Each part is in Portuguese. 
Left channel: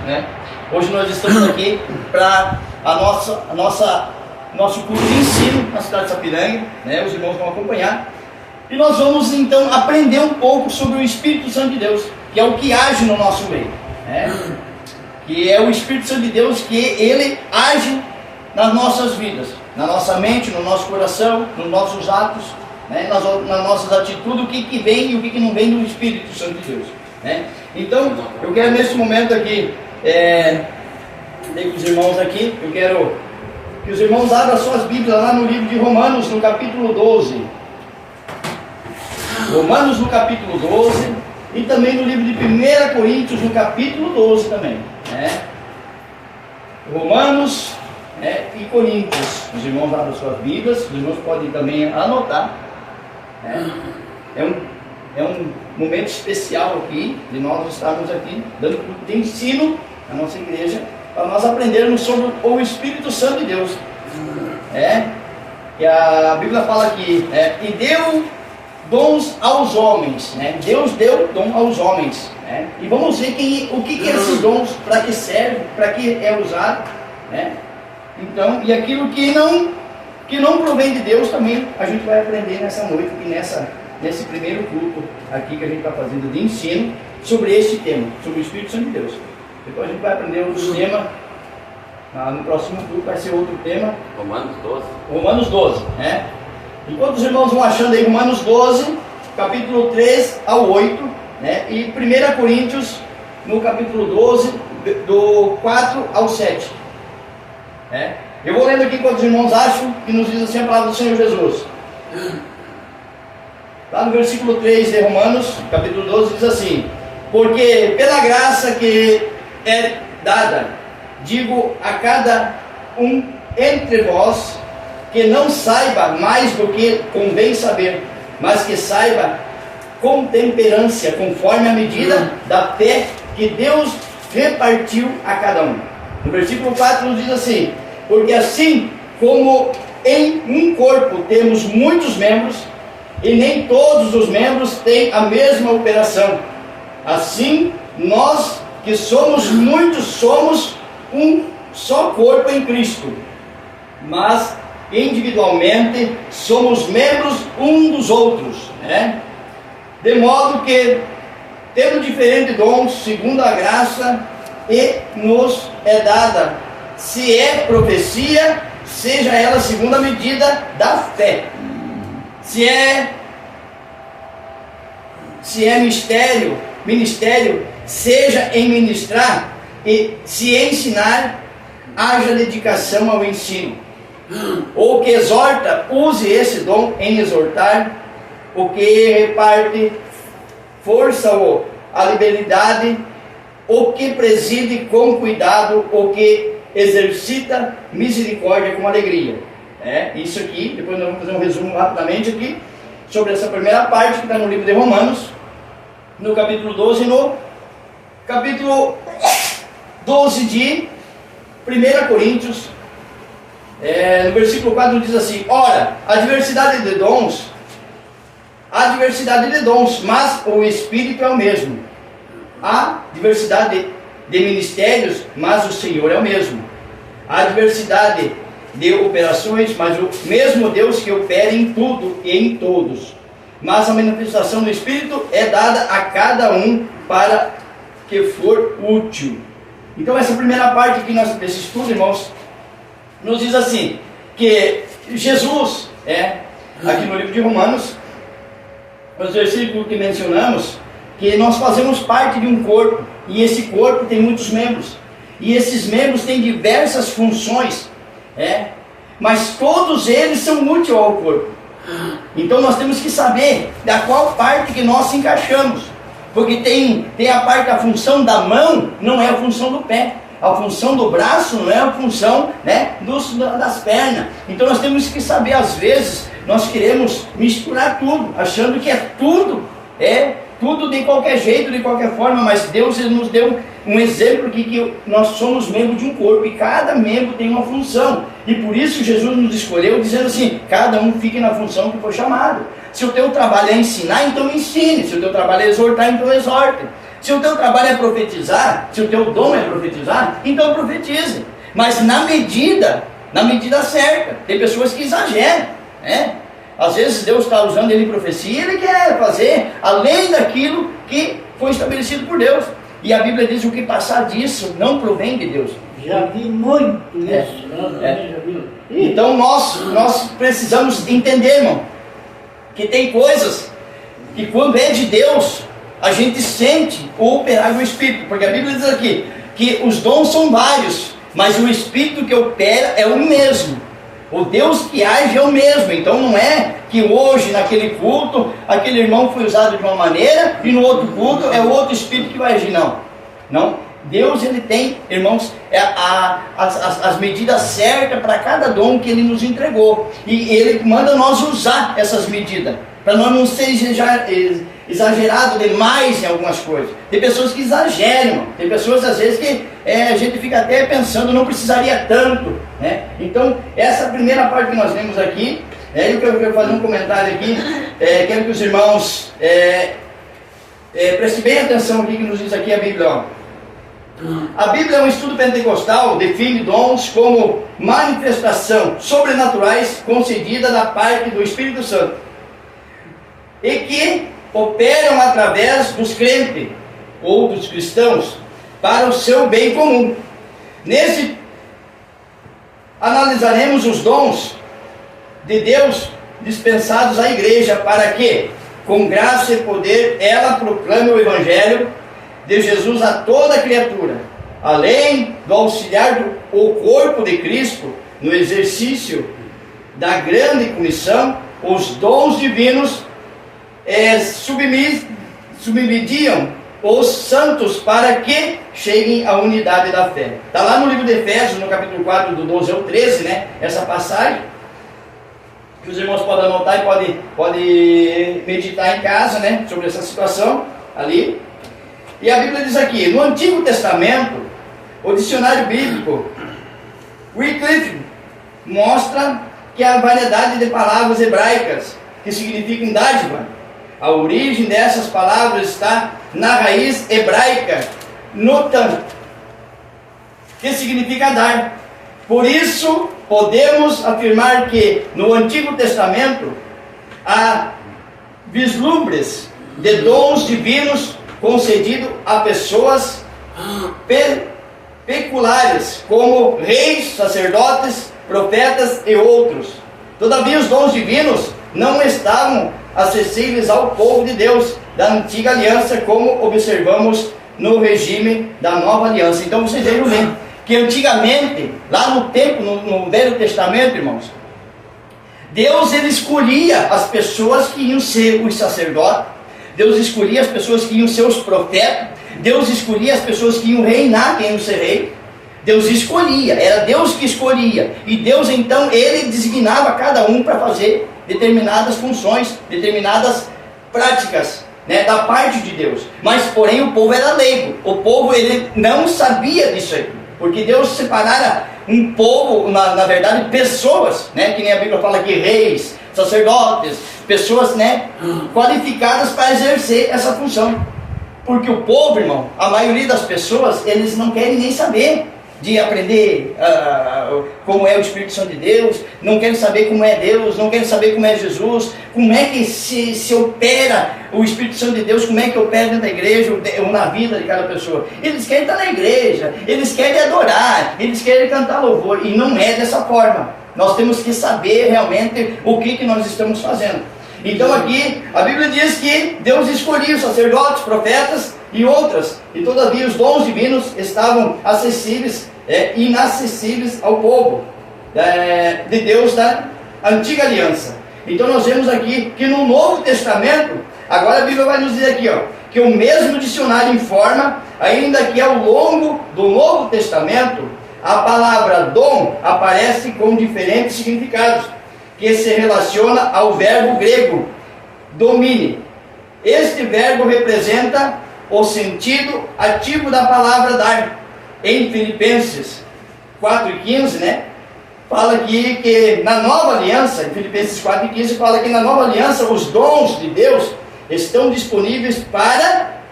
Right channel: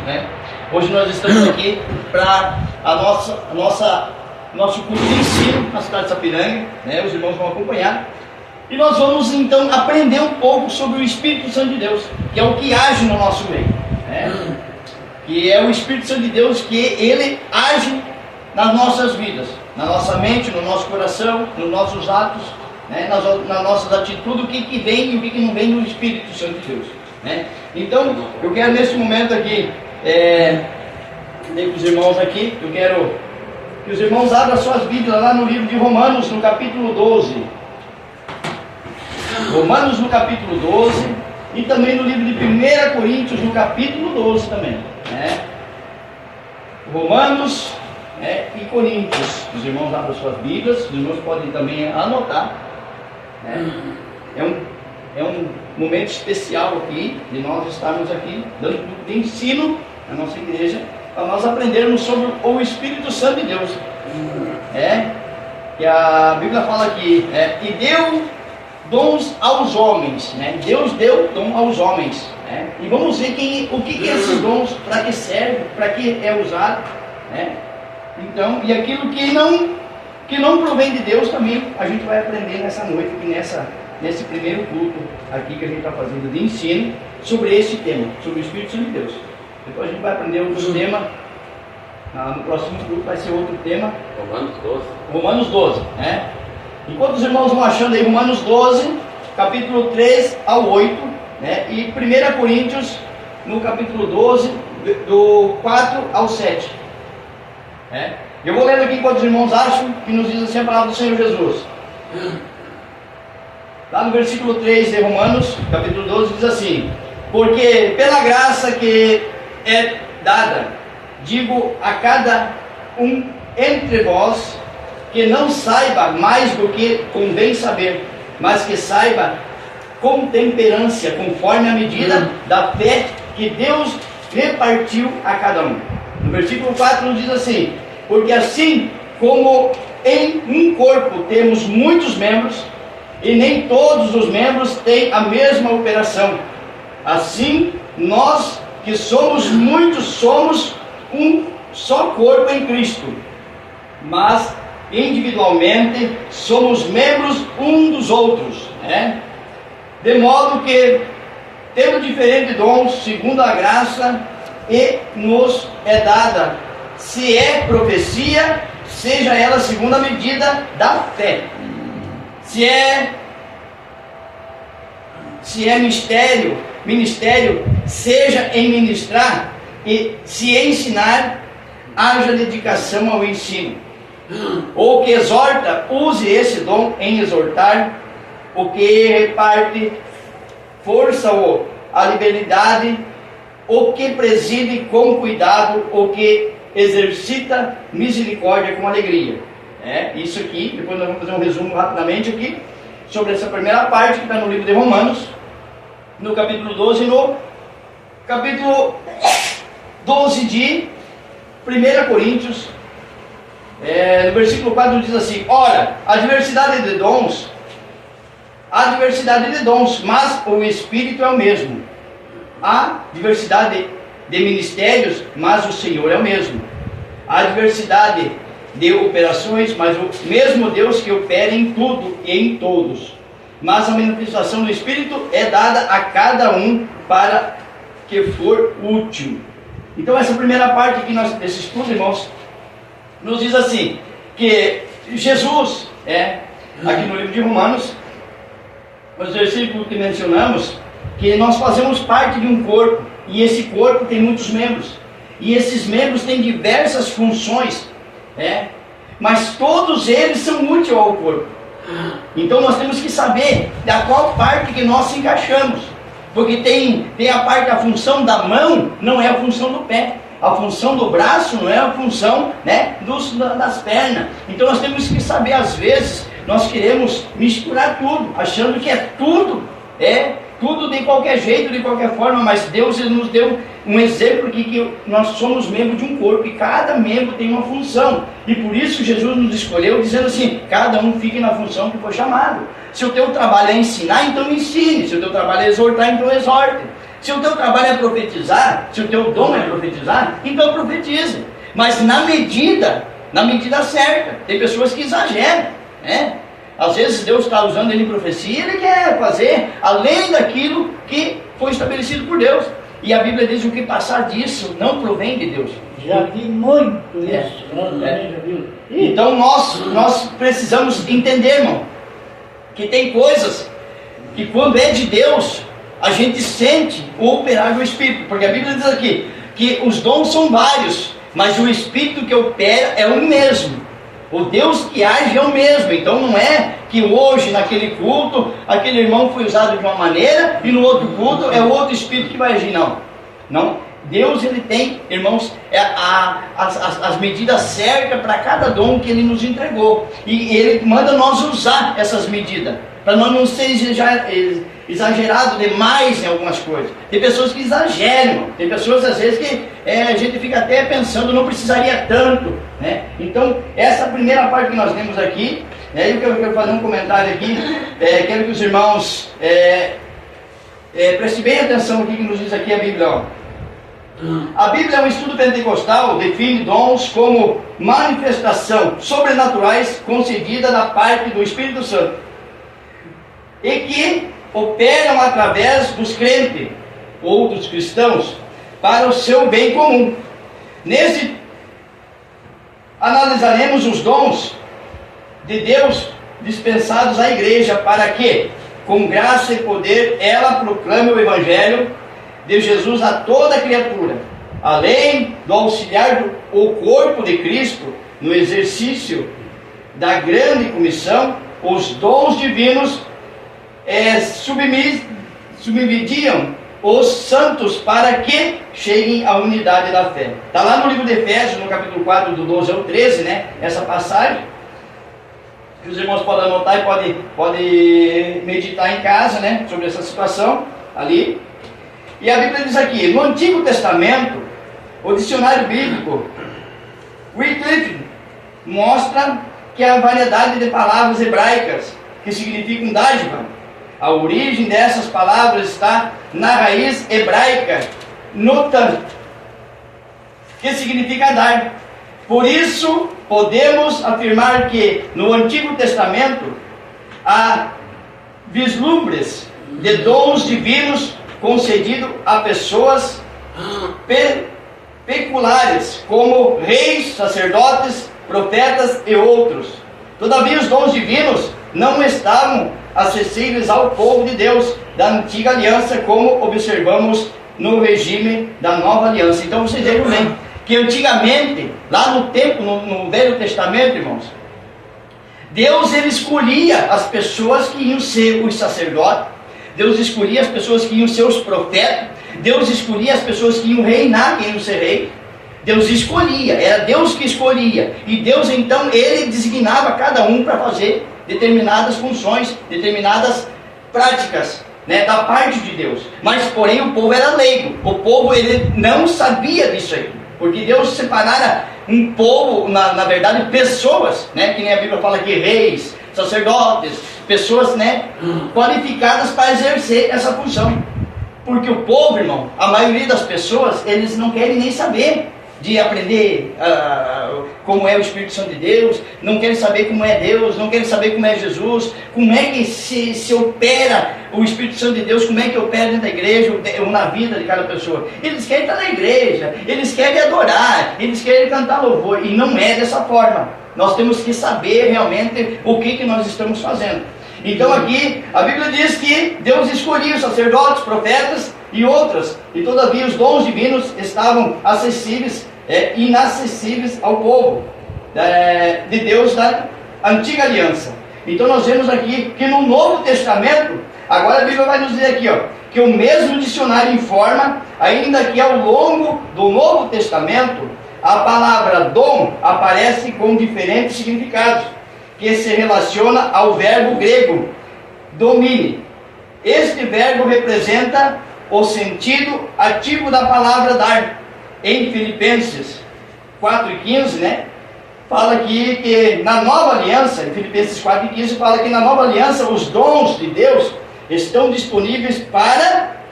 né? Hoje nós estamos aqui para nosso curso de ensino na cidade de Sapiranga, né? Os irmãos vão acompanhar. E nós vamos então aprender um pouco sobre o Espírito Santo de Deus, que é o que age no nosso meio, né? Que é o Espírito Santo de Deus, que ele age nas nossas vidas, na nossa mente, no nosso coração, nos nossos atos, né? nas nossas atitudes, o que vem e o que não vem do Espírito Santo de Deus, né? Então, eu quero nesse momento aqui, com os irmãos aqui, eu quero que os irmãos abram suas Bíblias lá no livro de Romanos, no capítulo 12. Romanos no capítulo 12 e também no livro de 1 Coríntios no capítulo 12 também, né? Romanos e Coríntios. Os irmãos abrem suas Bíblias, os irmãos podem também anotar, né? É um momento especial aqui, de nós estarmos aqui dando de ensino à nossa igreja, para nós aprendermos sobre o Espírito Santo de Deus, que a Bíblia fala aqui, e deu dons aos homens, né? Deus deu dom aos homens, né? E vamos ver o que é esses dons, para que serve, para que é usado, né? Então, e aquilo que não provém de Deus também a gente vai aprender nessa noite, aqui nesse primeiro culto aqui que a gente está fazendo de ensino sobre esse tema, sobre o Espírito Santo de Deus. Depois a gente vai aprender outro tema, no próximo culto vai ser outro tema. Romanos 12, né? Enquanto os irmãos vão achando aí Romanos 12, capítulo 3 ao 8, né? E 1 Coríntios, no capítulo 12, do 4 ao 7. Eu vou lendo aqui enquanto os irmãos acham, que nos diz assim a palavra do Senhor Jesus. Lá no versículo 3 de Romanos, capítulo 12, diz assim: porque pela graça que é dada, digo a cada um entre vós, que não saiba mais do que convém saber, mas que saiba com temperança, conforme a medida da fé que Deus repartiu a cada um. No versículo 4 nos diz assim: porque assim como em um corpo temos muitos membros, e nem todos os membros têm a mesma operação, assim nós que somos muitos somos um só corpo em Cristo, mas individualmente somos membros um dos outros, né? De modo que temos diferentes dons segundo a graça e nos é dada. Se é profecia, seja ela segundo a medida da fé. Se é ministério, seja em ministrar, e se ensinar, haja dedicação ao ensino. O que exorta, use esse dom em exortar. O que reparte força ou a liberdade. O que preside com cuidado. O que exercita misericórdia com alegria. Isso aqui, depois nós vamos fazer um resumo rapidamente aqui sobre essa primeira parte que está no livro de Romanos, no capítulo 12, no capítulo 12 de 1 Coríntios, no versículo 4 diz assim: ora, há diversidade de dons, mas o Espírito é o mesmo. Há diversidade de ministérios, mas o Senhor é o mesmo. Há diversidade de operações, mas o mesmo Deus que opera em tudo e em todos. Mas a manifestação do Espírito é dada a cada um para que for útil. Então essa primeira parte aqui desse estudo, irmãos, nos diz assim, que Jesus, aqui no livro de Romanos, os versículos que mencionamos, que nós fazemos parte de um corpo, e esse corpo tem muitos membros, e esses membros têm diversas funções, mas todos eles são úteis ao corpo. Então nós temos que saber da qual parte que nós se encaixamos, porque tem a função da mão, não é a função do pé, a função do braço não é a função, das pernas. Então nós temos que saber, às vezes nós queremos misturar tudo, achando que é tudo de qualquer jeito, de qualquer forma, mas Deus ele nos deu um exemplo aqui, que nós somos membros de um corpo, e cada membro tem uma função, e por isso Jesus nos escolheu, dizendo assim: cada um fique na função que foi chamado. Se o teu trabalho é ensinar, então ensine. Se o teu trabalho é exortar, então exorte. Se o teu trabalho é profetizar, se o teu dom é profetizar, então profetize. Mas na medida certa. Tem pessoas que exageram, né? Às vezes Deus está usando ele em profecia, ele quer fazer além daquilo que foi estabelecido por Deus. E a Bíblia diz: o que passar disso não provém de Deus. Já vi muito isso. Já vi. Então nós precisamos entender, irmão, que tem coisas que quando é de Deus, a gente sente o operar do Espírito. Porque a Bíblia diz aqui que os dons são vários, mas o Espírito que opera é o mesmo. O Deus que age é o mesmo. Então não é que hoje, naquele culto, aquele irmão foi usado de uma maneira e no outro culto é o outro Espírito que vai agir. Não. Deus, ele tem, irmãos, as medidas certas para cada dom que ele nos entregou. E ele manda nós usar essas medidas, para nós não ser exagerado demais em algumas coisas. Tem pessoas que exageram, tem pessoas às vezes que a gente fica até pensando, não precisaria tanto, né? Então, essa primeira parte que nós lemos aqui, eu quero fazer um comentário aqui, quero que os irmãos prestem bem atenção aqui que nos diz aqui a Bíblia, ó. A Bíblia é um estudo pentecostal, define dons como manifestação sobrenaturais concedida da parte do Espírito Santo e que operam através dos crentes ou dos cristãos para o seu bem comum. Nesse analisaremos os dons de Deus dispensados à igreja para que, com graça e poder, ela proclame o Evangelho de Jesus a toda criatura, além do auxiliar o corpo de Cristo no exercício da grande comissão. Os dons divinos submediam os santos para que cheguem à unidade da fé. Está lá no livro de Efésios, no capítulo 4, do 12 ao 13, né? Essa passagem, que os irmãos podem anotar e podem meditar em casa, né? Sobre essa situação ali. E a Bíblia diz aqui, no Antigo Testamento, o dicionário bíblico Wycliffe mostra que a variedade de palavras hebraicas que significam dádiva, a origem dessas palavras está na raiz hebraica notan, que significa dar. Por isso, podemos afirmar que no Antigo Testamento há vislumbres de dons divinos concedido a pessoas peculiares, como reis, sacerdotes, profetas e outros. Todavia, os dons divinos não estavam acessíveis ao povo de Deus da antiga aliança, como observamos no regime da nova aliança. Então, vocês vejam bem que antigamente, lá no tempo, no Velho Testamento, irmãos, Deus, ele escolhia as pessoas que iam ser os sacerdotes, Deus escolhia as pessoas que iam ser os profetas, Deus escolhia as pessoas que iam reinar, que iam ser rei. Deus escolhia, era Deus que escolhia. E Deus então, ele designava cada um para fazer determinadas funções, determinadas práticas, né, da parte de Deus. Mas porém o povo era leigo, o povo ele não sabia disso aí. Porque Deus separara um povo, na verdade pessoas, né, que nem a Bíblia fala aqui, reis, sacerdotes, pessoas, né, qualificadas para exercer essa função. Porque o povo, irmão, a maioria das pessoas, eles não querem nem saber de aprender como é o Espírito Santo de Deus, não querem saber como é Deus, não querem saber como é Jesus, como é que se opera o Espírito Santo de Deus, como é que opera dentro da igreja, ou na vida de cada pessoa. Eles querem estar na igreja, eles querem adorar, eles querem cantar louvor, e não é dessa forma. Nós temos que saber realmente o que nós estamos fazendo. Então aqui, a Bíblia diz que Deus escolhia os sacerdotes, profetas e outras, e todavia os dons divinos estavam acessíveis, inacessíveis ao povo de Deus da antiga aliança. Então nós vemos aqui que no Novo Testamento, agora a Bíblia vai nos dizer aqui, ó, que o mesmo dicionário informa, ainda que ao longo do Novo Testamento, a palavra dom aparece com diferentes significados, que se relaciona ao verbo grego domine. Este verbo representa o sentido ativo da palavra dar. Em Filipenses 4:15, né, fala aqui que na nova aliança, em Filipenses 4:15 fala que na nova aliança os dons de Deus estão disponíveis para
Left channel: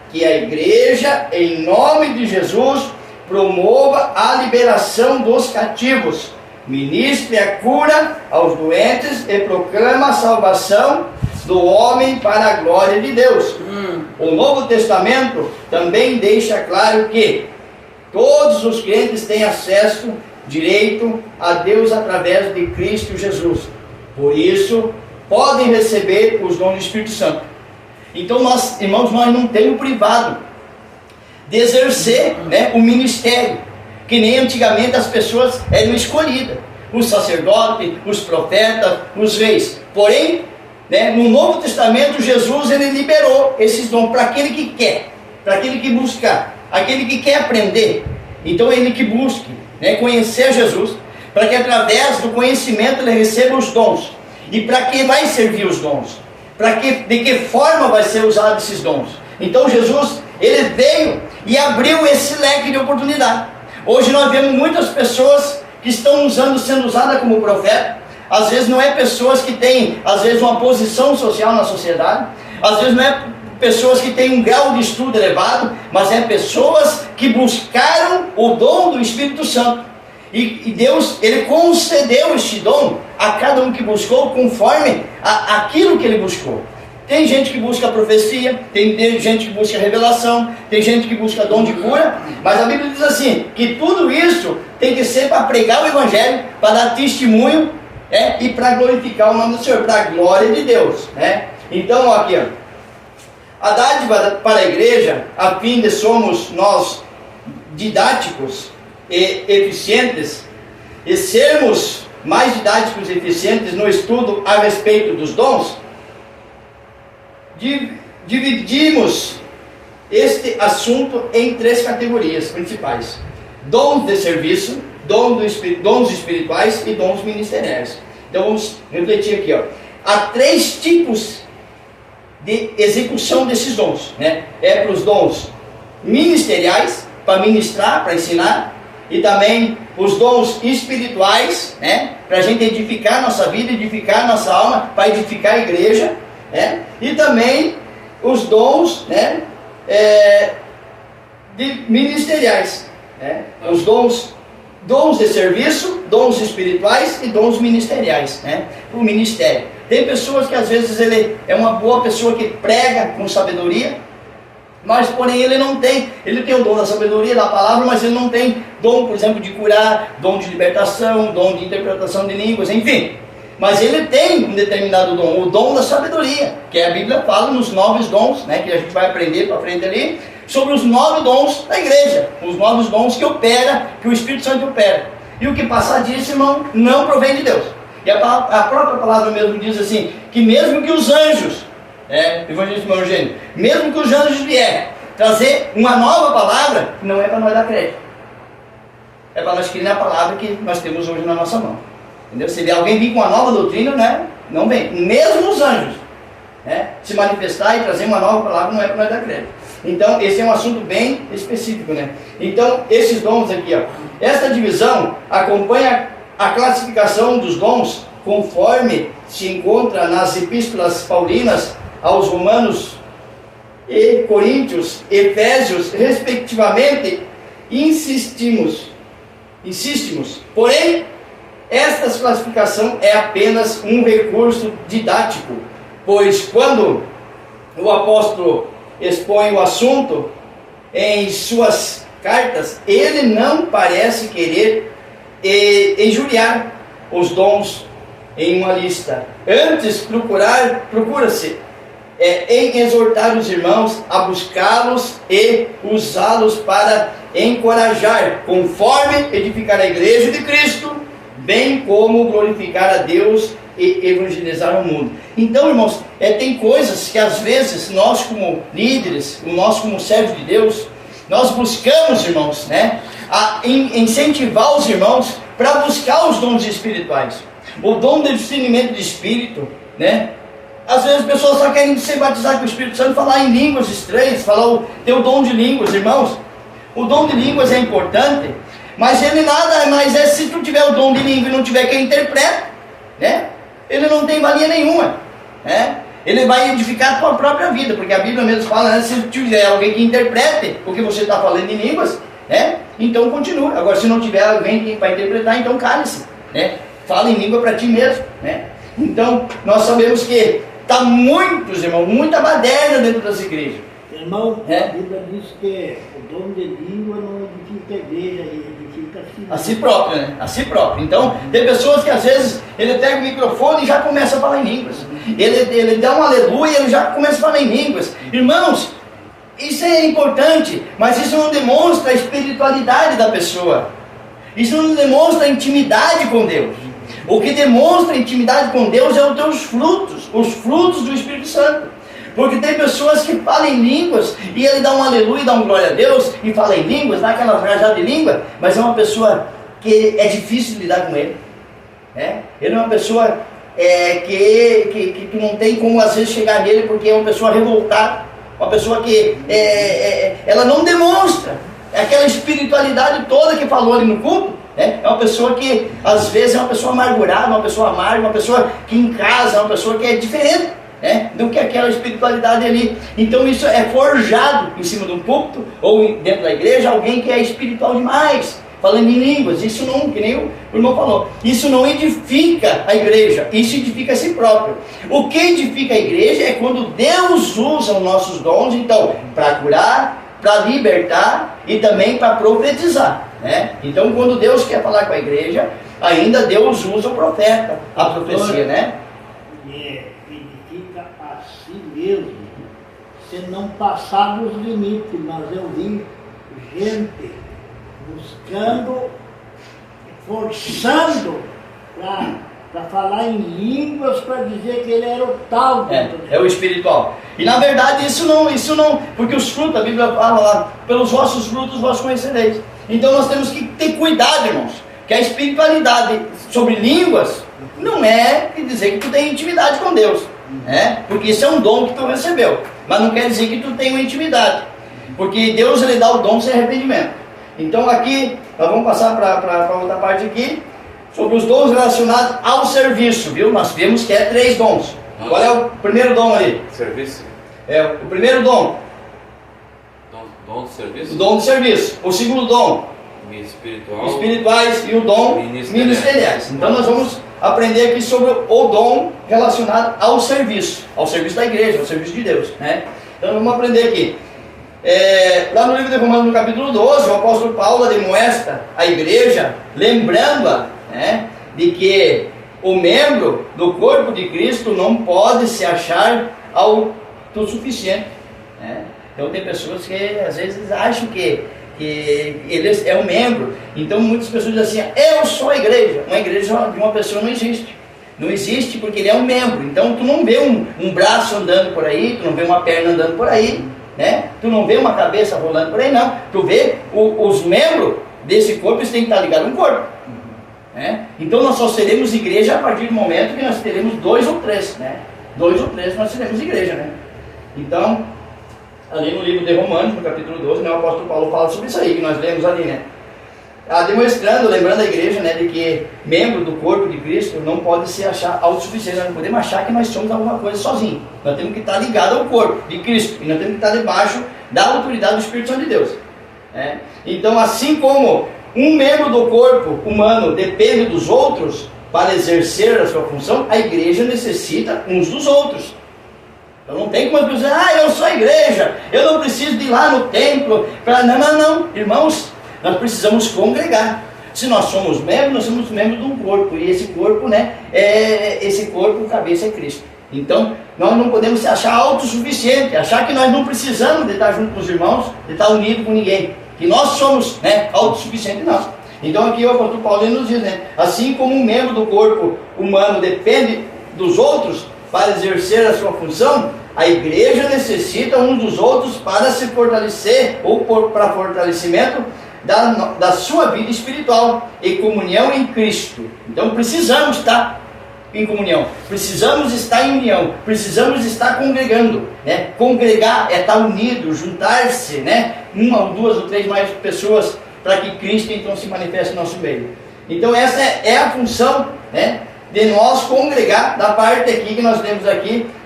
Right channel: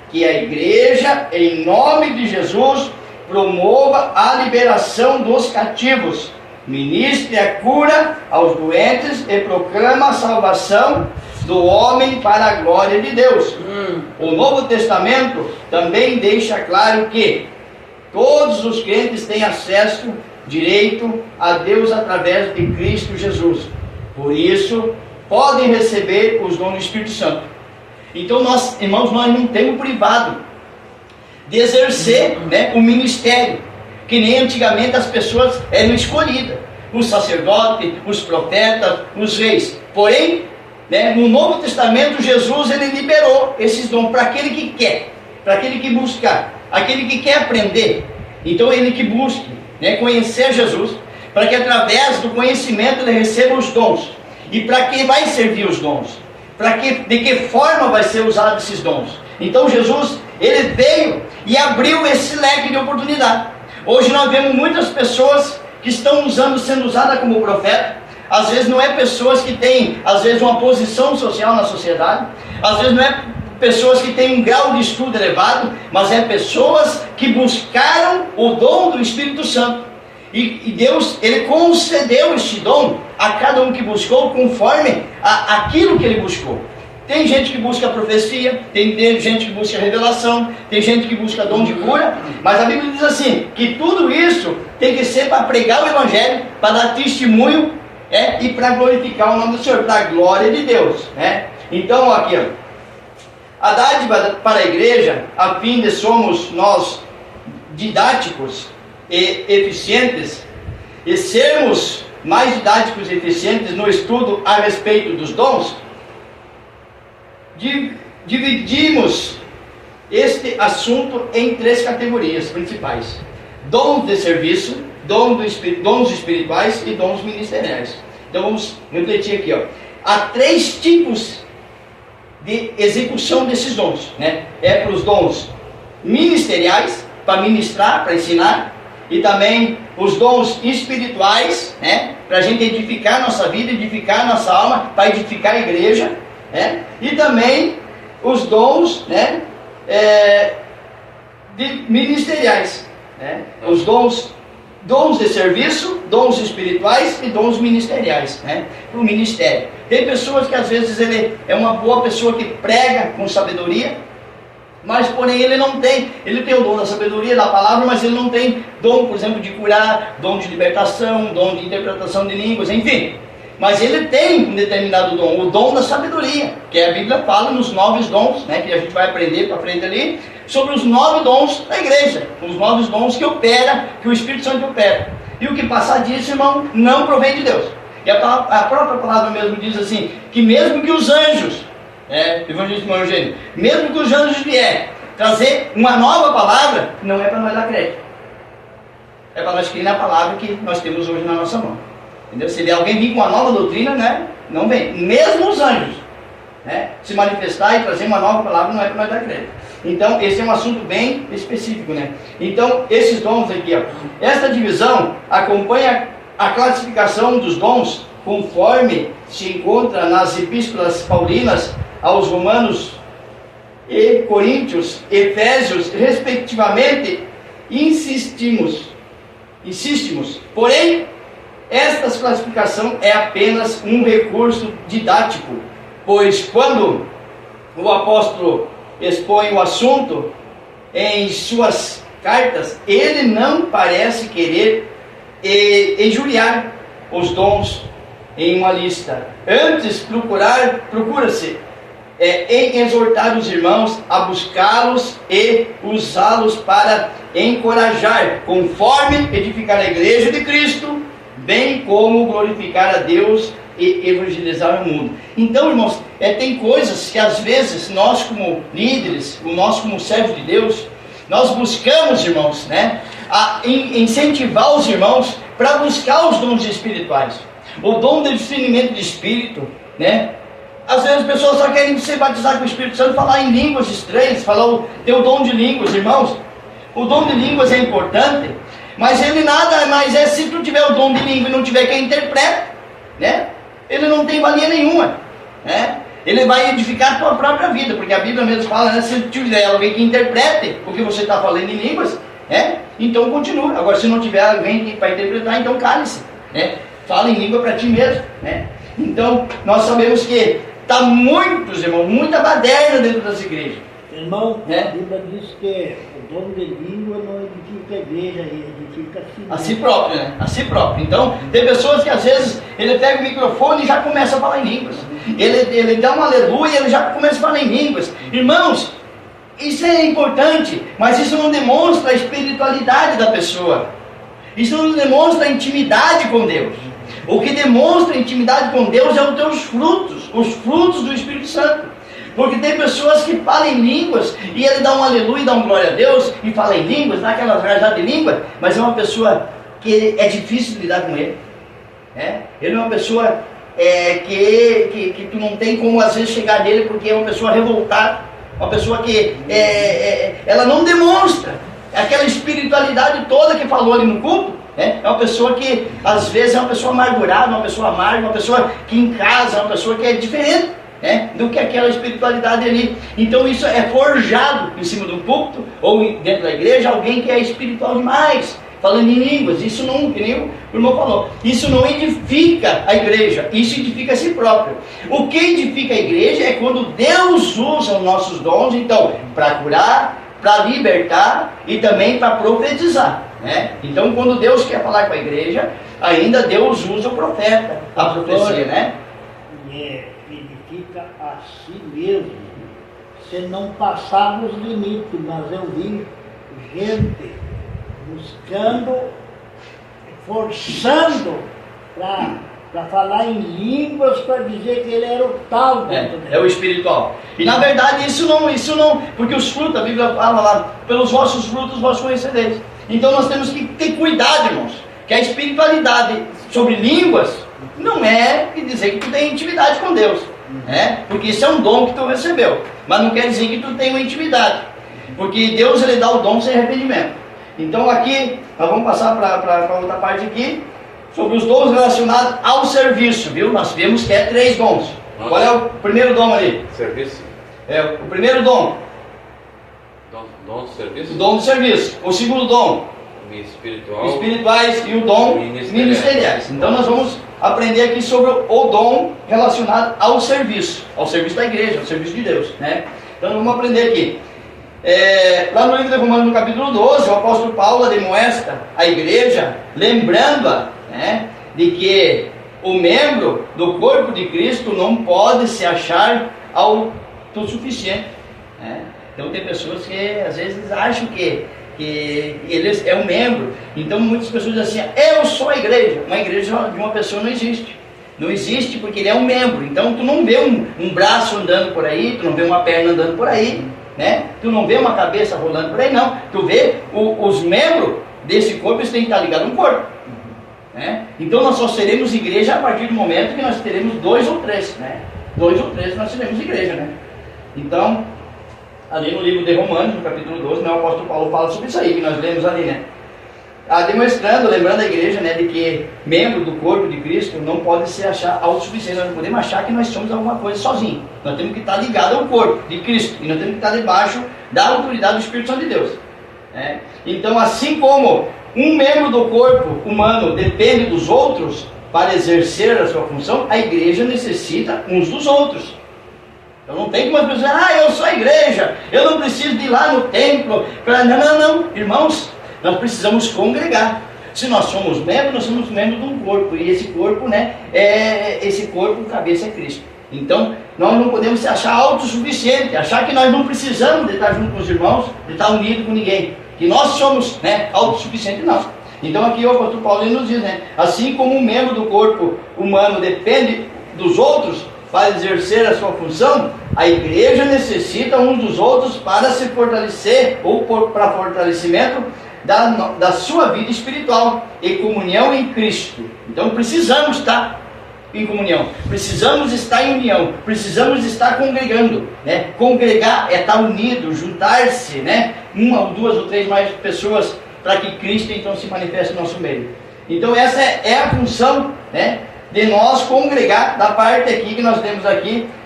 que a igreja, em nome de Jesus, promova a liberação dos cativos, ministre a cura aos doentes e proclama a salvação do homem para a glória de Deus. O Novo Testamento também deixa claro que todos os crentes têm acesso direito a Deus através de Cristo Jesus. Por isso, podem receber os dons do Espírito Santo. Então, nós, irmãos, nós não temos privado de exercer, né, o ministério, que nem antigamente as pessoas eram escolhidas, os sacerdotes, os profetas, os reis. Porém, né, no Novo Testamento, Jesus ele liberou esses dons para aquele que quer, para aquele que buscar, aquele que quer aprender. Então, ele que busque, né, conhecer Jesus, para que através do conhecimento ele receba os dons. E para que vai servir os dons? De que forma vai ser usado esses dons? Então Jesus, ele veio e abriu esse leque de oportunidade. Hoje nós vemos muitas pessoas que estão sendo usadas como profeta. Às vezes não é pessoas que têm, às vezes, uma posição social na sociedade. Às vezes não é pessoas que têm um grau de estudo elevado, mas é pessoas que buscaram o dom do Espírito Santo. E Deus, ele concedeu este dom a cada um que buscou, conforme aquilo que ele buscou. Tem gente que busca profecia, tem gente que busca revelação, tem gente que busca dom de cura, mas a Bíblia diz assim, que tudo isso tem que ser para pregar o Evangelho, para dar testemunho, e para glorificar o nome do Senhor, para a glória de Deus. Então, aqui, a dádiva para a igreja, a fim de somos nós didáticos e eficientes, e sermos mais didáticos e eficientes no estudo a respeito dos dons, dividimos este assunto em 3 categorias principais: dons de serviço, dons espirituais e dons ministeriais. Então vamos refletir aqui, há 3 tipos de execução desses dons, para os dons ministeriais, para ministrar, para ensinar, e também os dons espirituais, para a gente edificar nossa vida, edificar nossa alma, para edificar a igreja, e também os dons, ministeriais, os dons de serviço, dons espirituais e dons ministeriais, para o ministério. Tem pessoas que às vezes ele é uma boa pessoa que prega com sabedoria, mas porém ele tem o dom da sabedoria, da palavra, mas ele não tem dom, por exemplo, de curar, dom de libertação, dom de interpretação de línguas, enfim. Mas ele tem um determinado dom, o dom da sabedoria, que a Bíblia fala nos 9 dons, que a gente vai aprender para frente ali, sobre os 9 dons da igreja, os 9 dons que o Espírito Santo opera. E o que passar disso, irmão, não provém de Deus. E a própria palavra mesmo diz assim, que mesmo que os anjos, evangelista irmão Eugênio, mesmo que os anjos vierem trazer uma nova palavra, não é para nós dar crédito. É para nós crer na palavra que nós temos hoje na nossa mão. Entendeu? Se alguém vir com uma nova doutrina, não vem. Mesmo os anjos, se manifestar e trazer uma nova palavra, não é para nós dar crédito. Então, esse é um assunto bem específico, Então, esses dons aqui, esta divisão acompanha a classificação dos dons conforme se encontra nas epístolas paulinas aos Romanos e Coríntios, Efésios, respectivamente. Insistimos. Porém, esta classificação é apenas um recurso didático, pois quando o apóstolo expõe o assunto em suas cartas, ele não parece querer injuriar os dons em uma lista. Antes, procura-se em exortar os irmãos a buscá-los e usá-los para encorajar, conforme edificar a igreja de Cristo, bem como glorificar a Deus e evangelizar o mundo. Então, irmãos, tem coisas que às vezes nós como líderes, nós como servos de Deus, nós buscamos, irmãos, a incentivar os irmãos para buscar os dons espirituais. O dom do discernimento de espírito, Às vezes as pessoas só querem ser batizadas com o Espírito Santo, falar em línguas estranhas, ter o dom de línguas, irmãos. O dom de línguas é importante, mas ele nada mais se tu tiver o dom de língua e não tiver quem interpreta, ele não tem valia nenhuma, ele vai edificar a tua própria vida, porque a Bíblia mesmo fala, né, se tiver alguém que interprete o que você está falando em línguas, então continue. Agora, se não tiver alguém que vai interpretar, então cale-se, fala em língua para ti mesmo, Então, nós sabemos que está muitos, irmão, muita baderna dentro das igrejas. Irmão, a Bíblia diz que o dom de língua não edifica a igreja, ele edifica a si próprio, né? A si próprio. Então, tem pessoas que às vezes ele pega o microfone e já começa a falar em línguas. Ele dá um aleluia e ele já começa a falar em línguas. Irmãos, isso é importante, mas isso não demonstra a espiritualidade da pessoa. Isso não demonstra a intimidade com Deus. O que demonstra a intimidade com Deus é os teus frutos, os frutos do Espírito Santo. Porque tem pessoas que falam em línguas e ele dá um aleluia, dá um glória a Deus e fala em línguas, dá aquelas rajadas de língua, mas é uma pessoa que é difícil de lidar com ele. Ele é uma pessoa que tu não tem como às vezes chegar nele, porque é uma pessoa revoltada, uma pessoa que ela não demonstra aquela espiritualidade toda que falou ali no culto. É uma pessoa que às vezes é uma pessoa amargurada, uma pessoa amarga, uma pessoa que em casa é uma pessoa que é diferente do que aquela espiritualidade ali. Então isso é forjado em cima de um púlpito ou dentro da igreja, alguém que é espiritual demais, falando em línguas. Isso não, que nem o irmão falou, isso não edifica a igreja, isso edifica a si próprio. O que edifica a igreja é quando Deus usa os nossos dons, então, para curar, para libertar e também para profetizar. Então, quando Deus quer falar com a igreja, ainda Deus usa o profeta, a profecia, edifica a si mesmo, se não passar dos limites. Mas eu vi gente buscando, forçando para falar em línguas, para dizer que ele era o tal. É o espiritual. E na verdade isso não, porque os frutos, a Bíblia fala lá, pelos vossos frutos vós conhecereis. Então nós temos que ter cuidado, irmãos, que a espiritualidade sobre línguas não é dizer que tu tem intimidade com Deus, porque isso é um dom que tu recebeu, mas não quer dizer que tu tem uma intimidade, porque Deus ele dá o dom sem arrependimento. Então aqui, nós vamos passar para outra parte aqui, sobre os dons relacionados ao serviço, viu? Nós vemos que é 3 dons. Qual é o primeiro dom ali? Serviço. O primeiro dom. Dom do serviço? O dom do serviço. O segundo dom. Espiritual. Espirituais e o dom ministeriais. Então nós vamos aprender aqui sobre o dom relacionado ao serviço da igreja, ao serviço de Deus, Então vamos aprender aqui. Lá no livro de Romanos, no capítulo 12, o apóstolo Paulo demonstra a igreja, lembrando-a de que o membro do corpo de Cristo não pode se achar autossuficiente. Então tem pessoas que às vezes acham que ele é um membro. Então muitas pessoas dizem assim, eu sou a igreja. Uma igreja de uma pessoa não existe. Não existe porque ele é um membro. Então tu não vê um braço andando por aí, tu não vê uma perna andando por aí, tu não vê uma cabeça rolando por aí, não. Tu vê os membros desse corpo, eles têm que estar ligados no corpo. Então nós só seremos igreja a partir do momento que nós teremos 2 ou 3, 2 ou 3 nós seremos igreja, Então, ali no livro de Romanos, no capítulo 12, o apóstolo Paulo fala sobre isso aí, que nós lemos ali, demonstrando, lembrando a igreja, de que membro do corpo de Cristo não pode se achar autossuficiente. Nós não podemos achar que nós somos alguma coisa sozinhos. Nós temos que estar ligados ao corpo de Cristo, e nós temos que estar debaixo da autoridade do Espírito Santo de Deus. Então, assim como um membro do corpo humano depende dos outros para exercer a sua função, a igreja necessita uns dos outros. Então não tem como as pessoas dizer, eu sou a igreja, eu não preciso de ir lá no templo. Não, irmãos, nós precisamos congregar. Se nós somos membros, nós somos membros de um corpo, e esse corpo, esse corpo, cabeça é Cristo. Então, nós não podemos se achar autossuficiente, achar que nós não precisamos de estar junto com os irmãos, de estar unido com ninguém, que nós somos autossuficientes, não. Então aqui o apóstolo Paulo nos diz, assim como um membro do corpo humano depende dos outros para exercer a sua função, a igreja necessita uns dos outros para se fortalecer, ou para fortalecimento da sua vida espiritual e comunhão em Cristo. Então precisamos estar em comunhão, precisamos estar em união, precisamos estar congregando, Congregar é estar unido, juntar-se, 1 ou 2 ou 3 mais pessoas, para que Cristo então se manifeste no nosso meio. Então essa é a função, de nós congregar, da parte aqui que nós temos aqui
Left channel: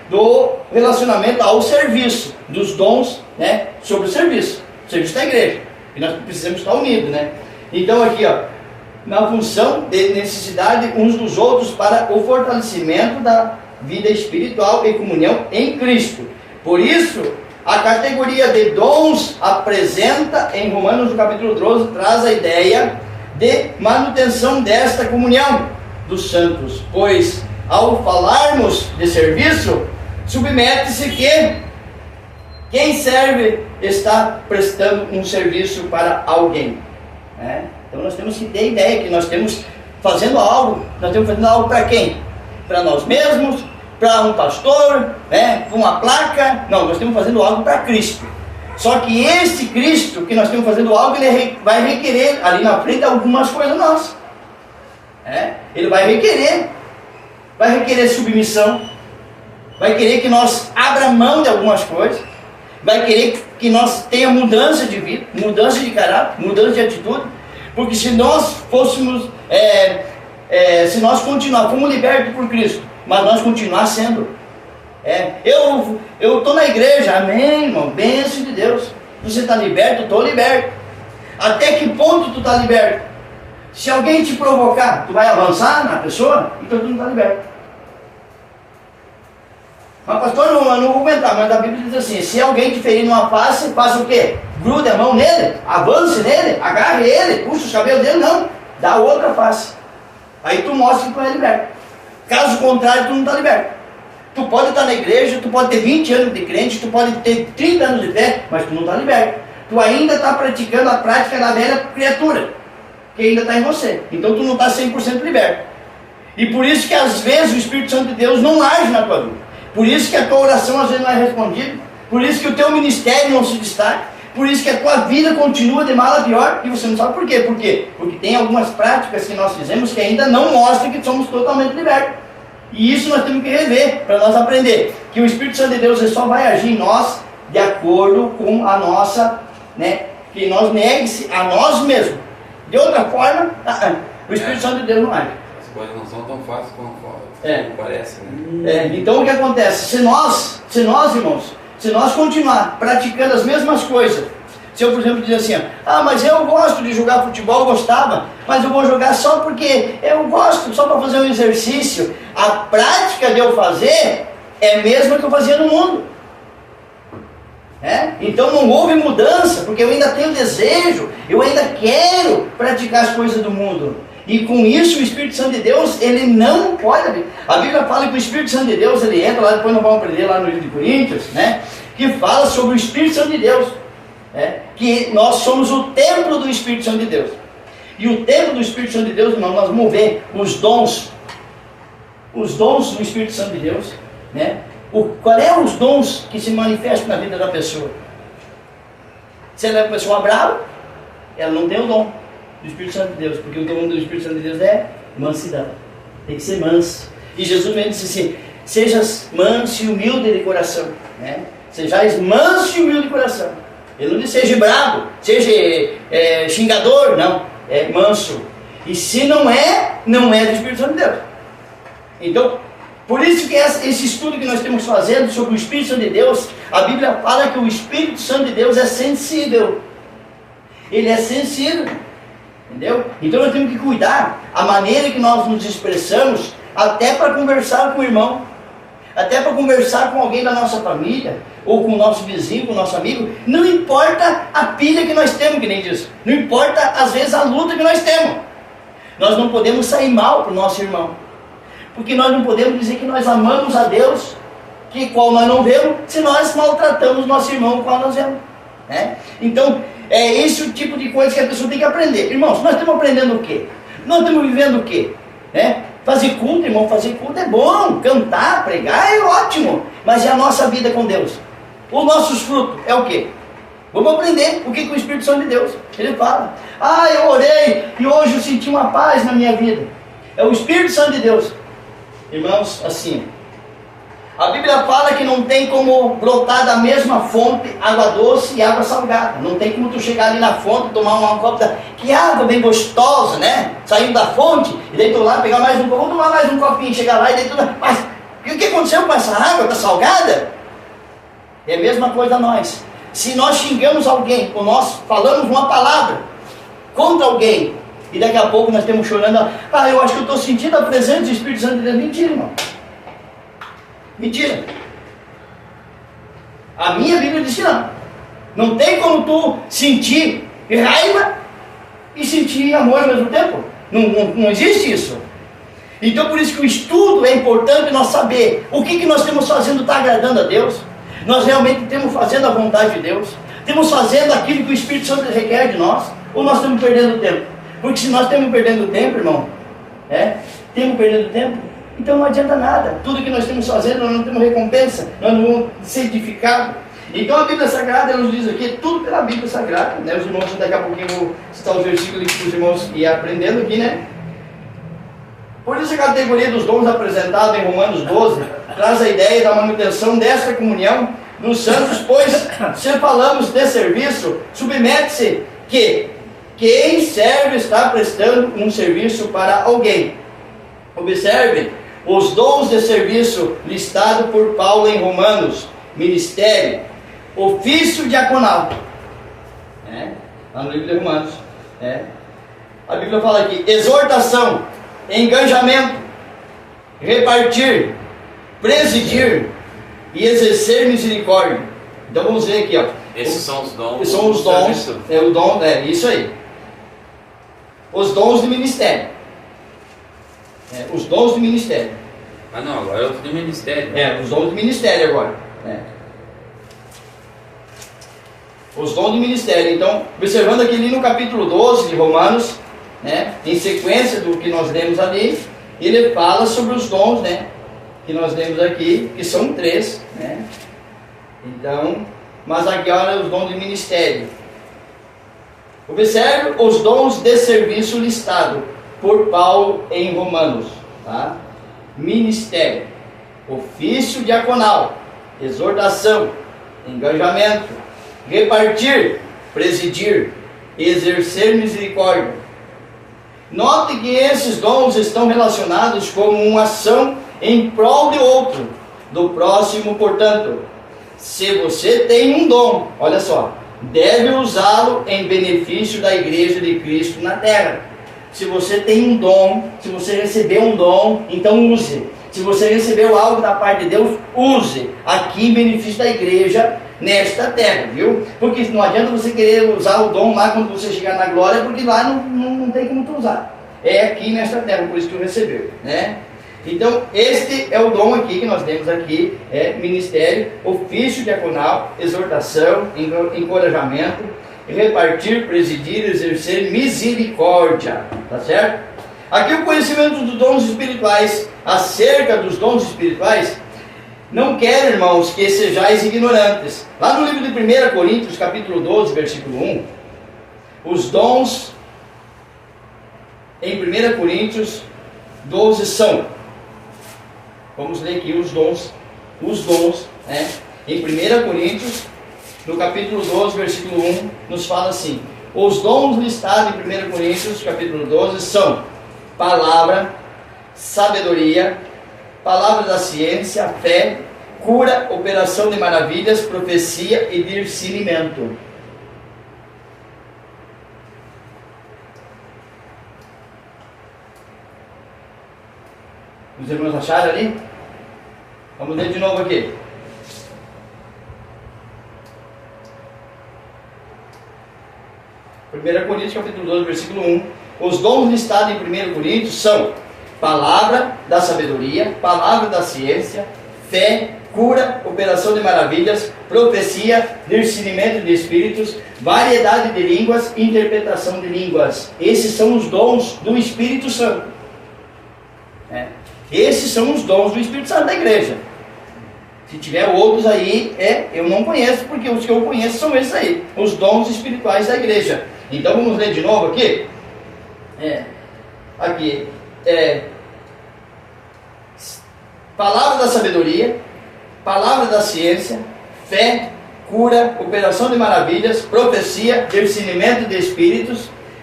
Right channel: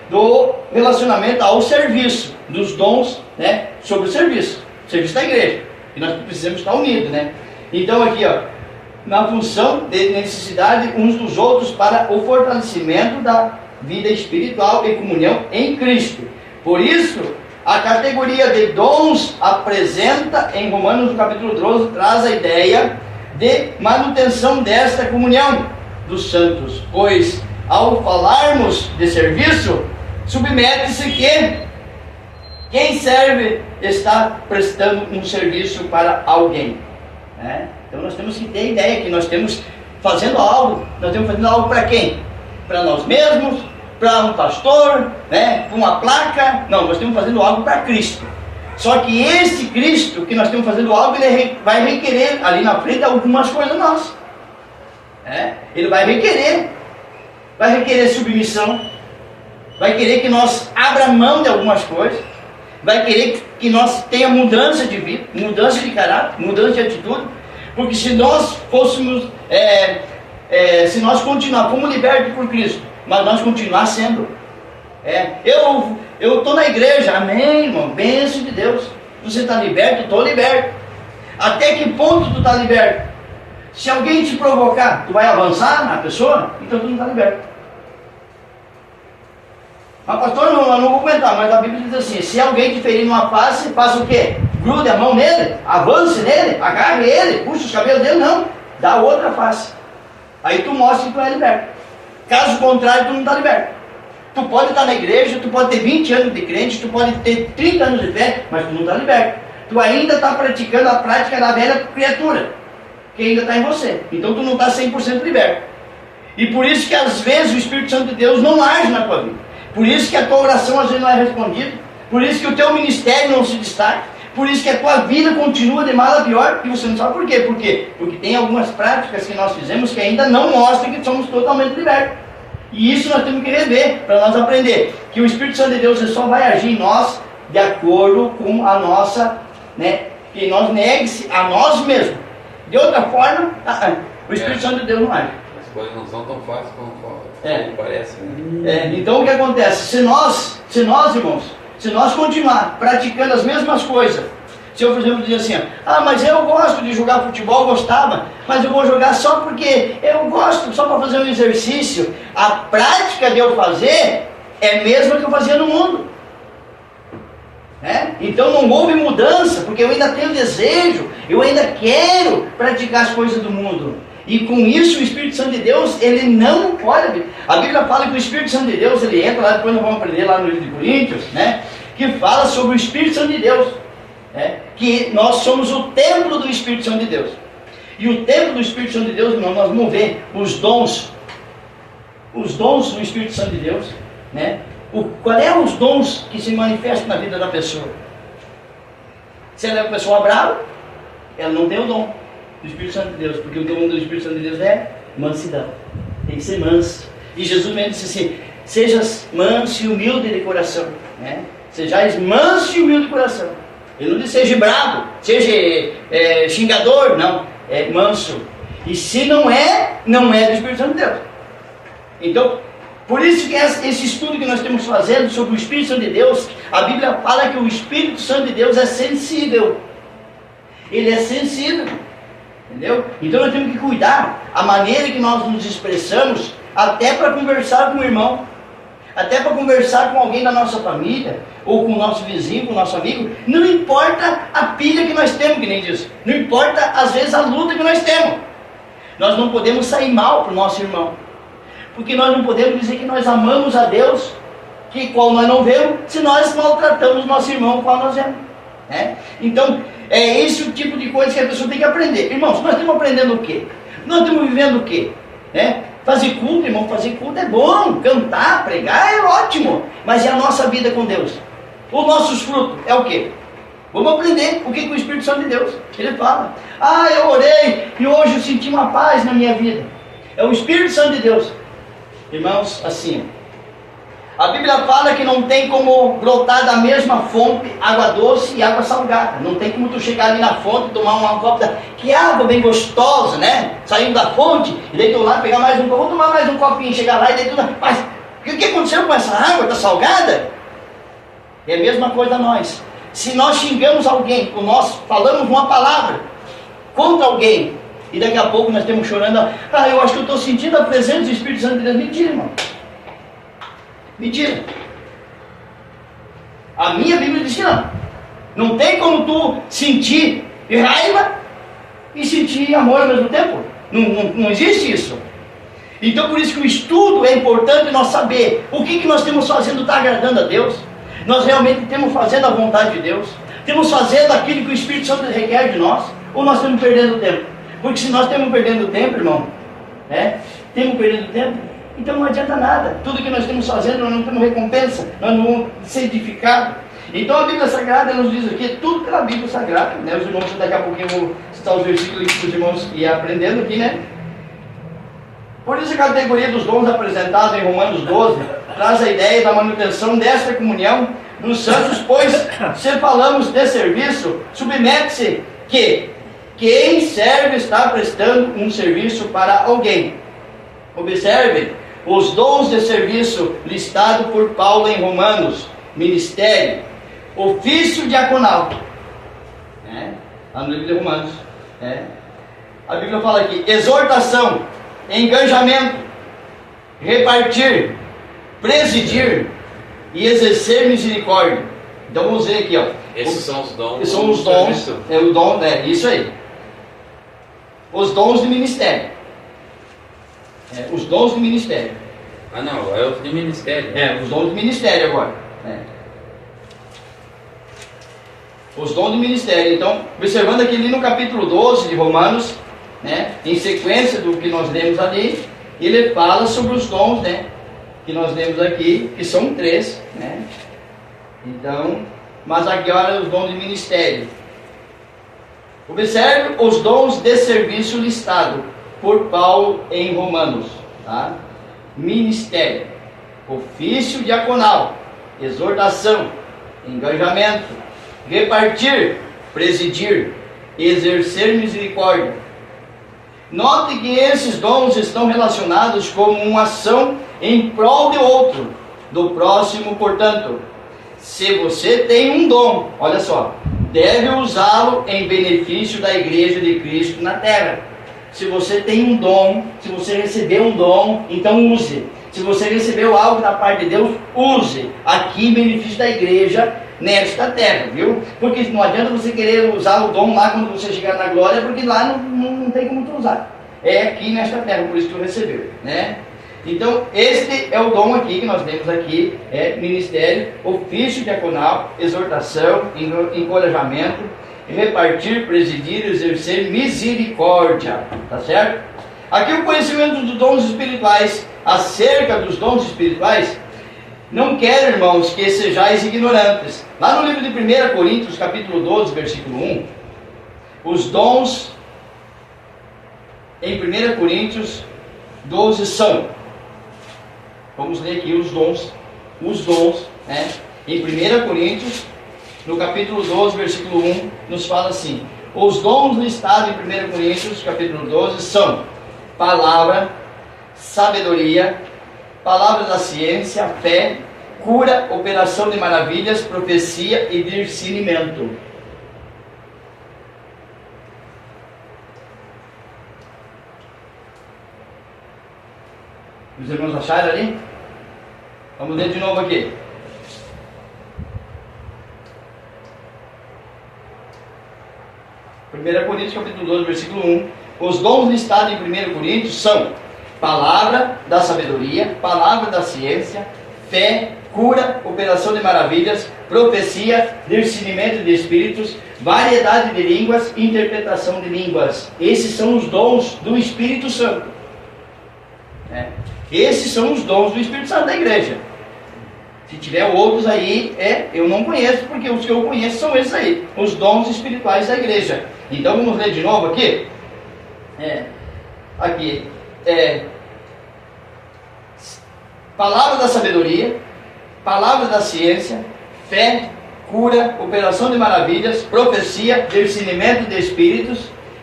do relacionamento ao serviço, dos dons, né, sobre o serviço da igreja. E nós precisamos estar unidos, né? Então aqui, ó, na função de necessidade uns dos outros para o fortalecimento da vida espiritual e comunhão em Cristo. Por isso, a categoria de dons apresenta em Romanos no capítulo 12, traz a ideia de manutenção desta comunhão dos santos, pois ao falarmos de serviço, submete-se que quem serve está prestando um serviço para alguém, né? Então nós temos que ter a ideia que nós estamos fazendo algo para quem? Para nós mesmos, para um pastor, né? Para uma placa? Não, nós estamos fazendo algo para Cristo. Só que esse Cristo que nós estamos fazendo algo, ele vai requerer ali na frente algumas coisas nossas, né? Ele vai requerer submissão, vai querer que nós abra mão de algumas coisas, vai querer que nós tenha mudança de vida, mudança de caráter, mudança de atitude, porque se nós fôssemos, se nós continuar, fomos libertos por Cristo, mas nós continuar sendo, eu estou na igreja, amém, irmão, bênção de Deus, você está liberto, eu estou liberto. Até que ponto tu está liberto? Se alguém te provocar, tu vai avançar na pessoa, então tu não está liberto. Mas pastor, eu não vou aguentar, mas a Bíblia diz assim, se alguém te ferir numa face, faça o quê? Grude a mão nele, avance nele, agarre ele, puxa os cabelos dele, não, dá outra face. Aí tu mostra que tu é liberto. Caso contrário, tu não está liberto. Tu pode estar na igreja, tu pode ter 20 anos de crente, tu pode ter 30 anos de fé, mas tu não está liberto. Tu ainda está praticando a prática da velha criatura, que ainda está em você. Então tu não está 100% liberto. E por isso que às vezes o Espírito Santo de Deus não age na tua vida. Por isso que a tua oração às vezes não é respondida. Por isso que o teu ministério não se destaca. Por isso que a tua vida continua de mal a pior. E você não sabe por quê. Por quê? Porque tem algumas práticas que nós fizemos que ainda não mostram que somos totalmente libertos. E isso nós temos que rever para nós aprender. Que o Espírito Santo de Deus só vai agir em nós de acordo com a nossa, né? Que nós negue-se a nós mesmos. De outra forma, o Espírito Santo de Deus não age. As coisas não são tão fáceis como parece, né? Então o que acontece? Se nós, irmãos, se nós continuar praticando as mesmas coisas, se eu, por exemplo, dizer assim, mas eu gosto de jogar futebol, gostava, mas eu vou jogar só porque eu gosto, só para fazer um exercício, a prática de eu fazer é a mesma que eu fazia no mundo. Então não houve mudança, porque eu ainda tenho desejo, eu ainda quero praticar as coisas do mundo. E com isso o Espírito Santo de Deus, ele não pode. A Bíblia fala que o Espírito Santo de Deus, ele entra lá, depois nós vamos aprender lá no livro de Coríntios, né? Que fala sobre o Espírito Santo de Deus, né? Que nós somos o templo do Espírito Santo de Deus. E o templo do Espírito Santo de Deus, irmão, nós vamos ver os dons do Espírito Santo de Deus, né? Qual é os dons que se manifestam na vida da pessoa? Se ela é uma pessoa brava, ela não tem o dom do Espírito Santo de Deus, porque o dom do Espírito Santo de Deus é mansidão, tem que ser manso. E Jesus mesmo disse assim, sejas manso e humilde de coração, né? Sejais manso e humilde de coração. Ele não disse seja bravo, seja xingador, não, é manso. E se não é do Espírito Santo de Deus. Então, por isso que esse estudo que nós estamos fazendo sobre o Espírito Santo de Deus, a Bíblia fala que o Espírito Santo de Deus é sensível. Ele é sensível. Entendeu? Então nós temos que cuidar a maneira que nós nos expressamos, até para conversar com o irmão, até para conversar com alguém da nossa família, ou com o nosso vizinho, com o nosso amigo. Não importa a pilha que nós temos, que nem diz. Não importa às vezes a luta que nós temos. Nós não podemos sair mal para o nosso irmão, porque nós não podemos dizer que nós amamos a Deus, que qual nós não vemos, se nós maltratamos o nosso irmão, qual nós vemos, né? Então é esse o tipo de coisa que a pessoa tem que aprender. Irmãos, nós estamos aprendendo o quê? Nós estamos vivendo o quê? Fazer culto, irmão, fazer culto é bom, cantar, pregar é ótimo, mas e a nossa vida com Deus? Os nossos frutos é o quê? Vamos aprender o que o Espírito Santo de Deus, ele fala. Eu orei e hoje eu senti uma paz na minha vida. É o Espírito Santo de Deus. Irmãos, assim, a Bíblia fala que não tem como brotar da mesma fonte água doce e água salgada. Não tem como tu chegar ali na fonte, tomar uma copa, que água bem gostosa, né? Saindo da fonte, e daí tu lá pegar mais um copo, vou tomar mais um copinho, chegar lá e daí tu... Mas E o que aconteceu com essa água? Está salgada? É a mesma coisa nós. Se nós xingamos alguém, ou nós falamos uma palavra contra alguém, e daqui a pouco nós estamos chorando, eu acho que eu estou sentindo a presença do Espírito Santo de Deus. Mentira, irmão. Mentira. A minha Bíblia diz que não. Não tem como tu sentir raiva e sentir amor ao mesmo tempo. Não existe isso. Então por isso que o estudo é importante nós saber o que nós estamos fazendo está agradando a Deus. Nós realmente estamos fazendo a vontade de Deus. Estamos fazendo aquilo que o Espírito Santo requer de nós. Ou nós estamos perdendo tempo. Porque se nós estamos perdendo tempo, irmão, estamos perdendo tempo, então não adianta nada. Tudo que nós estamos fazendo, nós não temos recompensa, nós não vamos ser edificados. Então a Bíblia Sagrada nos diz aqui, tudo pela Bíblia Sagrada, né? Os irmãos, daqui a pouquinho vão citar os versículos que os irmãos iam aprendendo aqui, né? Por isso a categoria dos dons apresentado em Romanos 12 traz a ideia da manutenção desta comunhão dos santos, pois se falamos de serviço, submete-se que quem serve está prestando um serviço para alguém. Observe os dons de serviço listados por Paulo em Romanos: ministério, ofício diaconal. Lá no livro de Romanos. A Bíblia fala aqui: exortação, engajamento, repartir, presidir e exercer misericórdia. Então vamos ver aqui, Esses são os dons. Esses são os dons. O dom, isso aí. Os dons de ministério. Os dons de ministério. Não, agora é os de ministério. Os dons de ministério agora. Os dons de ministério. Então, observando aqui ali no capítulo 12 de Romanos, em sequência do que nós lemos ali, ele fala sobre os dons, que nós lemos aqui, que são 3, Então, mas agora os dons de ministério. Observe os dons de serviço listados por Paulo em Romanos. Ministério, ofício diaconal, exortação, engajamento, repartir, presidir, exercer misericórdia. Note que esses dons estão relacionados como uma ação em prol de outro, do próximo, portanto. Se você tem um dom, olha só, deve usá-lo em benefício da igreja de Cristo na terra. Se você tem um dom, se você recebeu um dom, então use. Se você recebeu algo da parte de Deus, use aqui em benefício da igreja nesta terra, viu? Porque não adianta você querer usar o dom lá quando você chegar na glória, porque lá não tem como tu usar. É aqui nesta terra, por isso que tu recebeu, Então, este é o dom aqui que nós temos aqui, ministério, ofício diaconal, exortação, encorajamento, repartir, presidir, exercer misericórdia, tá certo? Aqui o conhecimento dos dons espirituais, acerca dos dons espirituais, não quero, irmãos, que sejais ignorantes. Lá no livro de 1 Coríntios, capítulo 12, versículo 1, os dons, em 1 Coríntios 12 são, vamos ler aqui os dons, em 1 Coríntios, no capítulo 12, versículo 1, nos fala assim: os dons listados em 1 Coríntios, capítulo 12, são palavra, sabedoria, palavra da ciência, fé, cura, operação de maravilhas, profecia e discernimento. Os irmãos acharam ali? Vamos ler de novo aqui. Primeira Coríntios capítulo 12, versículo 1. Os dons listados em 1 Coríntios são palavra da sabedoria, palavra da ciência, fé, cura, operação de maravilhas, profecia, discernimento de espíritos, variedade de línguas, interpretação de línguas. Esses são os dons do Espírito Santo. Esses são os dons do Espírito Santo da igreja. Se tiver outros aí, eu não conheço, porque os que eu conheço são esses aí, os dons espirituais da igreja. Então vamos ler de novo aqui. Palavra da sabedoria, palavra da ciência, fé, cura, operação de maravilhas, profecia, discernimento de espíritos,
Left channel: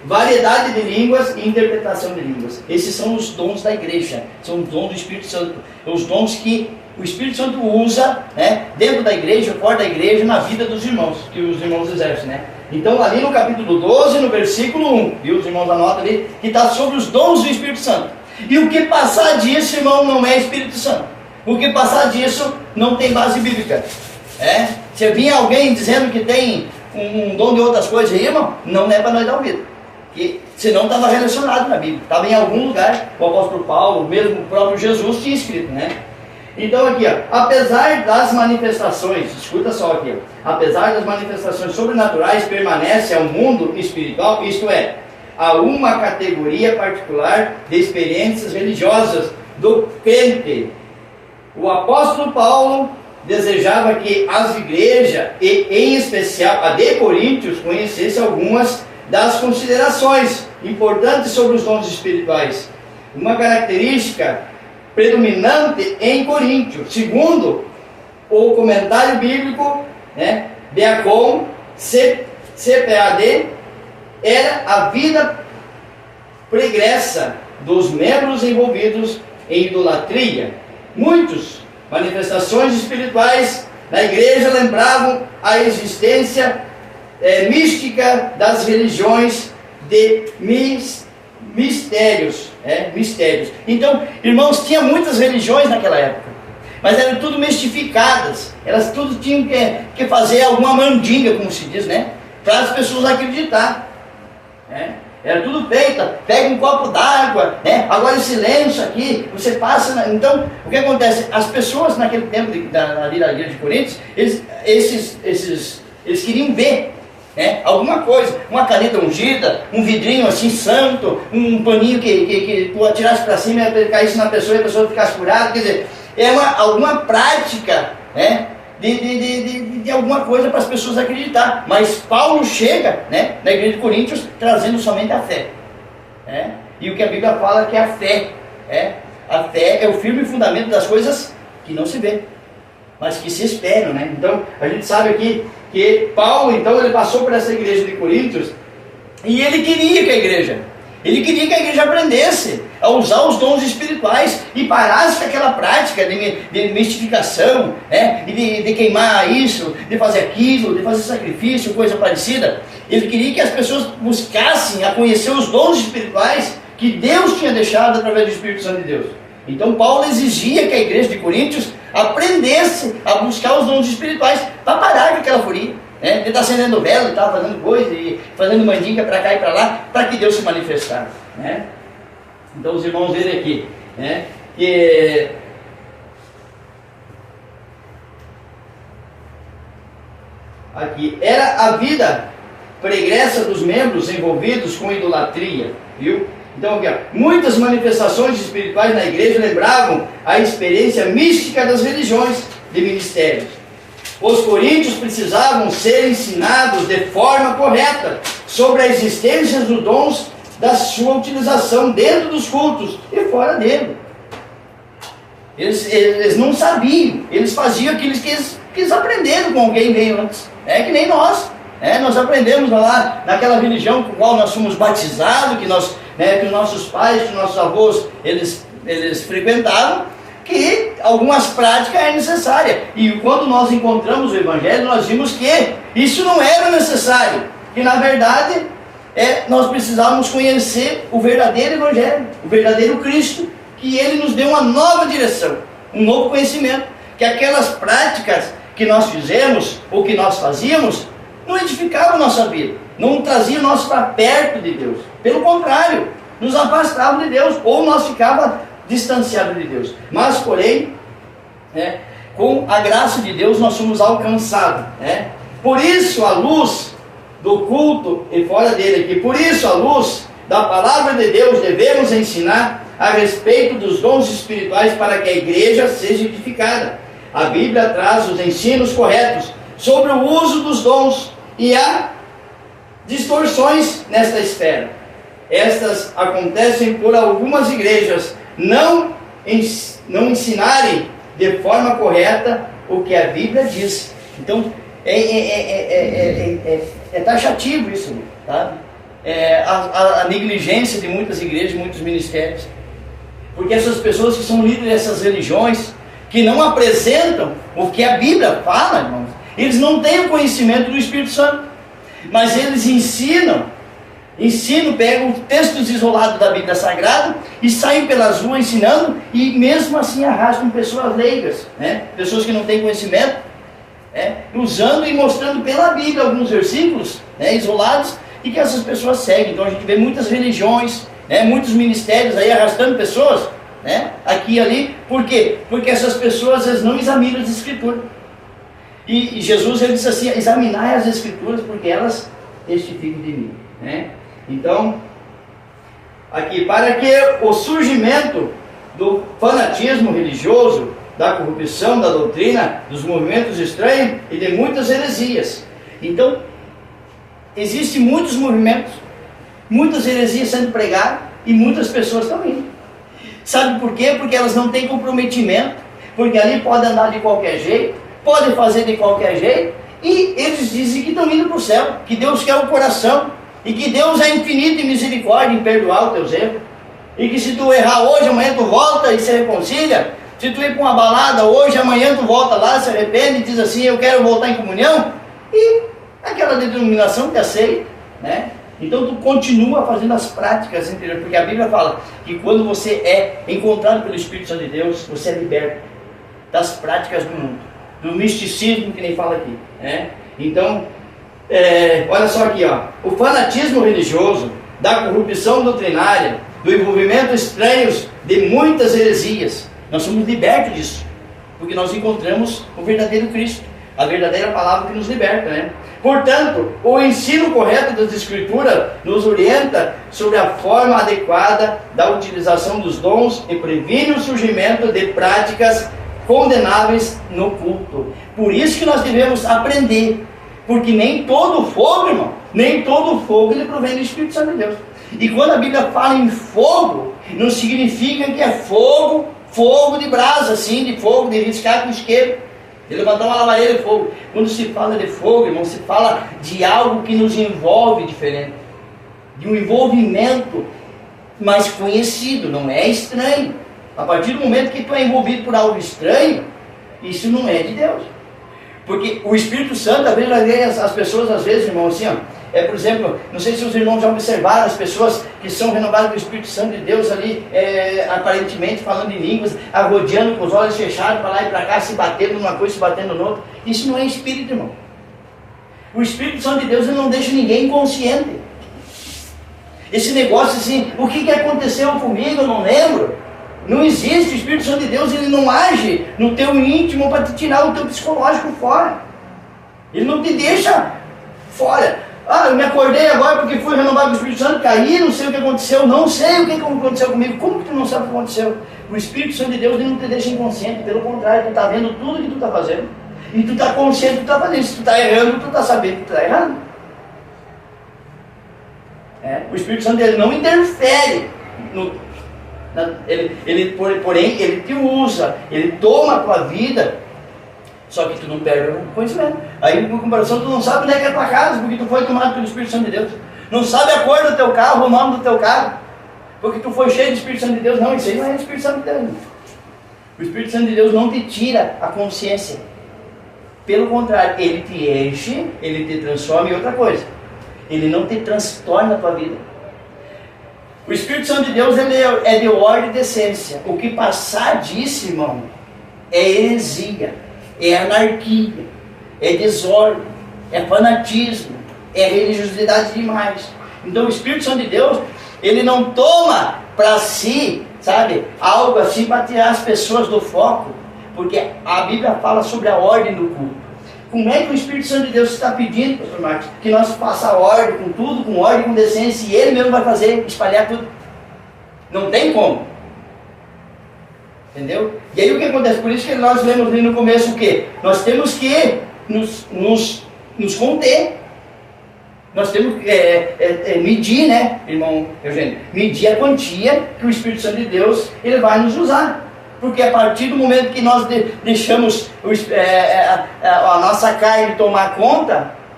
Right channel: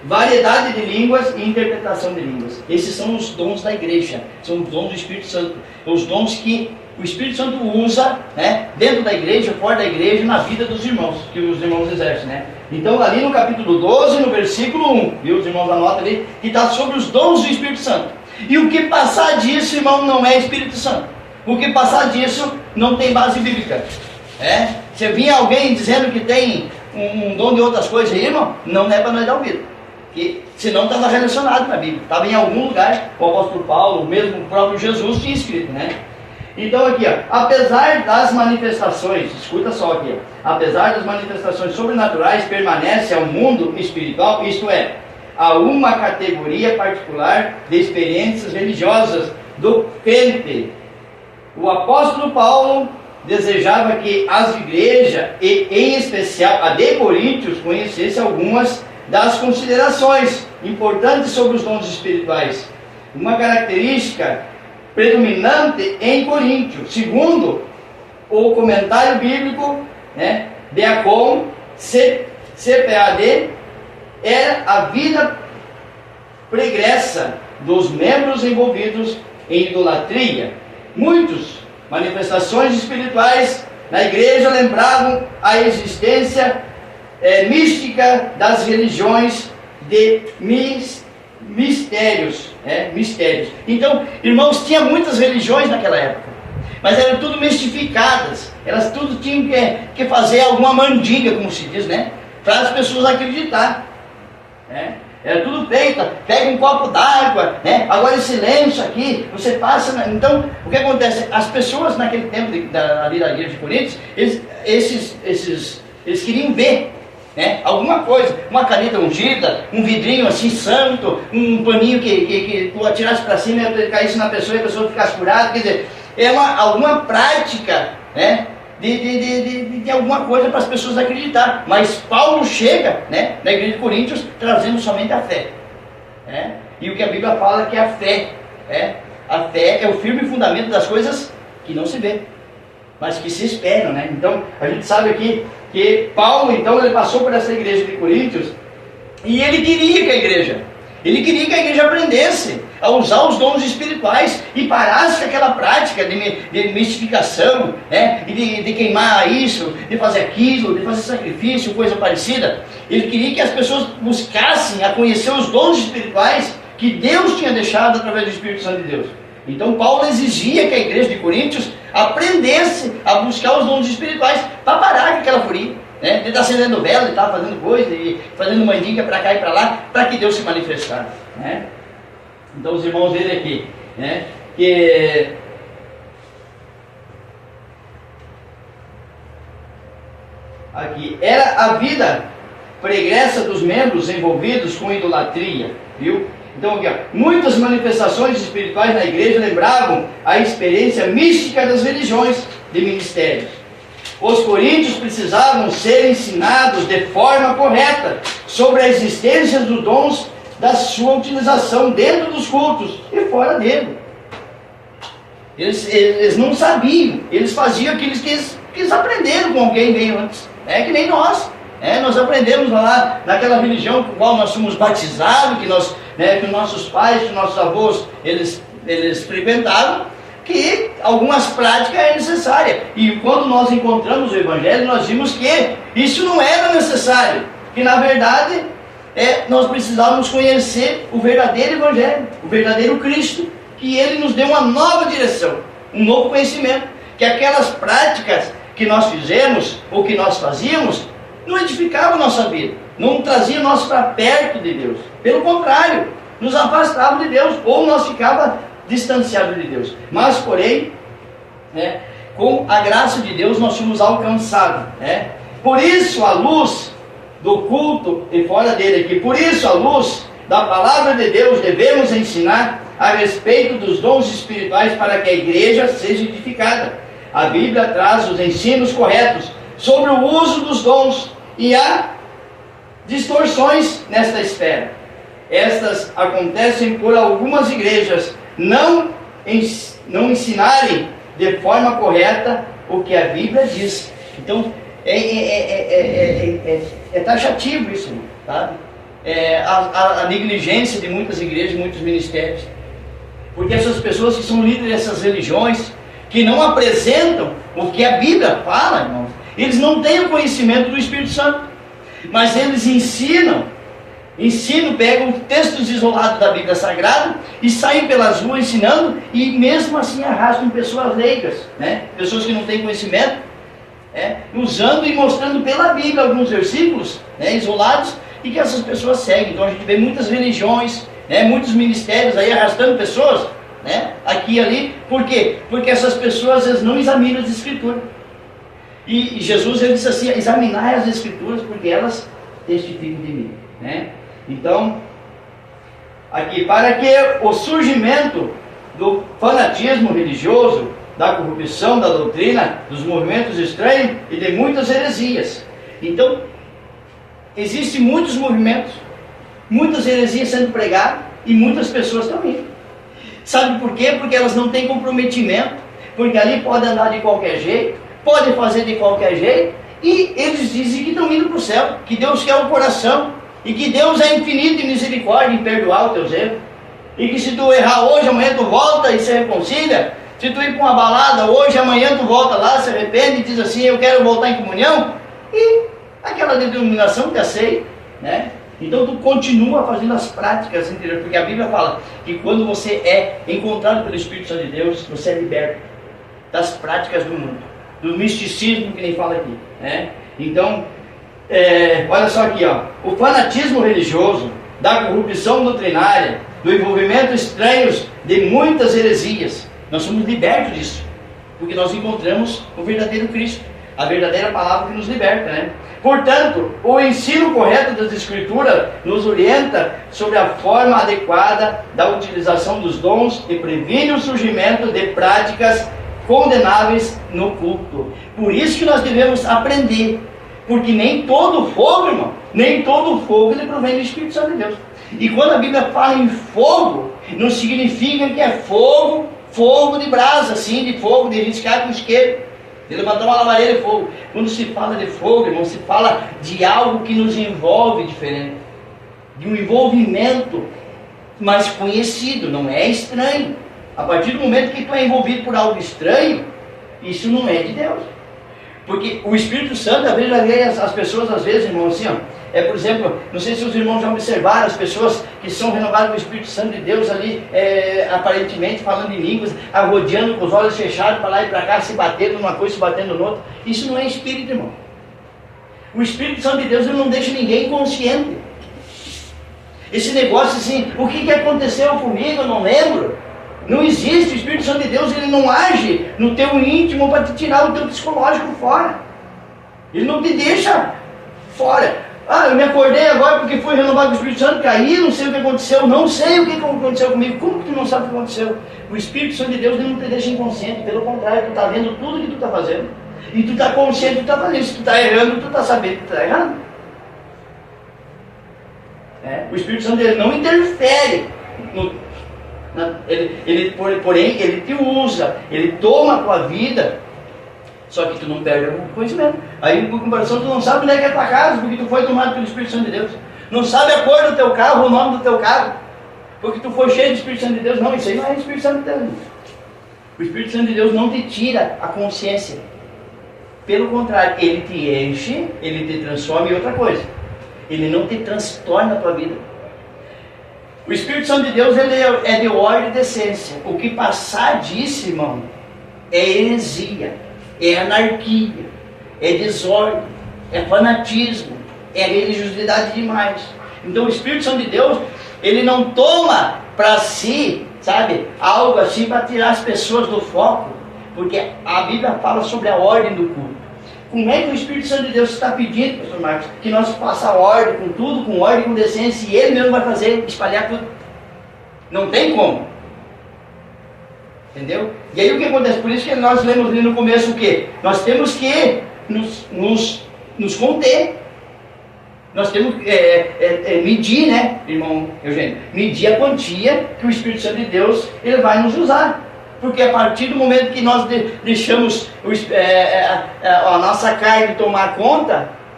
variedade de línguas e interpretação de línguas. Esses são os dons da igreja, são os dons do Espírito Santo, os dons que o Espírito Santo usa, né, dentro da igreja, fora da igreja, na vida dos irmãos, que os irmãos exercem, né? Então, ali no capítulo 12, no versículo 1, viu? Os irmãos anotam ali, que está sobre os dons do Espírito Santo. E o que passar disso, irmão, não é Espírito Santo. O que passar disso não tem base bíblica. Se vinha alguém dizendo que tem um dom de outras coisas aí, irmão, não é para nós dar ouvido. Porque senão estava relacionado na Bíblia. Estava em algum lugar, o apóstolo Paulo, mesmo o próprio Jesus tinha escrito, né? Então aqui, ó, apesar das manifestações, escuta só aqui, ó, apesar das manifestações sobrenaturais, permanece ao mundo espiritual, isto é, a uma categoria particular de experiências religiosas do crente. O apóstolo Paulo desejava que as igrejas, e em especial a de Coríntios, conhecessem algumas das considerações importantes sobre os dons espirituais. Uma característica predominante em Coríntios, segundo o comentário bíblico, né, Beacon, CPAD, era a vida pregressa dos membros envolvidos em idolatria. Muitas manifestações espirituais na igreja lembravam a existência mística das religiões de mistérios. Então, irmãos, tinha muitas religiões naquela época, mas eram tudo mistificadas. Elas tudo tinham que fazer alguma mandinga, como se diz, né, para as pessoas acreditar. Era tudo feito, pega um copo d'água, né? Agora esse lenço aqui, você passa. Então, o que acontece? As pessoas naquele tempo ali da igreja de Coríntios, eles queriam ver, né, alguma coisa, uma caneta ungida, um vidrinho assim santo, um paninho que tu atirasse para cima e caísse na pessoa e a pessoa ficasse curada. Quer dizer, alguma prática, né, de alguma coisa para as pessoas acreditar. Mas Paulo chega, né, na igreja de Coríntios trazendo somente a fé. E o que a Bíblia fala que a fé é o firme fundamento das coisas que não se vê, mas que se esperam, né? Então, a gente sabe aqui que Paulo, então, ele passou por essa igreja de Coríntios e ele queria que a igreja aprendesse a usar os dons espirituais e parasse com aquela prática de mistificação, né? E de queimar isso, de fazer aquilo, de fazer sacrifício, coisa parecida. Ele queria que as pessoas buscassem a conhecer os dons espirituais que Deus tinha deixado através do Espírito Santo de Deus. Então Paulo exigia que a igreja de Coríntios aprendesse a buscar os dons espirituais para parar com aquela furia, né? De estar acendendo vela e estar fazendo coisa e fazendo mandinga para cá e para lá, para que Deus se manifestasse, né? Então os irmãos verem aqui, né, que aqui era a vida pregressa dos membros envolvidos com idolatria, viu? Então aqui, ó, muitas manifestações espirituais na igreja lembravam a experiência mística das religiões de ministérios. Os coríntios precisavam ser ensinados de forma correta sobre a existência dos dons, da sua utilização dentro dos cultos e fora dele. Eles não sabiam, eles faziam aquilo que eles aprenderam com alguém veio antes. É que nem nós. Nós aprendemos lá naquela religião com a qual nós fomos batizados, que os nossos pais, que nossos avós, eles frequentavam, que algumas práticas eram necessárias. E quando nós encontramos o Evangelho, nós vimos que isso não era necessário. Que na verdade, nós precisávamos conhecer o verdadeiro Evangelho, o verdadeiro Cristo, que Ele nos deu uma nova direção, um novo conhecimento. Que aquelas práticas que nós fizemos, ou que nós fazíamos, não edificavam a nossa vida, não traziam nós para perto de Deus. Pelo contrário, nos afastavam de Deus, ou nós ficávamos distanciados de Deus. Mas, porém, com a graça de Deus, nós somos alcançados. Por isso, a luz do culto e fora dele aqui, por isso, a luz da palavra de Deus, devemos ensinar a respeito dos dons espirituais para que a igreja seja edificada. A Bíblia traz os ensinos corretos sobre o uso dos dons e há distorções nesta esfera. Estas acontecem por algumas igrejas não ensinarem de forma correta o que a Bíblia diz. Então, é taxativo isso, sabe? a negligência de muitas igrejas, de muitos ministérios. Porque essas pessoas que são líderes dessas religiões, que não apresentam o que a Bíblia fala, irmãos, eles não têm o conhecimento do Espírito Santo, mas eles ensinam, pegam textos isolados da Bíblia Sagrada e saem pelas ruas ensinando, e mesmo assim arrastam pessoas leigas, né? Pessoas que não têm conhecimento, usando e mostrando pela Bíblia alguns versículos, isolados, e que essas pessoas seguem. Então a gente vê muitas religiões, muitos ministérios aí arrastando pessoas, aqui e ali. Por quê? Porque essas pessoas às vezes não examinam as Escrituras. E Jesus, ele disse assim: examinai as Escrituras, porque elas testificam de mim. Então, aqui, para que o surgimento do fanatismo religioso, da corrupção, da doutrina, dos movimentos estranhos e de muitas heresias. Então, existem muitos movimentos, muitas heresias sendo pregadas, e muitas pessoas também. Sabe por quê? Porque elas não têm comprometimento, porque ali pode andar de qualquer jeito, pode fazer de qualquer jeito, e eles dizem que estão indo para o céu, que Deus quer o coração, e que Deus é infinito em misericórdia em perdoar os teus erros, e que se tu errar hoje, amanhã tu volta e se reconcilia. Se tu ir para uma balada hoje, amanhã tu volta lá, se arrepende e diz assim: eu quero voltar em comunhão, e aquela denominação te aceita, Então tu continua fazendo as práticas interiores, porque a Bíblia fala que quando você é encontrado pelo Espírito Santo de Deus, você é liberto das práticas do mundo, do misticismo, que nem fala aqui, Então, olha só aqui, o fanatismo religioso, da corrupção doutrinária, do envolvimento estranhos de muitas heresias, nós somos libertos disso, porque nós encontramos o verdadeiro Cristo, a verdadeira palavra que nos liberta, Portanto, o ensino correto das Escrituras nos orienta sobre a forma adequada da utilização dos dons e previne o surgimento de práticas condenáveis no culto. Por isso que nós devemos aprender, porque nem todo fogo, irmão, nem todo fogo ele provém do Espírito Santo de Deus. E quando a Bíblia fala em fogo, não significa que é fogo de brasa, assim, de fogo, de riscar com isqueiro, de levantar uma lavadeira de fogo. Quando se fala de fogo, irmão, se fala de algo que nos envolve diferente, de um envolvimento mais conhecido, não é estranho. A partir do momento que tu é envolvido por algo estranho, isso não é de Deus. Porque o Espírito Santo, às vezes, as pessoas, às vezes, irmão, assim, por exemplo, não sei se os irmãos já observaram as pessoas que são renovadas com o Espírito Santo de Deus ali, aparentemente falando em línguas, arrodeando com os olhos fechados, para lá e para cá, se batendo numa coisa, se batendo no outro. Isso não é Espírito, irmão. O Espírito Santo de Deus, ele não deixa ninguém inconsciente. Esse negócio assim, o que aconteceu comigo, eu não lembro. Não existe. O Espírito Santo de Deus, ele não age no teu íntimo para te tirar o teu psicológico fora. Ele não te deixa fora. Eu me acordei agora porque fui renovado com o Espírito Santo, caí, não sei o que aconteceu, não sei o que aconteceu comigo. Como que tu não sabe o que aconteceu? O Espírito Santo de Deus, ele não te deixa inconsciente, pelo contrário, tu está vendo tudo que tu está fazendo, e tu está consciente do que tu está fazendo. Se tu está errando, tu está sabendo que tu está errando. O Espírito Santo, ele não interfere porém ele te usa, ele toma a tua vida, só que tu não perde o conhecimento. Aí, em comparação, tu não sabe onde é que é a tua casa, porque tu foi tomado pelo Espírito Santo de Deus. Não sabe a cor do teu carro, o nome do teu carro, porque tu foi cheio do Espírito Santo de Deus. Não, isso aí não é o Espírito Santo de Deus. O Espírito Santo de Deus não te tira a consciência. Pelo contrário, ele te enche, ele te transforma em outra coisa. Ele não te transtorna a tua vida. O Espírito Santo de Deus, ele é de ordem e decência. O que passar disso, irmão, é heresia, é anarquia, é desordem, é fanatismo, é religiosidade demais. Então o Espírito Santo de Deus, ele não toma para si, sabe, algo assim para tirar as pessoas do foco, porque a Bíblia fala sobre a ordem do culto. Como é que o Espírito Santo de Deus está pedindo, pastor Marcos, que nós faça a ordem com tudo, com ordem, com decência, e ele mesmo vai fazer, espalhar tudo? Não tem como. Entendeu? E aí o que acontece? Por isso que nós lemos ali no começo o quê? Nós temos que nos conter. Nós temos que medir, né, irmão Eugênio? Medir a quantia que o Espírito Santo de Deus, ele vai nos usar. Porque a partir do momento que nós deixamos a nossa carne tomar conta,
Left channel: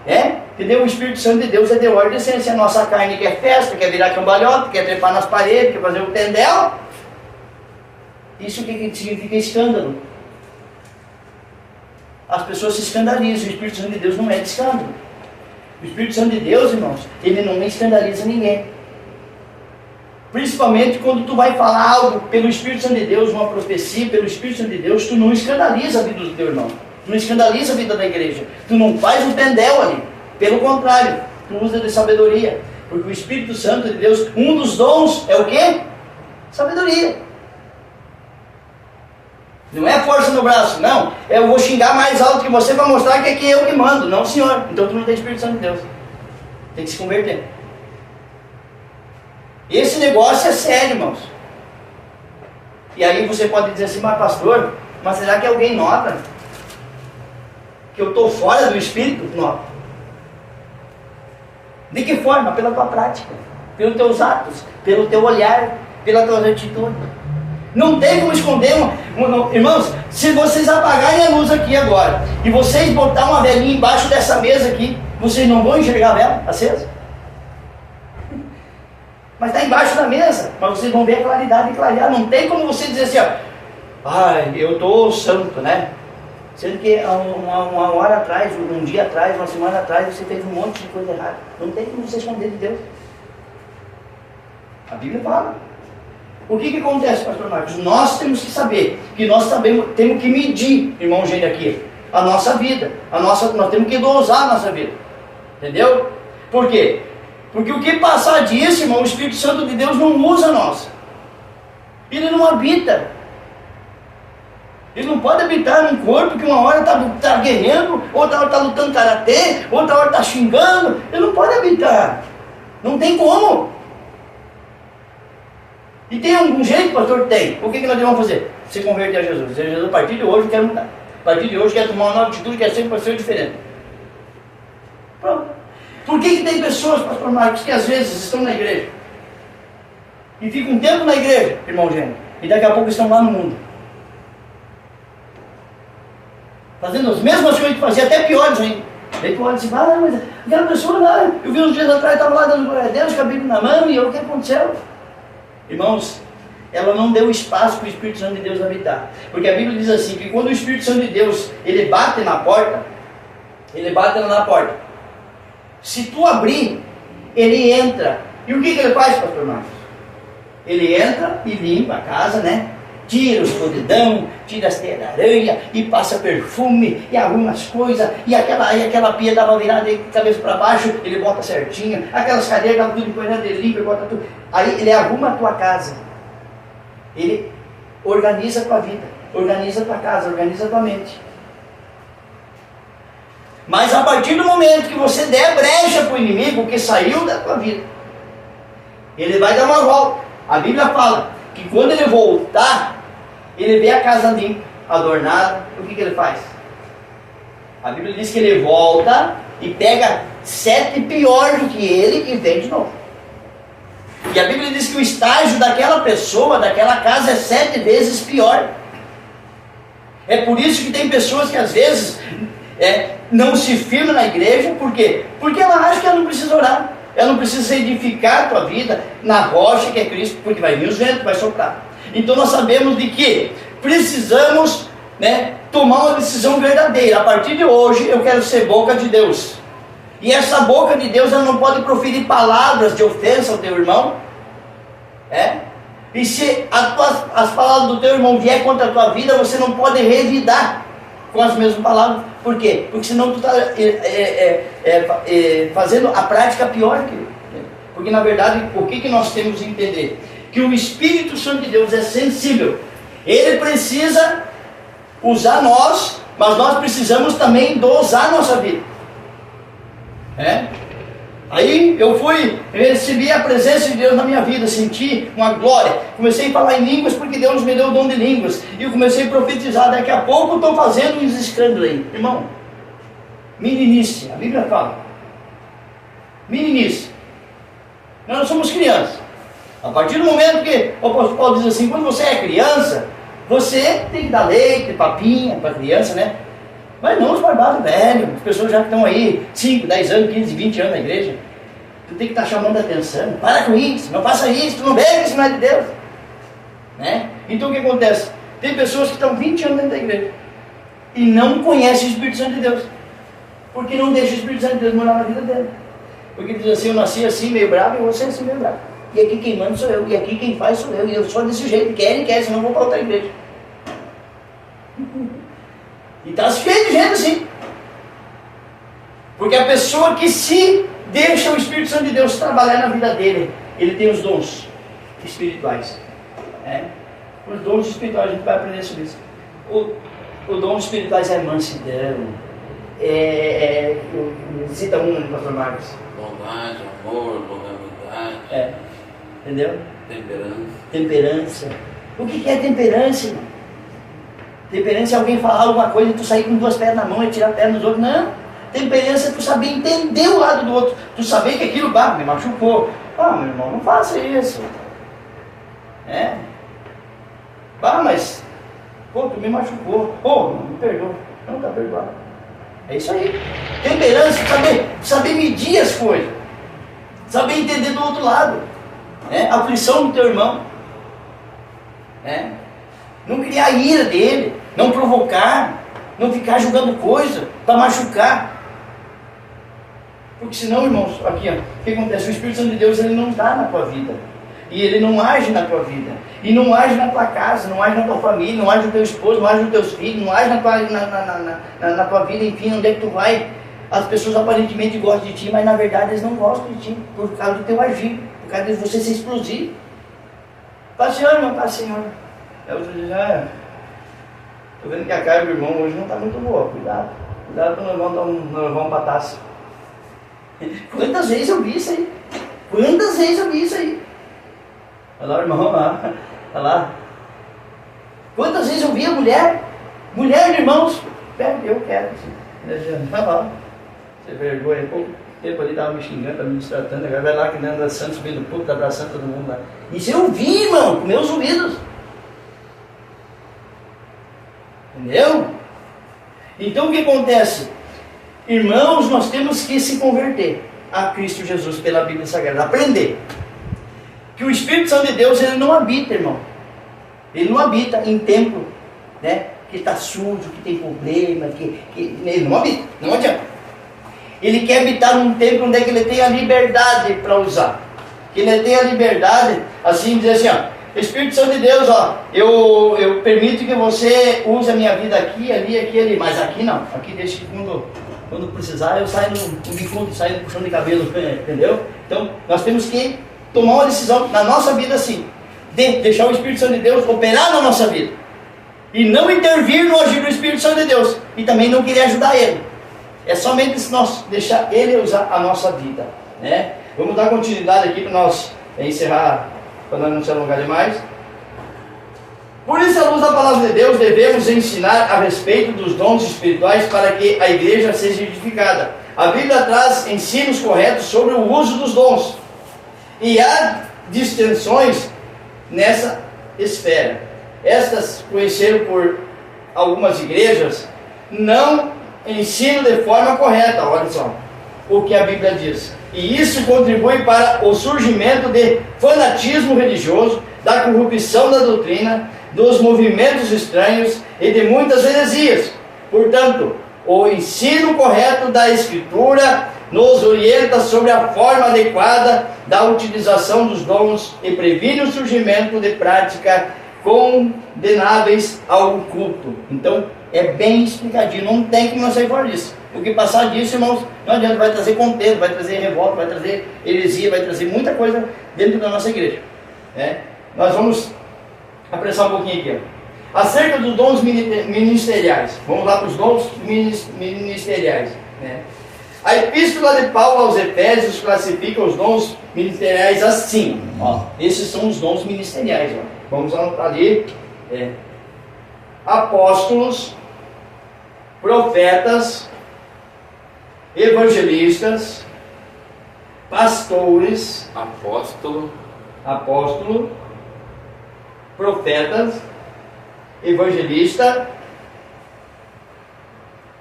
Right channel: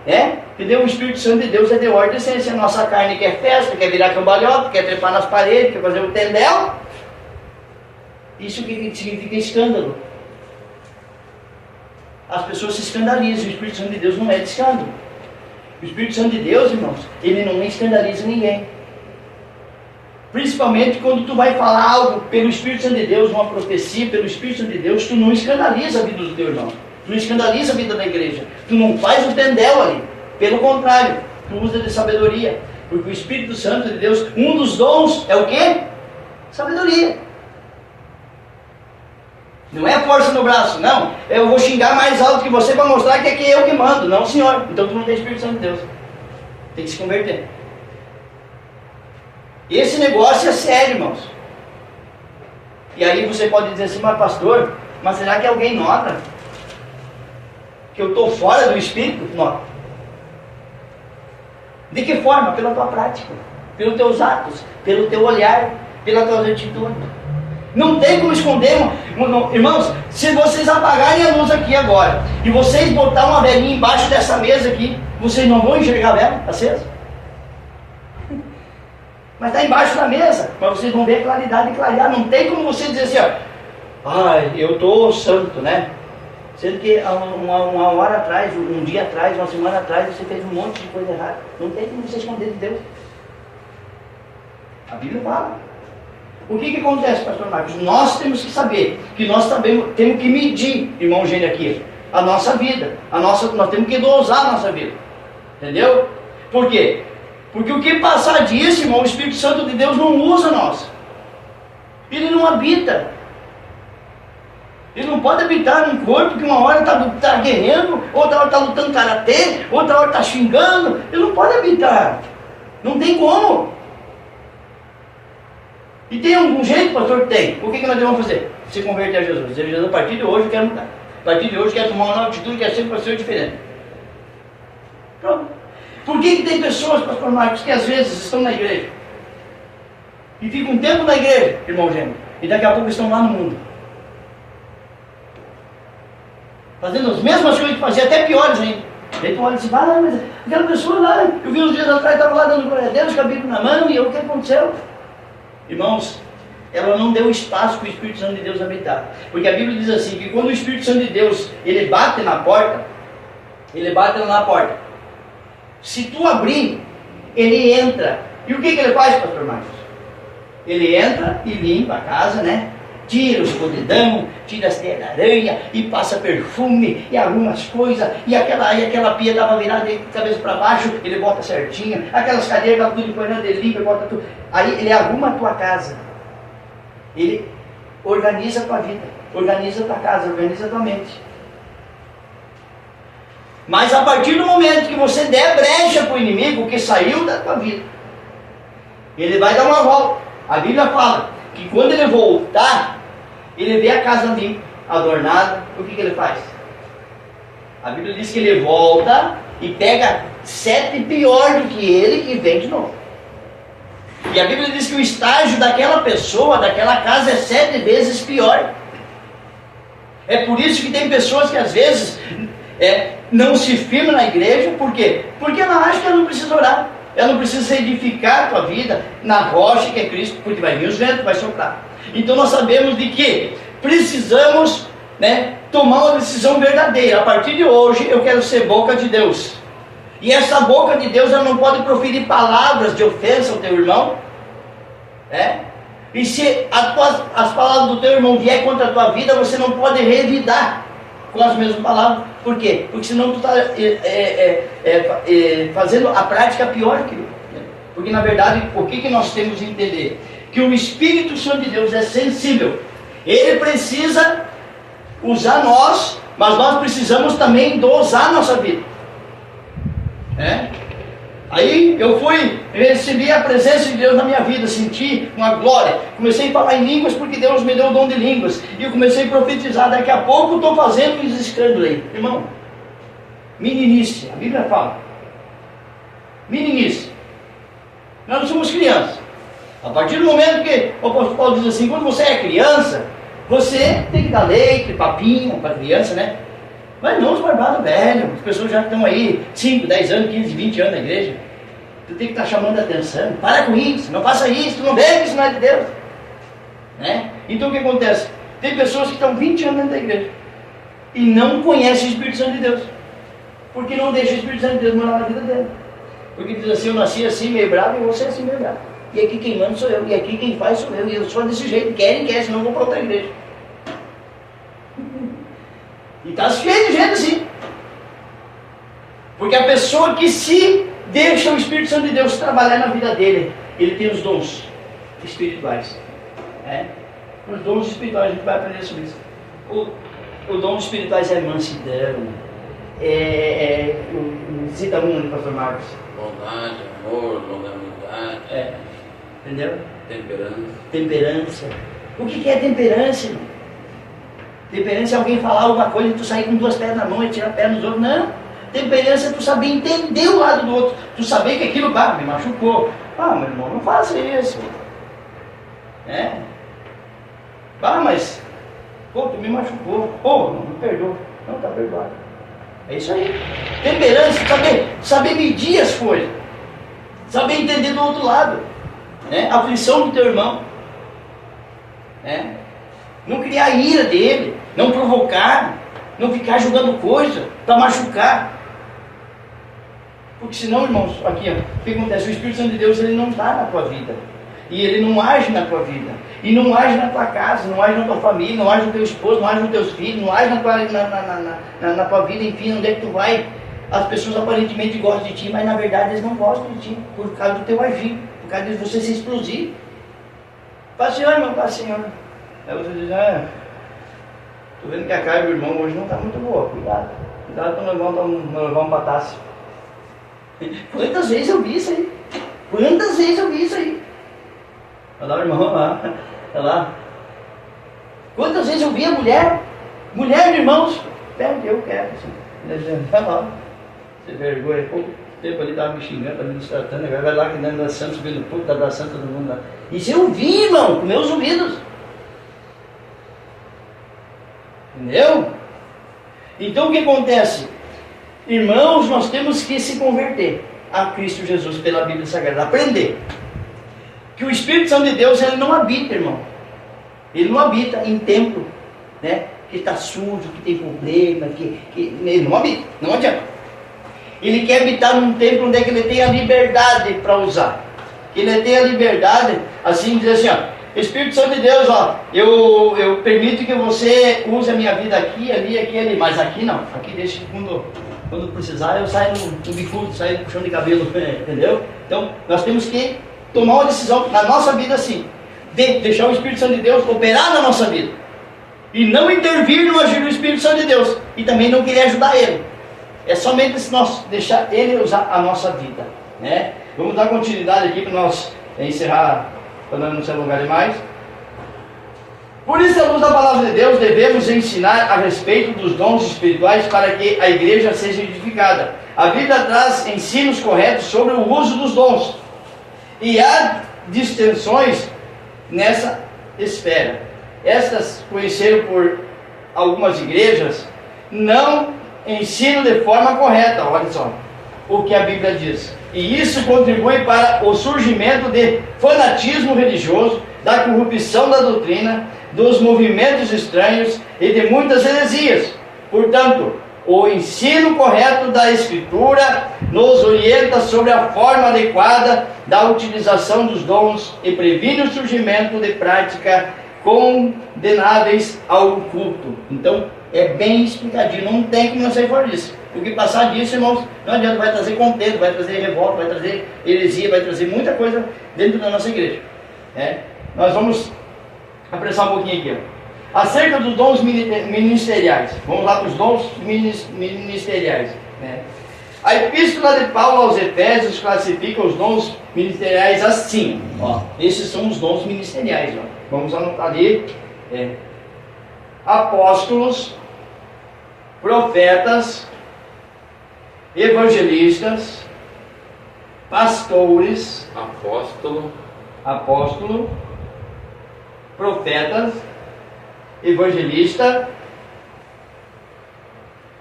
Entendeu? O Espírito Santo de Deus é de ordem, se a nossa carne quer festa, quer virar cambalhota, quer trepar nas paredes, quer fazer o tendel. Isso que significa escândalo. As pessoas se escandalizam, o Espírito Santo de Deus não é de escândalo. O Espírito Santo de Deus, irmãos, ele não escandaliza ninguém. Principalmente quando tu vai falar algo pelo Espírito Santo de Deus, uma profecia pelo Espírito Santo de Deus, tu não escandaliza a vida do teu irmão. Tu não escandaliza a vida da igreja. Tu não faz o tendel ali. Pelo contrário, tu usa de sabedoria. Porque o Espírito Santo de Deus, um dos dons é o quê? Sabedoria. Não é força no braço, não. Eu vou xingar mais alto que você para mostrar que é eu que mando. Não, senhor. Então tu não tem Espírito Santo de Deus. Tem que se converter. Esse negócio é sério, irmãos. E aí você pode dizer assim, mas pastor, mas será que alguém nota que eu estou fora do Espírito? Nota. De que forma? Pela tua prática, pelos teus atos, pelo teu olhar, pela tua atitude. Não tem como esconder, irmãos. Se vocês apagarem a luz aqui agora e vocês botar uma velinha embaixo dessa mesa aqui, vocês não vão enxergar a vela acesa? Mas está embaixo da mesa, mas vocês vão ver a claridade e clarear. Não tem como você dizer assim, ai, eu estou santo, né? Sendo que uma hora atrás, um dia atrás, uma semana atrás, você fez um monte de coisa errada. Não tem como você esconder de Deus. A Bíblia fala. O que acontece, pastor Marcos? Nós temos que saber, que nós temos que medir, irmão Gênio aqui, a nossa vida. Nós temos que dosar a nossa vida. Entendeu? Por quê? Porque o que passar disso, irmão, o Espírito Santo de Deus não usa nós. Ele não habita. Ele não pode habitar num corpo que uma hora está guerreando, outra hora está lutando karatê, outra hora está xingando. Ele não pode habitar. Não tem como. E tem algum jeito, pastor? Tem. O que nós devemos fazer? Se converter a Jesus. Dizer, Jesus, a partir de hoje eu quero mudar. A partir de hoje eu quero tomar uma nova atitude, quero ser uma pessoa diferente. Pronto. Por que tem pessoas, pastor Marcos, que às vezes estão na igreja e ficam um tempo na igreja, irmão Gêmeo, e daqui a pouco estão lá no mundo, fazendo as mesmas coisas que fazia, até piores ainda. Aí tu olha assim, mas aquela pessoa lá, eu vi uns dias atrás, estava lá dando glória a Deus, com a Bíblia na mão, e o que aconteceu? Irmãos, ela não deu espaço para o Espírito Santo de Deus habitar. Porque a Bíblia diz assim, que quando o Espírito Santo de Deus, ele bate na porta, se tu abrir, ele entra. E o que ele faz, pastor Marcos? Ele entra e limpa a casa, né? Tira os podridão, tira as teias da aranha, e passa perfume, e arruma as coisas, e aquela pia estava virada de cabeça para baixo, ele bota certinho, aquelas cadeiras estavam tudo empanhando, ele limpa, bota tudo. Aí ele arruma a tua casa, ele organiza a tua vida, organiza a tua casa, organiza a tua mente. Mas a partir do momento que você der brecha para o inimigo que saiu da tua vida, ele vai dar uma volta. A Bíblia fala que quando ele voltar, ele vê a casa limpa, adornada, o que ele faz? A Bíblia diz que ele volta e pega 7 pior do que ele e vem de novo. E a Bíblia diz que o estágio daquela pessoa, daquela casa é 7 vezes pior. É por isso que tem pessoas que às vezes não se firmam na igreja. Por quê? Porque ela acha que ela não precisa orar. Ela não precisa edificar a tua vida na rocha que é Cristo, porque vai vir os ventos, vai soprar. Então nós sabemos de que precisamos tomar uma decisão verdadeira. A partir de hoje eu quero ser boca de Deus. E essa boca de Deus, ela não pode proferir palavras de ofensa ao teu irmão. E se as palavras do teu irmão vier contra a tua vida, você não pode revidar com as mesmas palavras. Por quê? Porque senão tu está fazendo a prática pior que ele. Porque na verdade, o que nós temos que entender? Que o Espírito Santo de Deus é sensível. Ele precisa usar nós, mas nós precisamos também dosar a nossa vida. Aí eu recebi a presença de Deus na minha vida, senti uma glória, comecei a falar em línguas porque Deus me deu o dom de línguas, e eu comecei a profetizar. Daqui a pouco estou fazendo uns escândalos aí, irmão. Meninice, a Bíblia fala, meninice, nós não somos crianças. A partir do momento que o apóstolo Paulo diz assim, quando você é criança, você tem que dar leite, papinha para a criança, Mas não os barbados velhos, as pessoas já que estão aí 5, 10 anos, 15, 20 anos na igreja. Tu tem que estar chamando a atenção. Para com isso, não faça isso, tu não bebe, isso não é de Deus. Né? Então o que acontece? Tem pessoas que estão 20 anos dentro da igreja e não conhecem o Espírito Santo de Deus. Porque não deixa o Espírito Santo de Deus morar na vida dele. Porque diz assim, eu nasci assim meio bravo e você assim meio bravo. E aqui quem manda sou eu, e aqui quem faz sou eu, e eu sou desse jeito, querem, senão eu vou para outra igreja. E está cheio de gente assim. Porque a pessoa que se deixa o Espírito Santo de Deus trabalhar na vida dele, ele tem os dons espirituais. Os dons espirituais, a gente vai aprender sobre isso. O dom espirituais é mansidão. Cita um, pastor Marcos. Bondade, amor, longanimidade. Entendeu? Temperança. O que é temperança, irmão? Temperança é alguém falar alguma coisa e tu sair com 2 pés na mão e tirar a perna dos outros. Não. Temperança é tu saber entender o lado do outro. Tu saber que aquilo me machucou. Meu irmão, não faça isso. Mas tu me machucou. Me perdoa. Não, está perdoado. É isso aí. Temperança, saber medir as coisas. Saber entender do outro lado. A aflição do teu irmão. Não criar ira dele. Não provocar. Não ficar julgando coisa para machucar. Porque senão, irmãos, aqui, o que acontece? O Espírito Santo de Deus, ele não está na tua vida. E ele não age na tua vida. E não age na tua casa, não age na tua família, não age no teu esposo, não age nos teus filhos, não age na tua vida, enfim, onde é que tu vai. As pessoas aparentemente gostam de ti, mas na verdade eles não gostam de ti, por causa do teu agir, por causa de você ser explosivo. Paz, Senhor, irmão, paz, Senhor. Aí você diz, tô vendo que a cara do irmão hoje não está muito boa, cuidado para não levar um bataço. Quantas vezes eu vi isso aí? Olha lá, irmão, olha lá. Quantas vezes eu vi a mulher, irmãos, eu quero. Olha lá, você vergonha, pouco tempo ali estava me xingando, estava me tratando, agora vai lá que dentro da Santa, subindo o púlpito, abraçando todo mundo lá. Isso eu vi, irmão, com meus ouvidos. Entendeu? Então o que acontece? Irmãos, nós temos que se converter a Cristo Jesus pela Bíblia Sagrada, aprender que o Espírito Santo de Deus, ele não habita, irmão, ele não habita em templo, que está sujo, que tem problema, que ele não habita, não adianta. Ele quer habitar num templo onde é que ele tem a liberdade para usar, que ele tem a liberdade, assim, dizer assim, Espírito Santo de Deus, eu permito que você use a minha vida aqui, ali, mas aqui não, aqui deixa que quando precisar eu saio no bicudo, saio no puxão de cabelo, entendeu? Então nós temos que tomar uma decisão na nossa vida assim, de deixar o Espírito Santo de Deus operar na nossa vida, e não intervir no agir do Espírito Santo de Deus, e também não querer ajudar ele. É somente se nós deixar ele usar a nossa vida, Vamos dar continuidade aqui para nós encerrar, para nós não se alongar demais. Por isso, à luz da palavra de Deus, devemos ensinar a respeito dos dons espirituais para que a igreja seja edificada. A Bíblia traz ensinos corretos sobre o uso dos dons. E há distensões nessa esfera. Estas, conheceram por algumas igrejas, não ensinam de forma correta, olha só, o que a Bíblia diz. E isso contribui para o surgimento de fanatismo religioso, da corrupção da doutrina, dos movimentos estranhos e de muitas heresias. Portanto, o ensino correto da Escritura nos orienta sobre a forma adequada da utilização dos dons e previne o surgimento de práticas condenáveis ao culto. Então, é bem explicadinho, não tem como sair fora disso. Porque passar disso, irmãos, não adianta, vai trazer contento, vai trazer revolta, vai trazer heresia, vai trazer muita coisa dentro da nossa igreja. Nós vamos apressar um pouquinho aqui. Acerca dos dons ministeriais. Vamos lá para os dons ministeriais. A epístola de Paulo aos Efésios classifica os dons ministeriais assim. Esses são os dons ministeriais. Vamos anotar ali. Apóstolos, profetas, evangelistas, pastores, apóstolo, profetas, evangelista,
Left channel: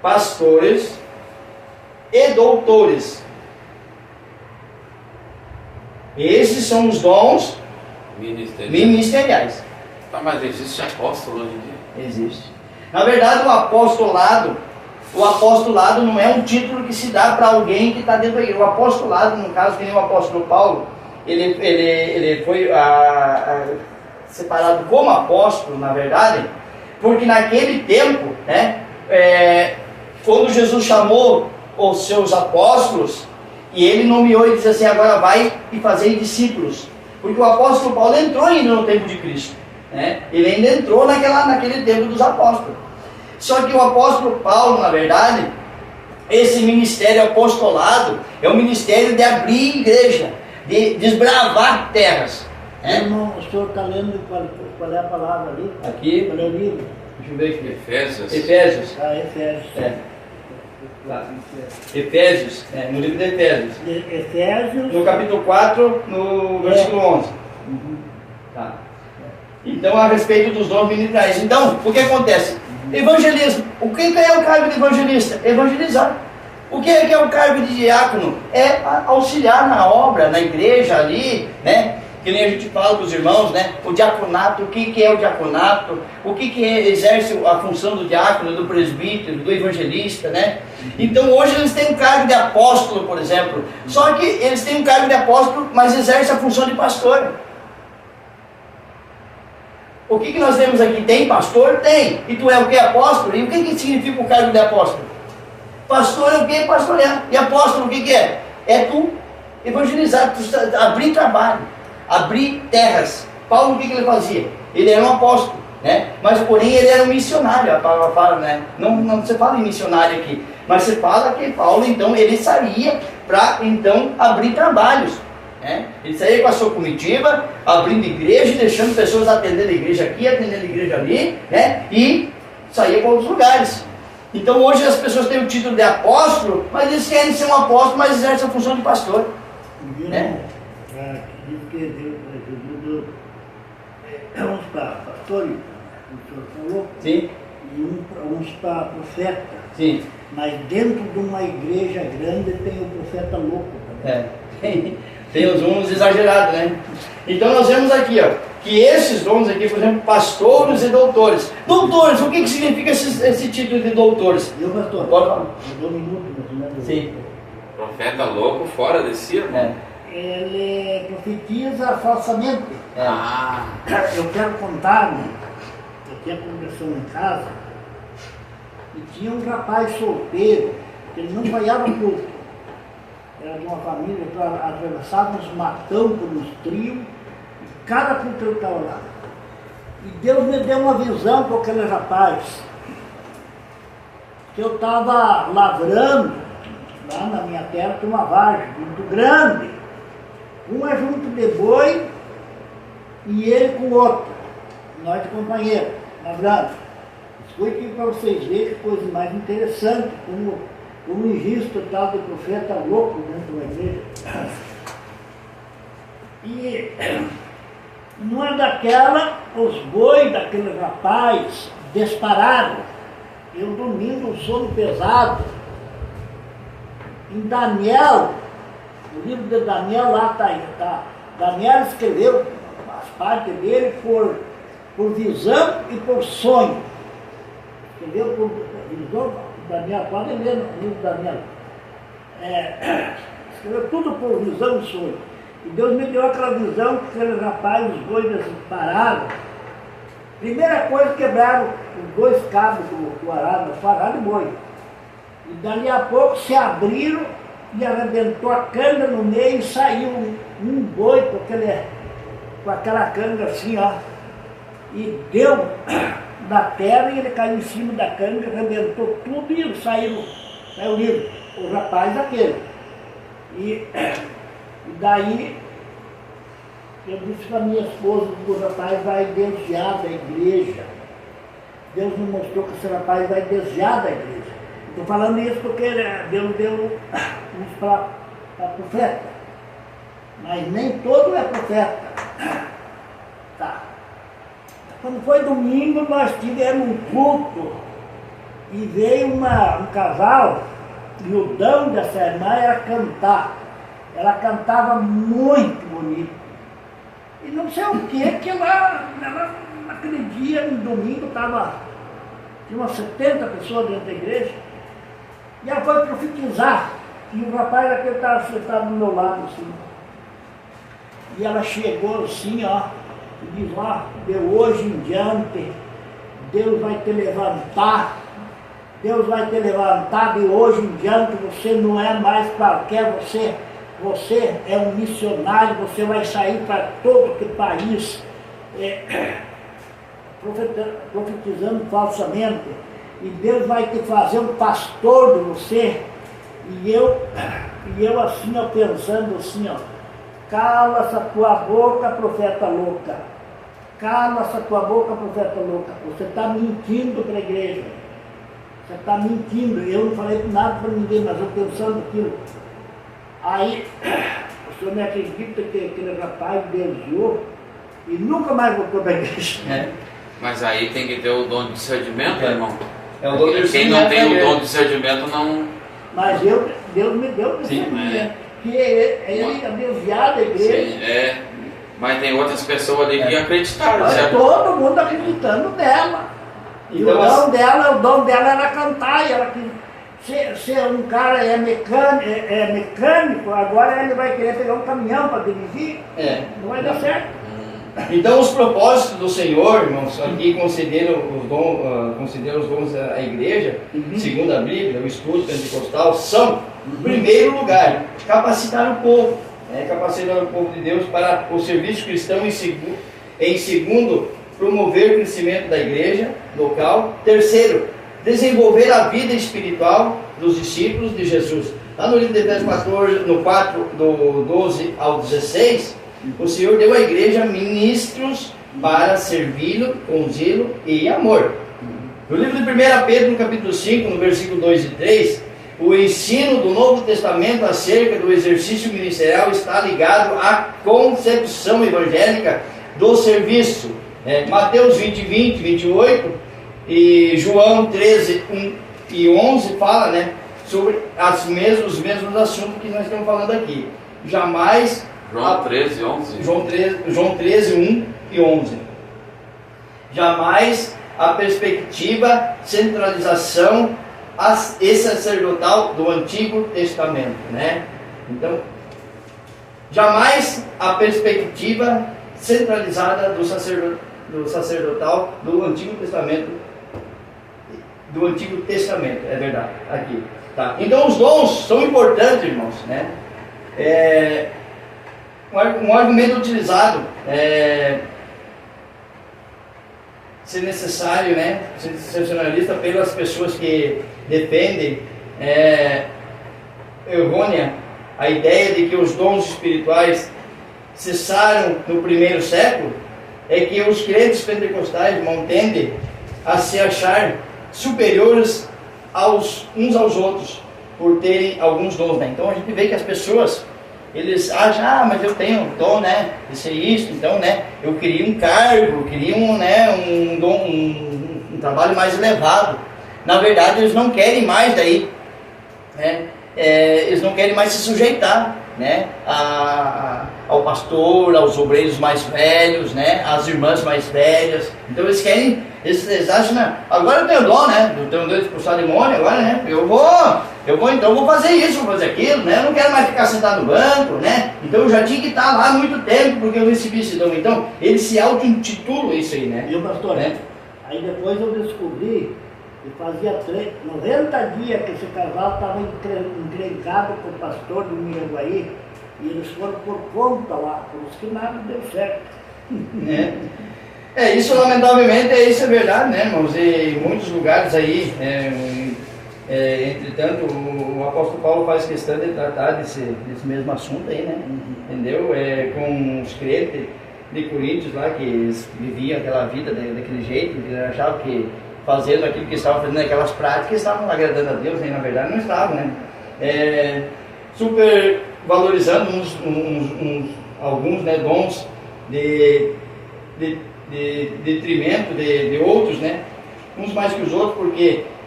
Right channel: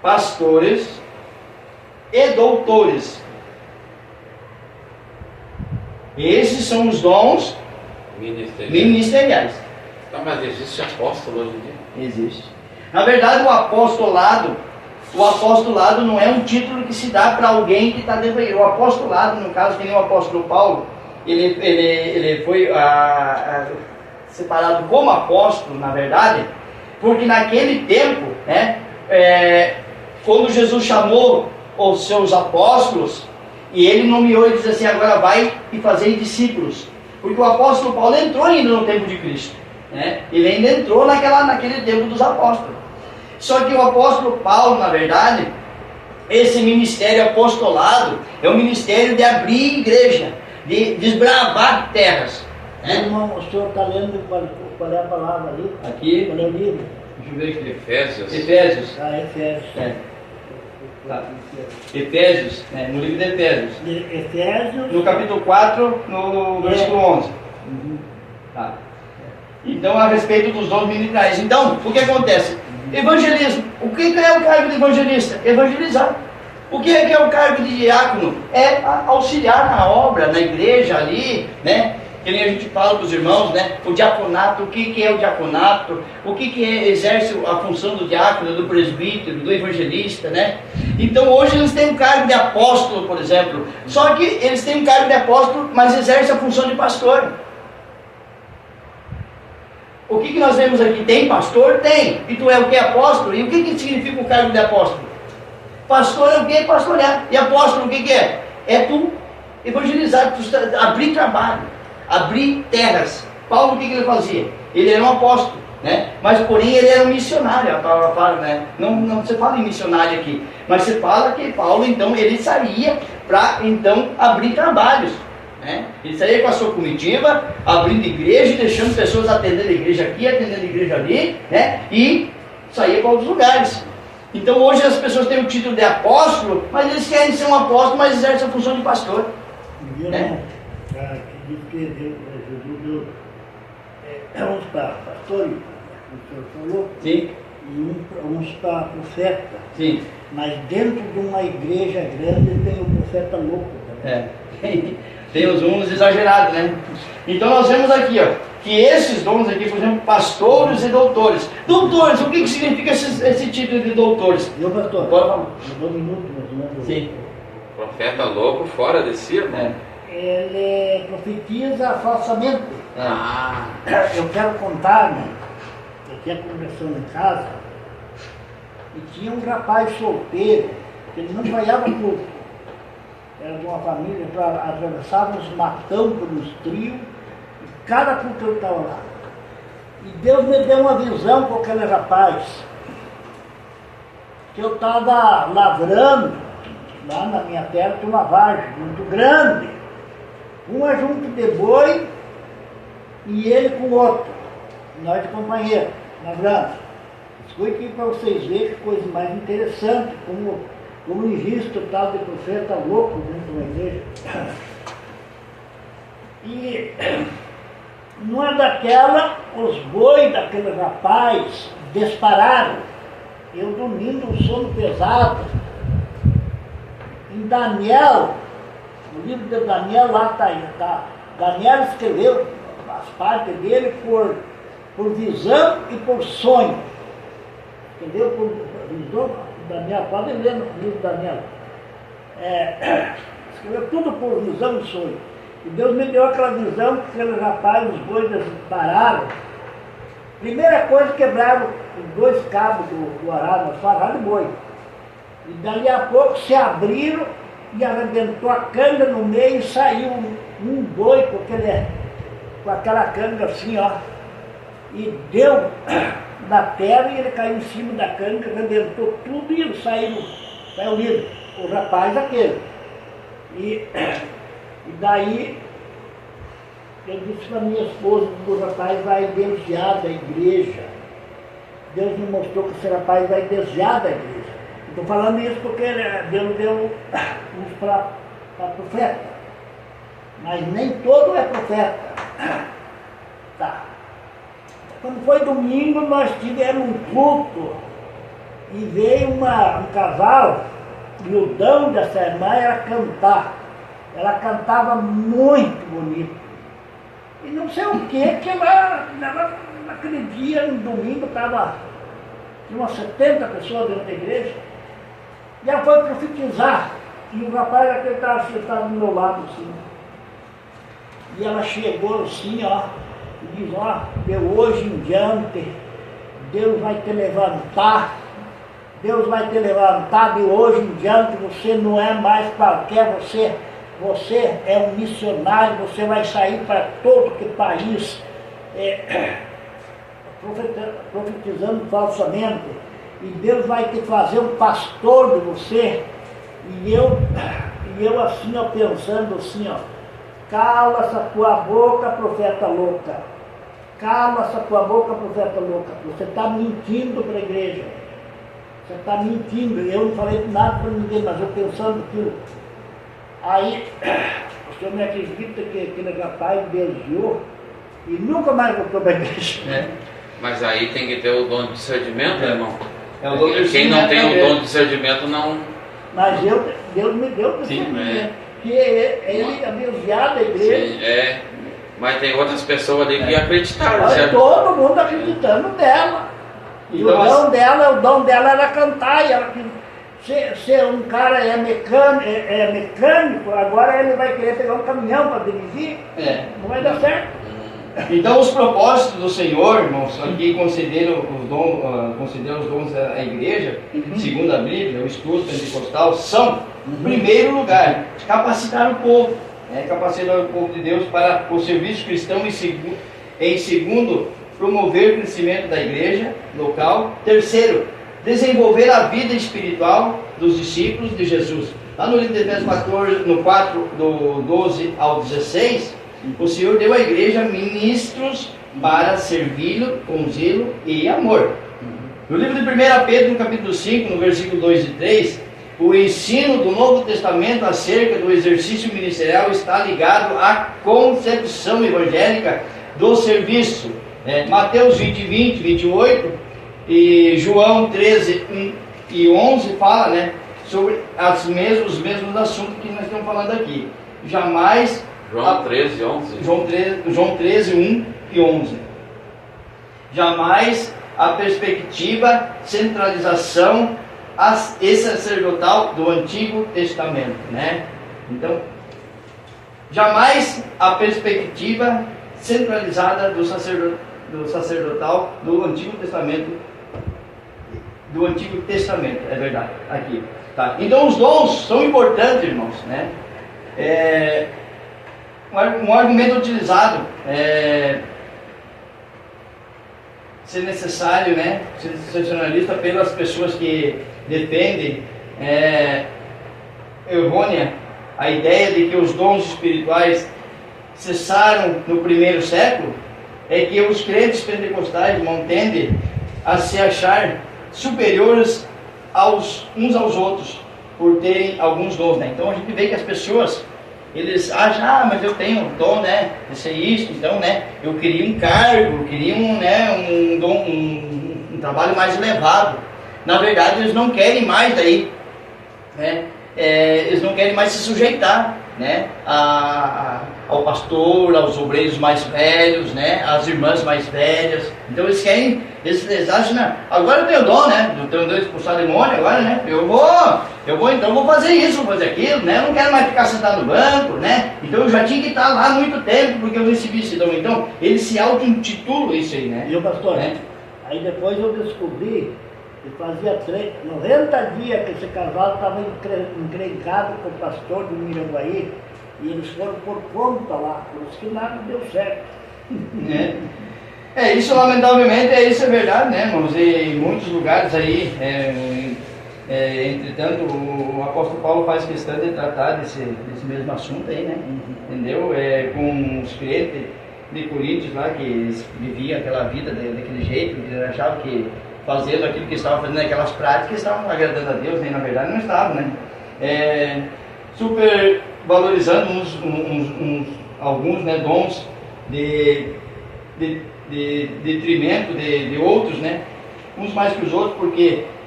pastores e doutores. Esses são os dons ministeriais. Tá, mas existe apóstolo hoje em dia? Existe. Na verdade, o apostolado não é um título que se dá para alguém que está dentro da igreja. O apostolado, no caso, que nem o apóstolo Paulo, ele foi separado como apóstolo, na verdade, porque naquele tempo, né, quando Jesus chamou os seus apóstolos, e ele nomeou e disse assim: agora vai e fazei discípulos. Porque o apóstolo Paulo entrou ainda no tempo de Cristo, né? Ele ainda entrou naquele tempo dos apóstolos. Só que o apóstolo Paulo, na verdade, esse ministério apostolado é o ministério de abrir igreja, de desbravar terras, né? Irmão, o senhor está lendo qual é a palavra ali? Aqui, Qual é o livro? deixa eu ver aqui. Efésios. Efésios. Efésios. Efésios, no livro de Efésios. Efésios. No capítulo 4, no versículo 11. Tá. Então, a respeito dos dons ministeriais. Então, o que acontece? Evangelismo. O que é o cargo de evangelista? Evangelizar. O que é o cargo de diácono? É auxiliar na obra, na igreja ali, né? Que nem a gente fala para os irmãos, né? O diaconato, o que é o diaconato? O que exerce a função do diácono, do presbítero, do evangelista, né? Então hoje eles têm um cargo de apóstolo, por exemplo. Só que eles têm um cargo de apóstolo, mas exercem a função de pastor. O que nós temos aqui? Tem pastor? Tem. E tu é o que? Apóstolo? E o que significa o cargo de apóstolo? Pastor é o que? Pastorear. E apóstolo o que é? É tu evangelizar, tu abrir trabalho, abrir terras. Paulo o que ele fazia? Ele era um apóstolo, né? Mas porém ele era um missionário. A palavra fala, né? Não se fala em missionário aqui, mas se fala que Paulo então ele saía para então abrir trabalhos, né? Ele saía com a sua comitiva, abrindo igreja, deixando pessoas atendendo a igreja aqui, atendendo a igreja ali, né? E saía para outros lugares. Então hoje as pessoas têm o título de apóstolo, mas eles querem ser um apóstolo, mas exercem a função de pastor, né? Diz que Jesus deu uns para pastores, o senhor falou, Sim. e uns para profeta. Sim. Mas dentro de uma igreja grande tem o profeta louco também. Tem uns exagerados, né? Então nós vemos aqui, ó, que esses dons aqui, por exemplo, pastores e doutores. Doutores, o que significa esse título de doutores? Eu, pastor, Pode falar. eu dou um minuto, mas Sim. Profeta louco fora de si, irmão. Ele profetiza falsamente. Ah, Eu quero contar, né? Eu tinha conversando em casa e tinha um rapaz solteiro que ele não ganhava culto. Era de uma família que atravessava os matão pelos trios e cada culto ele estava lá. E Deus me deu uma visão com aquele rapaz que eu estava lavrando lá na minha terra, tinha uma vargem muito grande, uma junto de boi e ele com o outro, nós de companheiro, lavrando. Isso foi aqui para vocês verem que coisa mais interessante, como existe o tal de profeta louco dentro da igreja. E numa daquela, os bois daquele rapaz dispararam. Eu dormindo um sono pesado. Em Daniel, no livro de Daniel, lá está. Daniel escreveu as partes dele por visão e por sonho. Escreveu por visão. Daniel, pode ler no livro de Daniel. Escreveu tudo por visão e sonho. E Deus me deu aquela visão que aquele rapaz, os bois pararam. Primeira coisa, quebraram os dois cabos do arado, só arado e boi. E dali a pouco se abriram e arrebentou a canga no meio e saiu um boi com aquela canga assim, ó. E deu da terra e ele caiu em cima da canga, arrebentou tudo e saiu livre. O rapaz aquele. E daí eu disse para minha esposa que o rapaz vai desviar da igreja. Deus me mostrou que esse rapaz vai desviar da igreja. Estou falando isso porque Deus deu uns para profeta. Mas nem todo é profeta. Tá. Quando foi domingo, nós tivemos um culto E veio um casal, e o dom dessa irmã era cantar. Ela cantava muito bonito. E não sei o que ela naquele dia, no domingo, tinha umas 70 pessoas dentro da igreja. E ela foi profetizar. E o rapaz daquele estava sentado do meu lado, assim. E ela chegou assim, ó, e diz, ó, de hoje em diante, Deus vai te levantar. Deus vai te levantar de hoje em diante, você não é mais qualquer, você é um missionário, você vai sair para todo que país, profetizando falsamente, e Deus vai te fazer um pastor de você. E eu assim, ó, pensando assim, ó, cala essa tua boca, profeta louca, cala essa tua boca, profeta louca, você está mentindo para a igreja. Você está mentindo, eu não falei nada para ninguém, mas eu pensando aquilo. Aí, o senhor me acredita que aquele rapaz desviou e nunca mais voltou para a igreja. Mas aí tem que ter o dom de discernimento, irmão. Quem não tem o dom de discernimento não... Mas Deus me deu discernimento, que ele é desviado da igreja. Sim, mas tem outras pessoas ali que acreditaram. Olha, todo mundo acreditando nela. E então, o dom dela era cantar, e ela ser um cara é mecânico, agora ele vai querer pegar um caminhão para dirigir, não vai dar certo. Então os propósitos do Senhor, irmãos, aqui concederam os dons à igreja, segundo a Bíblia, o estudo pentecostal, são, em primeiro lugar, capacitar o povo, capacitar o povo de Deus para o serviço cristão, em segundo, promover o crescimento da igreja local. Terceiro, desenvolver a vida espiritual dos discípulos de Jesus. Lá no livro de Efésios 14, no 4, do 12 ao 16, o Senhor deu à igreja ministros para servi-lo com zelo e amor. No livro de 1 Pedro, no capítulo 5, no versículo 2 e 3, o ensino do Novo Testamento acerca do exercício ministerial está ligado à concepção evangélica do serviço. Mateus 20, 28 e João 13, 1 e 11 fala, sobre os mesmos assuntos que nós estamos falando aqui. Jamais... João 13, 11. João 13, 1 e 11. Jamais a perspectiva, centralização e sacerdotal do Antigo Testamento, Então, jamais a perspectiva centralizada do sacerdotal do Antigo Testamento, é verdade, aqui. Tá. Então os dons são importantes, irmãos, um argumento utilizado ser necessário, sensacionalista pelas pessoas que defendem errônea a ideia de que os dons espirituais cessaram no primeiro século, é que os crentes pentecostais tendem a se achar superiores uns aos outros por terem alguns dons, Então a gente vê que as pessoas, eles acham, mas eu tenho um dom, de ser isso, então, eu queria um cargo, eu queria um dom, um trabalho mais elevado. Na verdade, eles não querem mais daí, eles não querem mais se sujeitar, ao pastor, aos obreiros mais velhos, às irmãs mais velhas. Então eles acham, agora eu tenho dom, eu tenho dom de expulsar demônio, agora, eu vou fazer isso, vou fazer aquilo, eu não quero mais ficar sentado no banco, então eu já tinha que estar lá há muito tempo, porque eu recebi esse dom. Então, eles se auto-intitulam isso aí, E o pastor, aí depois eu descobri que fazia 90 dias que esse casal estava encrencado com o pastor do Miranguaí, e eles foram por conta lá, por isso que nada deu certo. Isso lamentavelmente, isso é verdade, irmãos, e em muitos lugares aí, entretanto, o apóstolo Paulo faz questão de tratar desse mesmo assunto aí, entendeu? Com os crentes de Coríntios lá, que eles viviam aquela vida daquele jeito, que achavam que fazendo aquilo que estavam fazendo, aquelas práticas, estavam agradando a Deus, na verdade não estavam, super valorizando alguns dons de detrimento de outros, uns mais que os outros, porque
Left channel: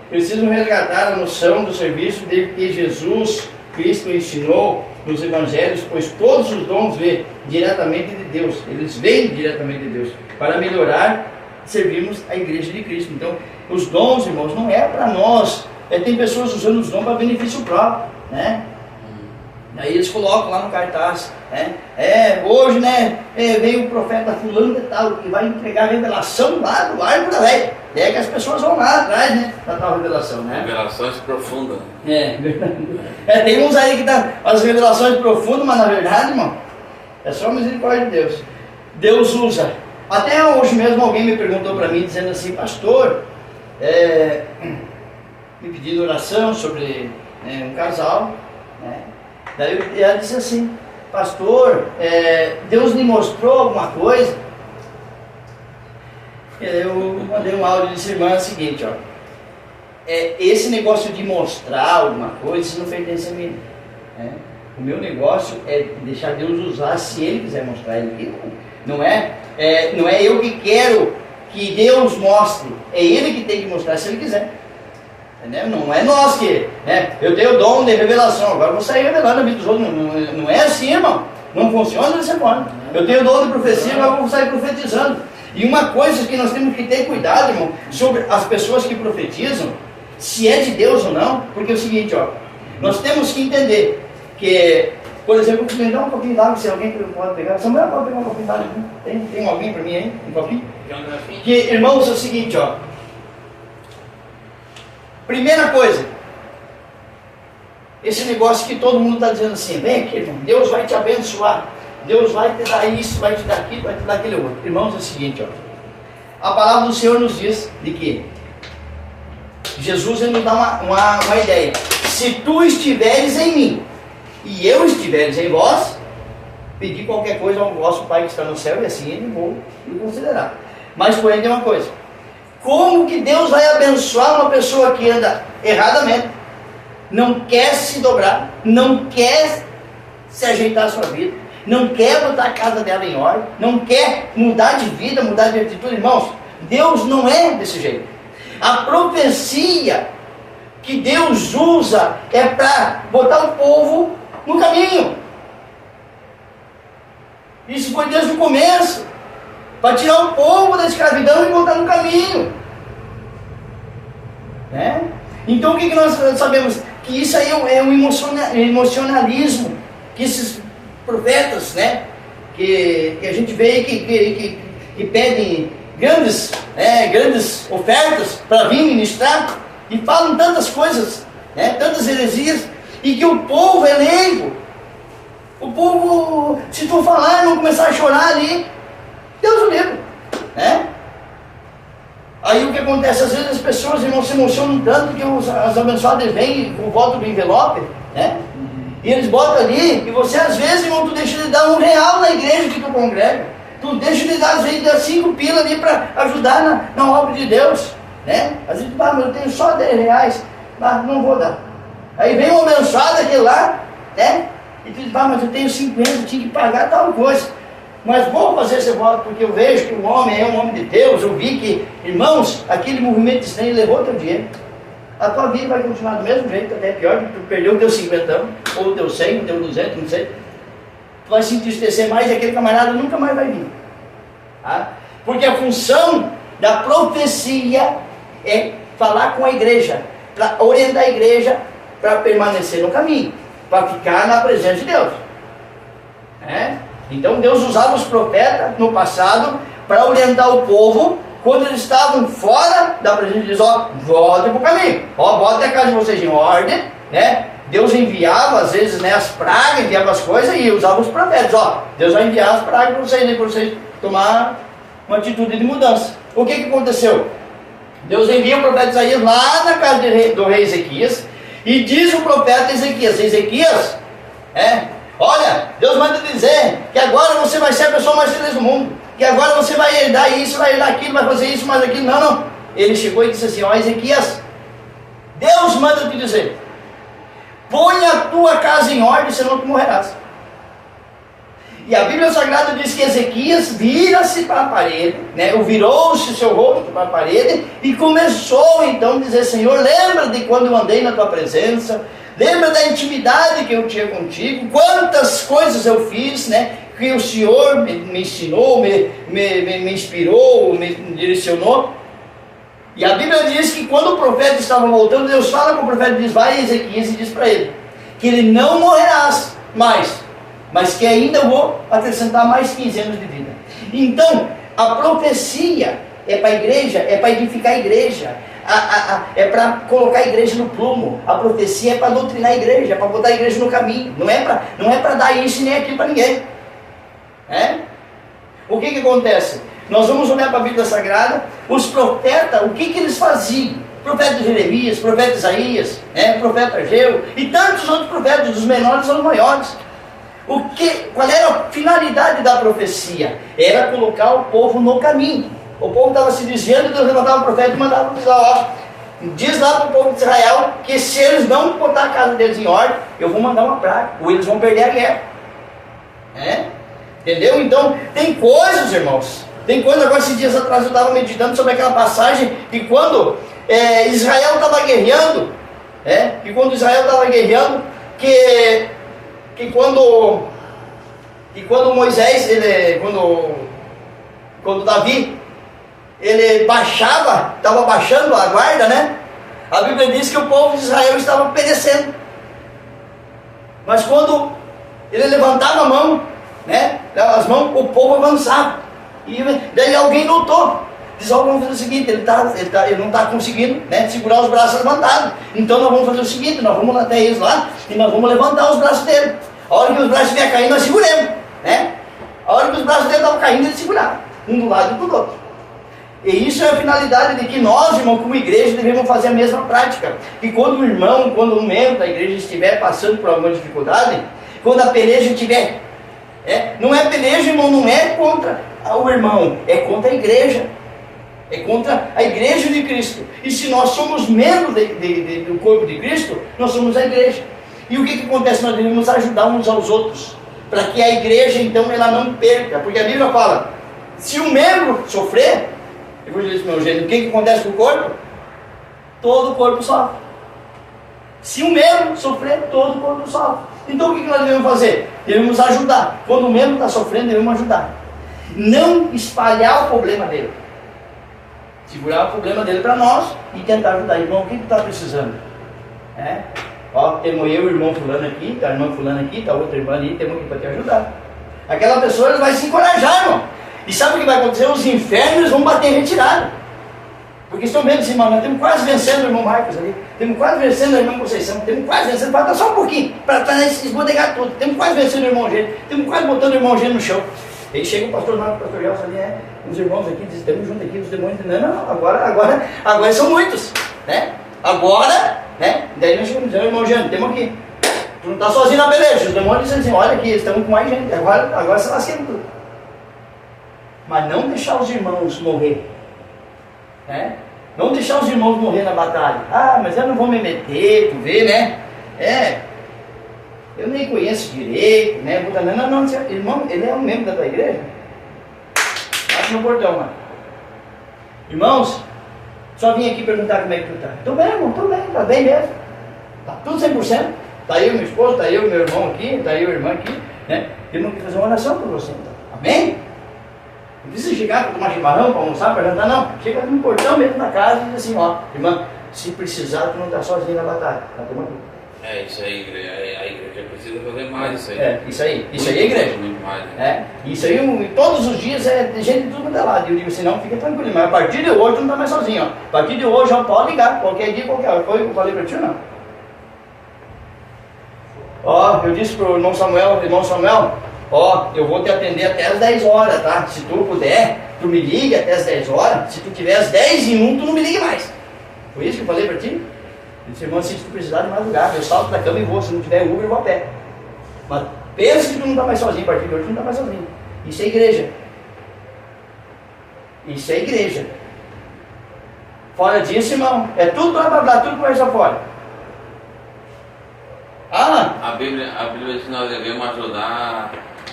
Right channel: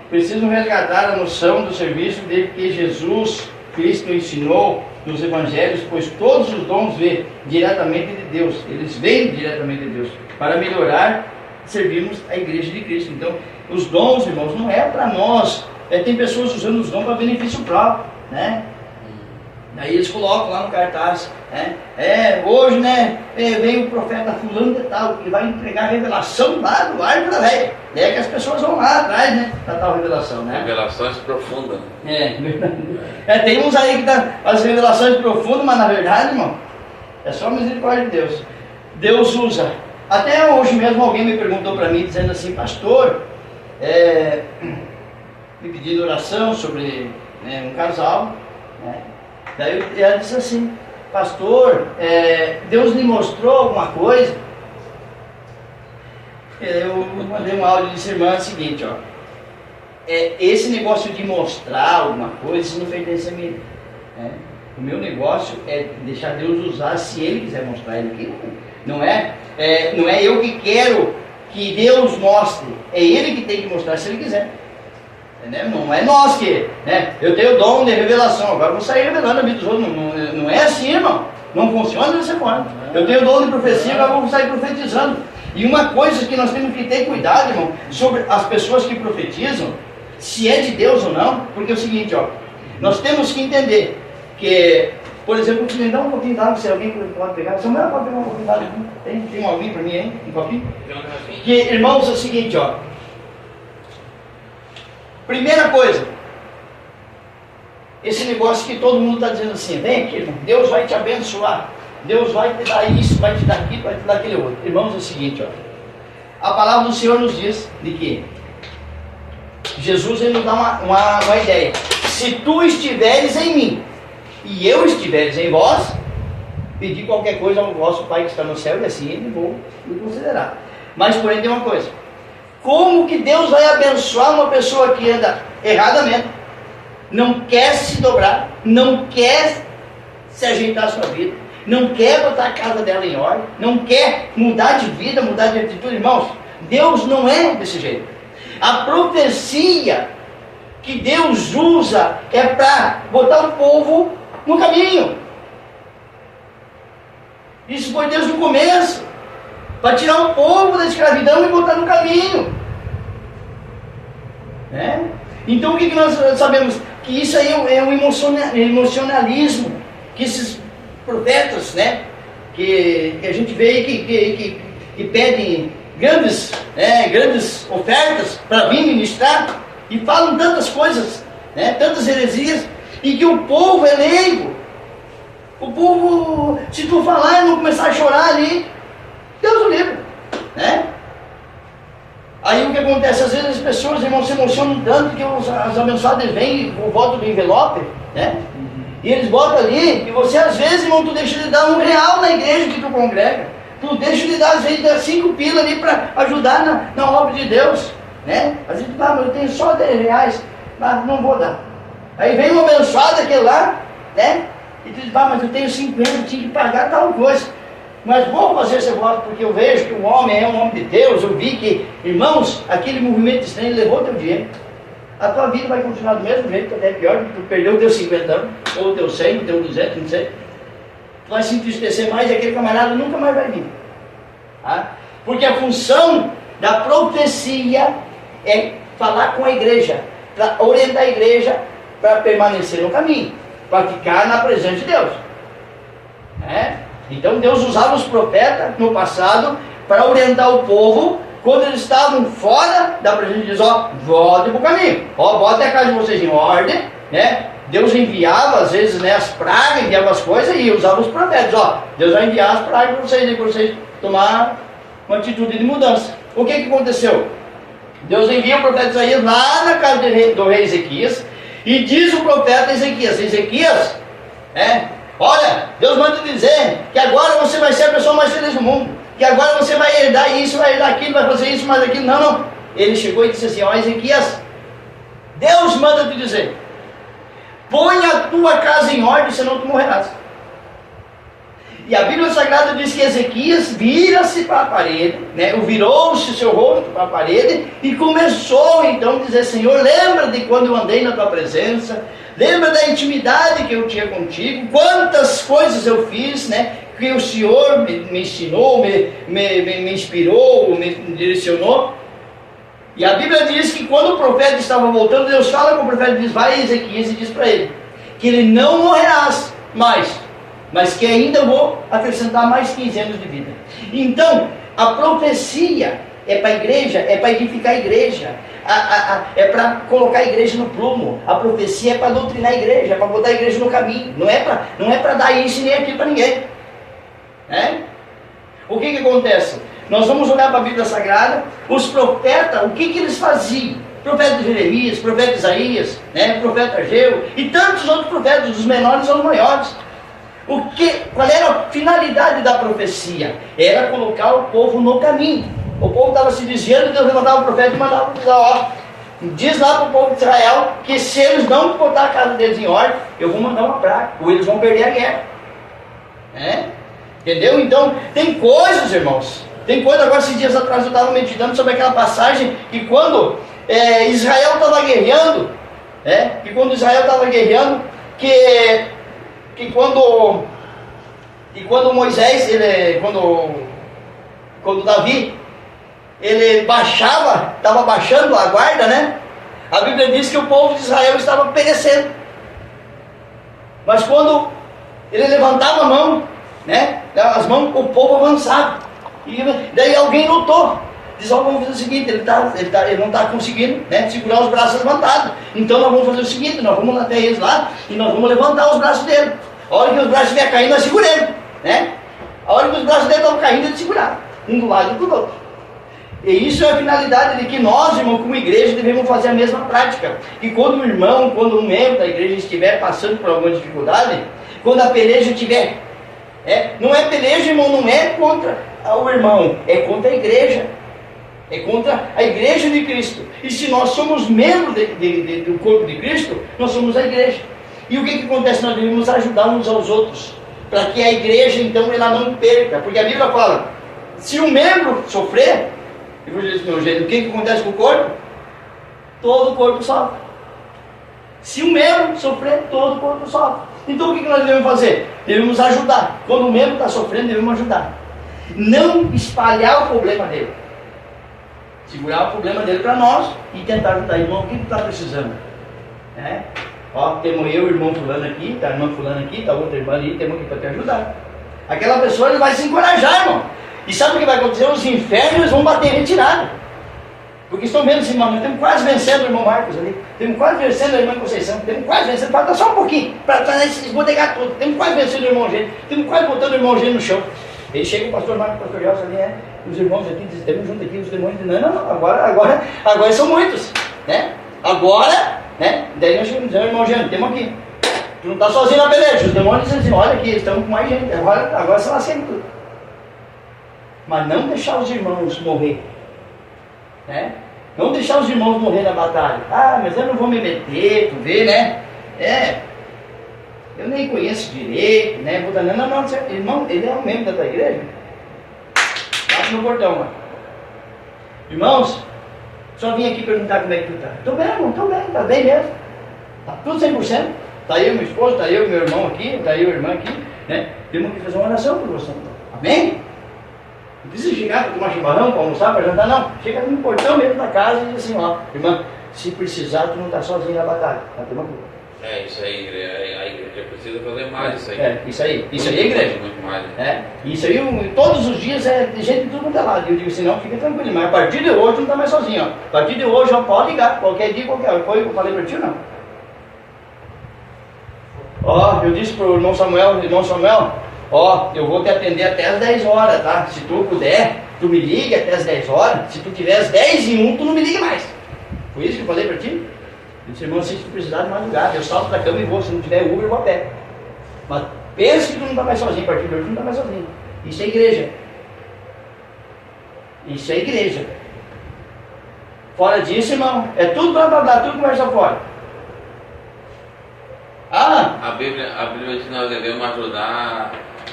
precisam resgatar a noção do serviço de que Jesus Cristo ensinou nos evangelhos, pois todos os dons vêm diretamente de Deus, eles vêm diretamente de Deus, para melhorar, servirmos a igreja de Cristo. Então, os dons, irmãos, não é para nós, tem pessoas usando os dons para benefício próprio, né? Daí eles colocam lá no cartaz, hoje, né, veio o profeta fulano de tal, que vai entregar a revelação lá do ar para velho. É que as pessoas vão lá atrás, né, para tal revelação, né? Revelações profundas. Tem uns aí que dão as revelações profundas, mas na verdade, irmão, é só a misericórdia de Deus. Deus usa. Até hoje mesmo alguém me perguntou para mim, dizendo assim, pastor, me pedindo oração sobre um casal, né? Daí ela disse assim, pastor, Deus lhe mostrou alguma coisa? Eu mandei um áudio e disse, irmã, é o seguinte, ó, esse negócio de mostrar alguma coisa, isso não pertence a mim, né? O meu negócio é deixar Deus usar se Ele quiser mostrar. Ele não é eu que quero que Deus mostre, é Ele que tem que mostrar se Ele quiser. Não é nós que, né? Eu tenho o dom de revelação, agora vou sair revelando a vida dos outros. Não é assim, irmão. Não funciona dessa forma. Eu tenho o dom de profecia, agora vou sair profetizando. E uma coisa que nós temos que ter cuidado, irmão, sobre as pessoas que profetizam, se é de Deus ou não, porque é o seguinte, ó, nós temos que entender que, por exemplo, me dá um pouquinho d'água, se alguém pode pegar. Samuel pode pegar um pouquinho d'água? Tem alguém para mim aí? Um copinho? Que, irmãos, é o seguinte, ó. Primeira coisa, esse negócio que todo mundo está dizendo assim, vem aqui, irmão, Deus vai te abençoar, Deus vai te dar isso, vai te dar aquilo, vai te dar aquele outro. Irmãos, é o seguinte, ó, a palavra do Senhor nos diz de que Jesus ele nos dá uma ideia. Se tu estiveres em mim e eu estiveres em vós, pedi qualquer coisa ao vosso Pai que está no céu, e assim ele vou me considerar. Mas porém tem uma coisa. Como que Deus vai abençoar uma pessoa que anda erradamente, não quer se dobrar, não quer se ajeitar a sua vida, não quer botar a casa dela em ordem, não quer mudar de vida, mudar de atitude? Irmãos, Deus não é desse jeito. A profecia que Deus usa é para botar o povo no caminho. Isso foi desde o começo. Para tirar o povo da escravidão e botar no caminho. Então o que nós sabemos? Que isso aí é um emocionalismo. Que esses profetas, né, que a gente vê que pedem grandes ofertas para vir ministrar, e falam tantas coisas, né, tantas heresias, e que o povo é leigo. O povo, se tu falar e não começar a chorar ali, Deus o livre, né? Aí o que acontece? Às vezes as pessoas, irmão, se emocionam tanto que as abençoadas vêm e voltam do envelope, né? E eles botam ali, e você às vezes, irmão, tu deixa de dar R$1 na igreja que tu congrega. Tu deixa de dar, às vezes, 5 pila ali para ajudar na obra de Deus, né? Às vezes, mas eu tenho só R$10, mas não vou dar. Aí vem uma abençoada aquele lá, né? E tu diz, mas eu tenho 50, eu tinha que pagar tal coisa. Mas vou fazer esse voto porque eu vejo que o homem é um homem de Deus. Eu vi que, irmãos, aquele movimento estranho levou teu dinheiro. A tua vida vai continuar do mesmo jeito, até pior, que tu perdeu o teu 50, ou o teu 100, o teu 200, não sei. Tu vai se entristecer mais e aquele camarada nunca mais vai vir. Tá? Porque a função da profecia é falar com a igreja, para orientar a igreja para permanecer no caminho, para ficar na presença de Deus. Então Deus usava os profetas no passado para orientar o povo quando eles estavam fora da presença de Deus. Voltem para o caminho, botem a casa de vocês em ordem, né? Deus enviava às vezes, né, as pragas, enviava as coisas e usava os profetas. Deus vai enviar as pragas para vocês, né, para vocês tomar uma atitude de mudança. O que aconteceu? Deus envia o profeta Isaías lá na casa do rei Ezequias, e diz o profeta Ezequias, olha, Deus manda dizer que agora você vai ser a pessoa mais feliz do mundo, que agora você vai herdar isso, vai herdar aquilo, vai fazer isso, mais aquilo. Não. Ele chegou e disse assim, Ezequias, Deus manda te dizer, põe a tua casa em ordem, senão tu morrerás. E a Bíblia Sagrada diz que Ezequias vira-se para a parede, né? Virou-se seu rosto para a parede e começou então a dizer: Senhor, lembra de quando eu andei na tua presença, lembra da intimidade que eu tinha contigo, quantas coisas eu fiz, né? Que o Senhor me ensinou, me inspirou, me direcionou. E a Bíblia diz que quando o profeta estava voltando, Deus fala com o profeta, diz: vai a Ezequias e diz para ele que ele não morrerás mais, mas que ainda vou acrescentar mais 15 anos de vida. Então, a profecia é para a igreja, é para edificar a igreja, é para colocar a igreja no prumo. A profecia é para doutrinar a igreja, é para botar a igreja no caminho. Não é para dar isso nem aquilo para ninguém. O que acontece? Nós vamos olhar para a Bíblia Sagrada, os profetas, o que eles faziam? Profeta Jeremias, profeta Isaías, profeta Ageu e tantos outros profetas, dos menores aos maiores. Qual era a finalidade da profecia? Era colocar o povo no caminho. O povo estava se desviando, Deus levantava o profeta e mandava diz lá para o povo de Israel que se eles não botar a casa deles em ordem, eu vou mandar uma praga, ou eles vão perder a guerra. Entendeu? Então, tem coisas, irmãos. Tem coisa, agora esses dias atrás eu estava meditando sobre aquela passagem que quando Israel estava guerreando, que quando Moisés, quando Davi, ele estava baixando a guarda, né? A Bíblia diz que o povo de Israel estava perecendo. Mas quando ele levantava a mão, as mãos, o povo avançava. E daí alguém lutou. Diz: vamos fazer o seguinte, ele não está conseguindo segurar os braços levantados. Então nós vamos fazer o seguinte, nós vamos até eles lá e nós vamos levantar os braços dele. A hora que os braços estiverem caindo, nós seguremos. A hora que os braços dele estavam caindo, ele segurava. Um do lado e do outro. E isso é a finalidade de que nós, irmão, como igreja, devemos fazer a mesma prática. E quando um membro da igreja estiver passando por alguma dificuldade, quando a peleja estiver... não é peleja, irmão, não é contra o irmão, é contra a igreja. É contra a igreja de Cristo. E se nós somos membros do corpo de Cristo, nós somos a igreja. E o que acontece? Nós devemos ajudar uns aos outros, para que a igreja, então, ela não perca. Porque a Bíblia fala, se um membro sofrer, o que acontece com o corpo? Todo o corpo sofre. Se um membro sofrer, todo o corpo sofre. Então o que nós devemos fazer? Devemos ajudar. Quando o membro está sofrendo, devemos ajudar. Não espalhar o problema dele. Segurar o problema dele para nós e tentar ajudar. Irmão, o que está precisando? Temos eu e o irmão fulano aqui, está a irmã fulano aqui, está outra irmã ali, temos aqui para te ajudar. Aquela pessoa ele vai se encorajar, irmão. E sabe o que vai acontecer? Os infernos vão bater em retirada. Porque estão vendo assim, nós estamos quase vencendo o irmão Marcos ali, estamos quase vencendo a irmã Conceição, estamos quase vencendo, falta só um pouquinho, para esbodegar tudo, estamos quase vencendo o irmão Gênio, estamos quase botando o irmão Gênio no chão. Ele chega o pastor Marcos, o pastor Gelson ali, os irmãos aqui, dizem, estamos juntos aqui, os demônios dizem, não, agora são muitos, agora, daí nós chegamos, irmão Gênio, temos aqui, tu não está sozinho na peleja, os demônios dizem assim, olha aqui, estamos com mais gente, agora se lasquemos tudo. Mas não deixar os irmãos morrer, não deixar os irmãos morrer na batalha. Mas eu não vou me meter, tu vê, eu nem conheço direito, não, irmão, ele é um membro da tua igreja. Bate no portão lá. Irmãos, só vim aqui perguntar como é que tu está. Estou bem, irmão, estou bem, está bem mesmo. Está tudo 100%. Está eu e minha esposa, está eu e meu irmão aqui, está eu e a irmã aqui, Temos que fazer uma oração por você, então. Amém? Não precisa chegar para tomar chimarrão, para almoçar, para jantar, não. Chega no portão mesmo da casa e diz assim, irmã, se precisar, tu não está sozinho na batalha. Tá, tem uma coisa. Isso aí, a igreja precisa fazer mais isso aí. Isso aí é igreja. Isso aí, todos os dias é gente de tudo quanto é lado. Eu digo assim, não, fica tranquilo, mas a partir de hoje tu não está mais sozinho. A partir de hoje já pode ligar, qualquer dia, qualquer hora. Foi o que eu falei para ti ou não? Eu disse para o irmão Samuel, eu vou te atender até as 10 horas, tá? Se tu puder, tu me liga até as 10 horas. Se tu tiver as 10 e 1, tu não me liga mais. Foi isso que eu falei para ti? Eu disse, irmão, se tu precisar de madrugada, eu salto da cama e vou. Se não tiver Uber, eu vou a pé. Mas pensa que tu não está mais sozinho, a partir de hoje tu não está mais sozinho. Isso é igreja. Isso é igreja. Fora disso, irmão, é tudo blá blá blá, tudo conversa fora. A Bíblia diz que nós devemos ajudar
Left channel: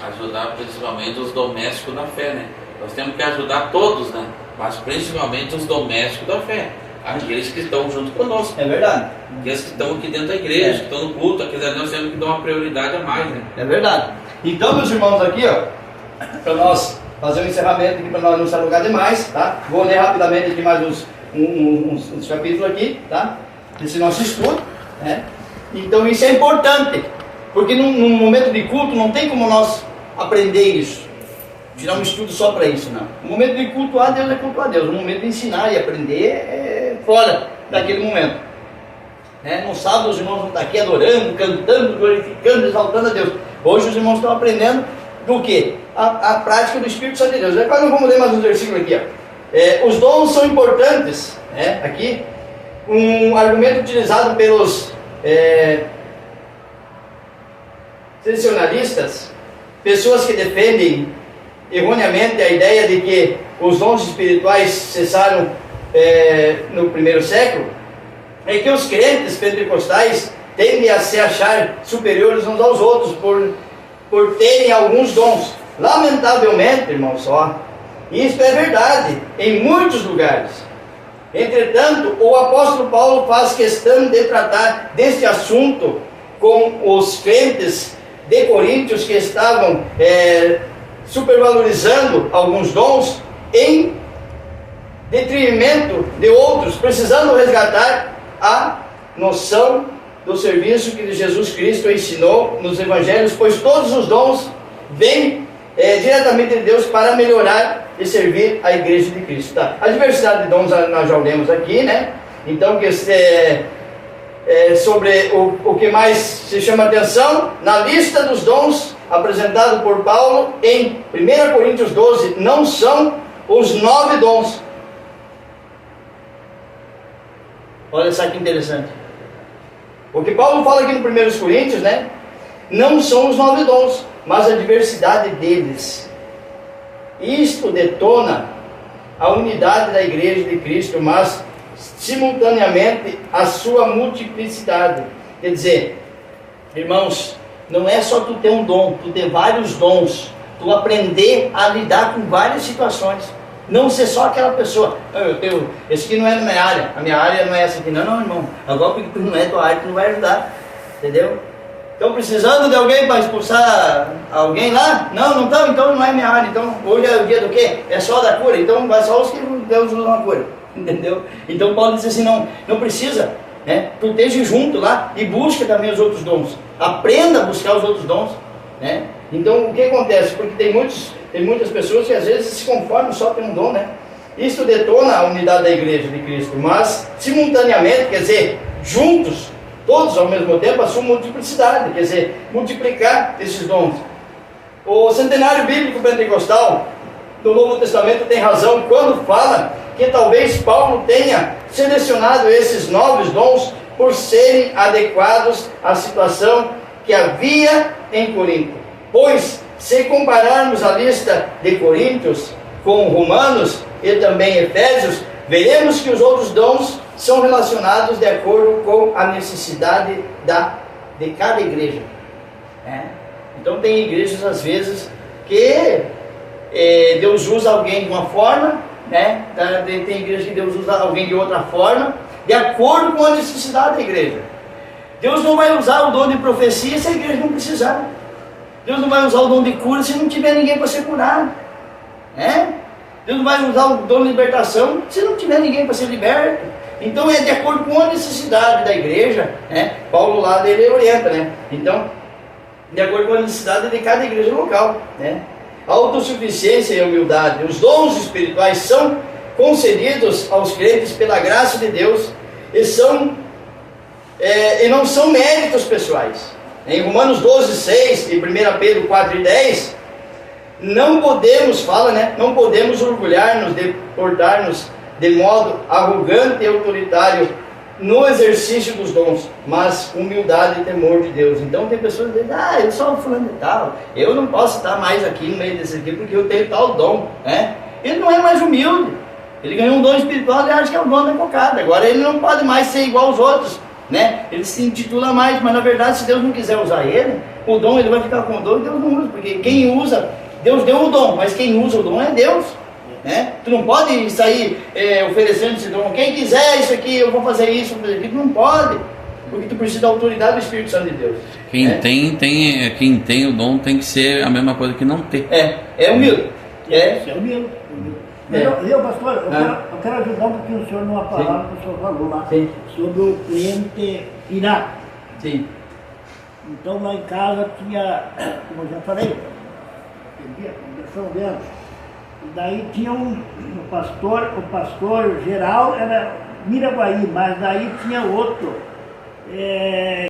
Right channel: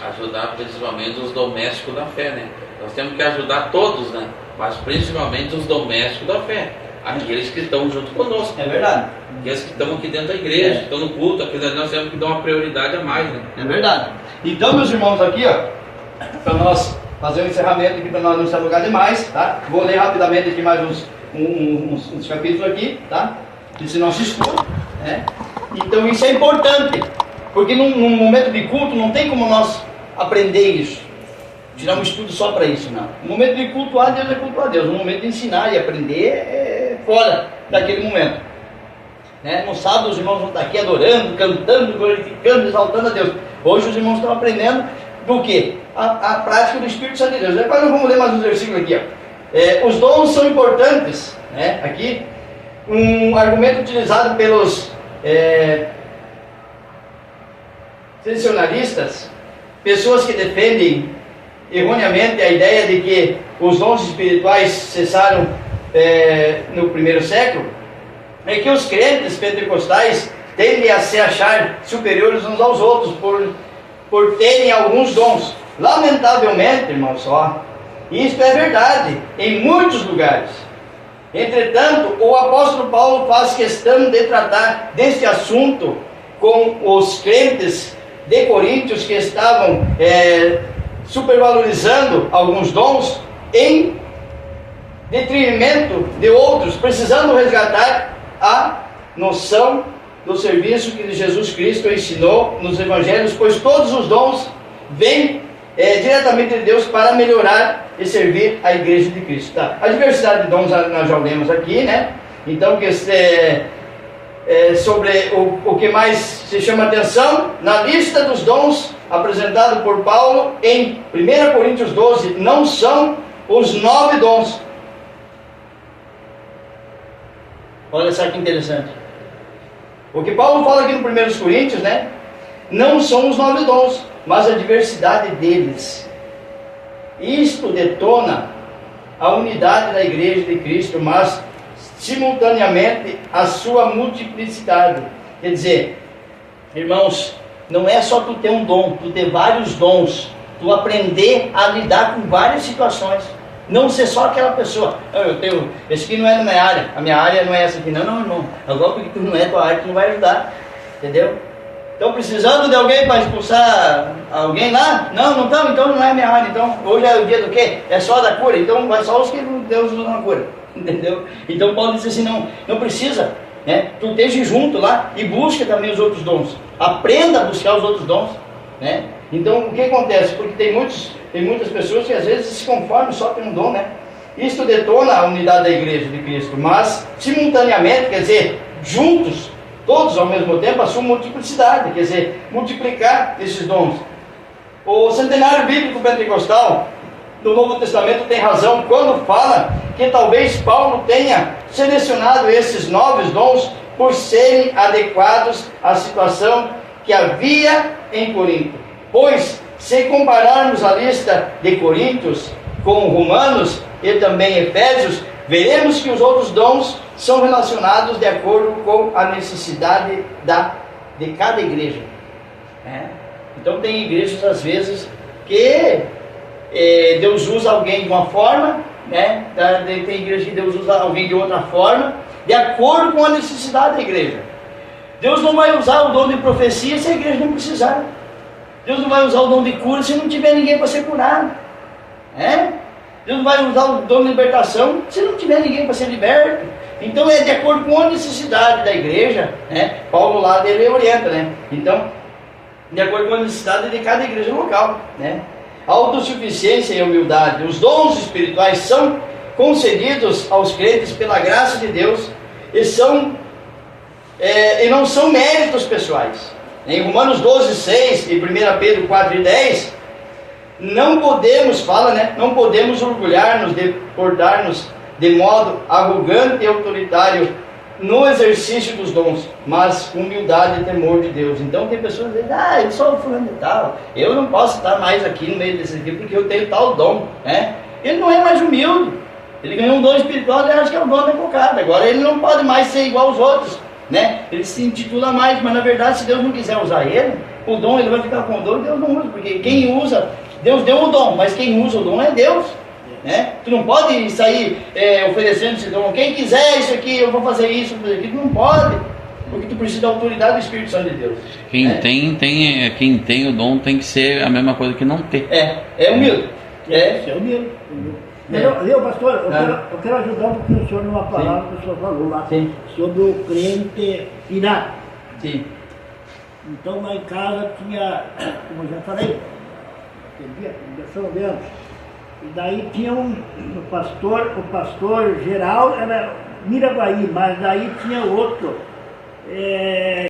Ajudar principalmente os domésticos da fé, né? Nós temos que ajudar todos, né? Mas principalmente os domésticos da fé. Aqueles que estão junto conosco. É verdade. Aqueles que estão aqui dentro da igreja, que estão no culto, aqueles ali nós temos que dar uma prioridade a mais, né? É verdade. Então, meus irmãos, aqui, ó, para nós fazer um encerramento aqui, para nós não se alugar demais, tá? Vou ler rapidamente aqui mais uns capítulos aqui, tá? Esse nosso estudo, né? Então, isso é importante, porque num momento de culto não tem como nós aprender isso. Tirar um estudo só para isso, não. O momento de cultuar a Deus é cultuar a Deus. O momento de ensinar e aprender é fora daquele momento. No sábado os irmãos vão estar aqui adorando, cantando, glorificando, exaltando a Deus. Hoje os irmãos estão aprendendo do quê? A prática do Espírito Santo de Deus. Agora nós vamos ler mais um versículo aqui. Ó. Os dons são importantes. Aqui, um argumento utilizado pelos tradicionalistas, pessoas que defendem erroneamente a ideia de que os dons espirituais cessaram no primeiro século, é que os crentes pentecostais tendem a se achar superiores uns aos outros por terem alguns dons. Lamentavelmente, irmãos, isso é verdade em muitos lugares. Entretanto, o apóstolo Paulo faz questão de tratar deste assunto com os crentes de Coríntios que estavam supervalorizando alguns dons em detrimento de outros, precisando resgatar a noção do serviço que Jesus Cristo ensinou nos evangelhos, pois todos os dons vêm diretamente de Deus para melhorar e servir a igreja de Cristo. Tá? A diversidade de dons nós já lemos aqui, né? Então, sobre o que mais se chama atenção, na lista dos dons apresentado por Paulo em 1 Coríntios 12, não são os 9 dons. Olha só que interessante. O que Paulo fala aqui no 1 Coríntios, né? Não são os 9 dons, mas a diversidade deles. Isto detona a unidade da igreja de Cristo, mas simultaneamente a sua multiplicidade. Quer dizer, irmãos, não é só tu ter um dom, tu ter vários dons, tu aprender a lidar com várias situações. Não ser só aquela pessoa, esse aqui não é da minha área, a minha área não é essa aqui, não, irmão. Agora porque tu não é tua área, tu não vai ajudar, entendeu? Estão precisando de alguém para expulsar alguém lá? Não estão, então não é minha área. Então hoje é o dia do quê? É só da cura, então vai só os que Deus usa na cura, entendeu? Então Paulo diz assim, não precisa, né? Tu esteja junto lá e busca também os outros dons, aprenda a buscar os outros dons, né? Então o que acontece? Porque tem muitas pessoas que às vezes se conformam só com um dom, né? Isto detona a unidade da igreja de Cristo, mas simultaneamente, quer dizer, juntos, todos ao mesmo tempo, a sua multiplicidade, quer dizer, multiplicar esses dons. O centenário bíblico pentecostal do Novo Testamento tem razão quando fala que talvez Paulo tenha selecionado esses 9 dons por serem adequados à situação que havia em Corinto. Pois, se compararmos a lista de Coríntios com Romanos e também Efésios, veremos que os outros dons são relacionados de acordo com a necessidade de cada igreja. Então tem igrejas às vezes que Deus usa alguém de uma forma, né? Tem igreja que Deus usa alguém de outra forma, de acordo com a necessidade da igreja. Deus não vai usar o dom de profecia se a igreja não precisar. Deus não vai usar o dom de cura se não tiver ninguém para ser curado. Deus não vai usar o dom de libertação se não tiver ninguém para ser liberto. Então é de acordo com a necessidade da igreja, né? Paulo lá dele orienta, né? Então, de acordo com a necessidade de cada igreja local, né? A autossuficiência e a humildade, os dons espirituais são concedidos aos crentes pela graça de Deus e não são méritos pessoais. Em Romanos 12, 6 e 1 Pedro 4 e 10, não podemos orgulhar-nos de portar-nos de modo arrogante e autoritário no exercício dos dons, mas humildade e temor de Deus. Então tem pessoas que dizem, eu sou fulano de tal, eu não posso estar mais aqui no meio desse aqui porque eu tenho tal dom, né? Ele não é mais humilde, ele ganhou um dom espiritual e acha que é o dom da cocada. Agora ele não pode mais ser igual aos outros, né? Ele se intitula mais, mas na verdade se Deus não quiser usar ele, o dom, ele vai ficar com o dom e Deus não usa, porque quem usa, Deus deu o dom, mas quem usa o dom é Deus. Né? Tu não pode sair oferecendo esse dom, quem quiser isso aqui, eu vou fazer isso, vou fazer aquilo, não pode, porque tu precisa da autoridade do Espírito Santo de Deus. Quem tem o dom tem que ser a mesma coisa que não ter. É humilde. É humilde. Eu, pastor, eu quero ajudar um pouquinho o senhor numa palavra que o senhor falou lá, sobre o crente irado. Sim. Então lá em casa tinha, como eu já falei, São Deus. E daí tinha o pastor geral era Miraguaí, mas daí tinha outro.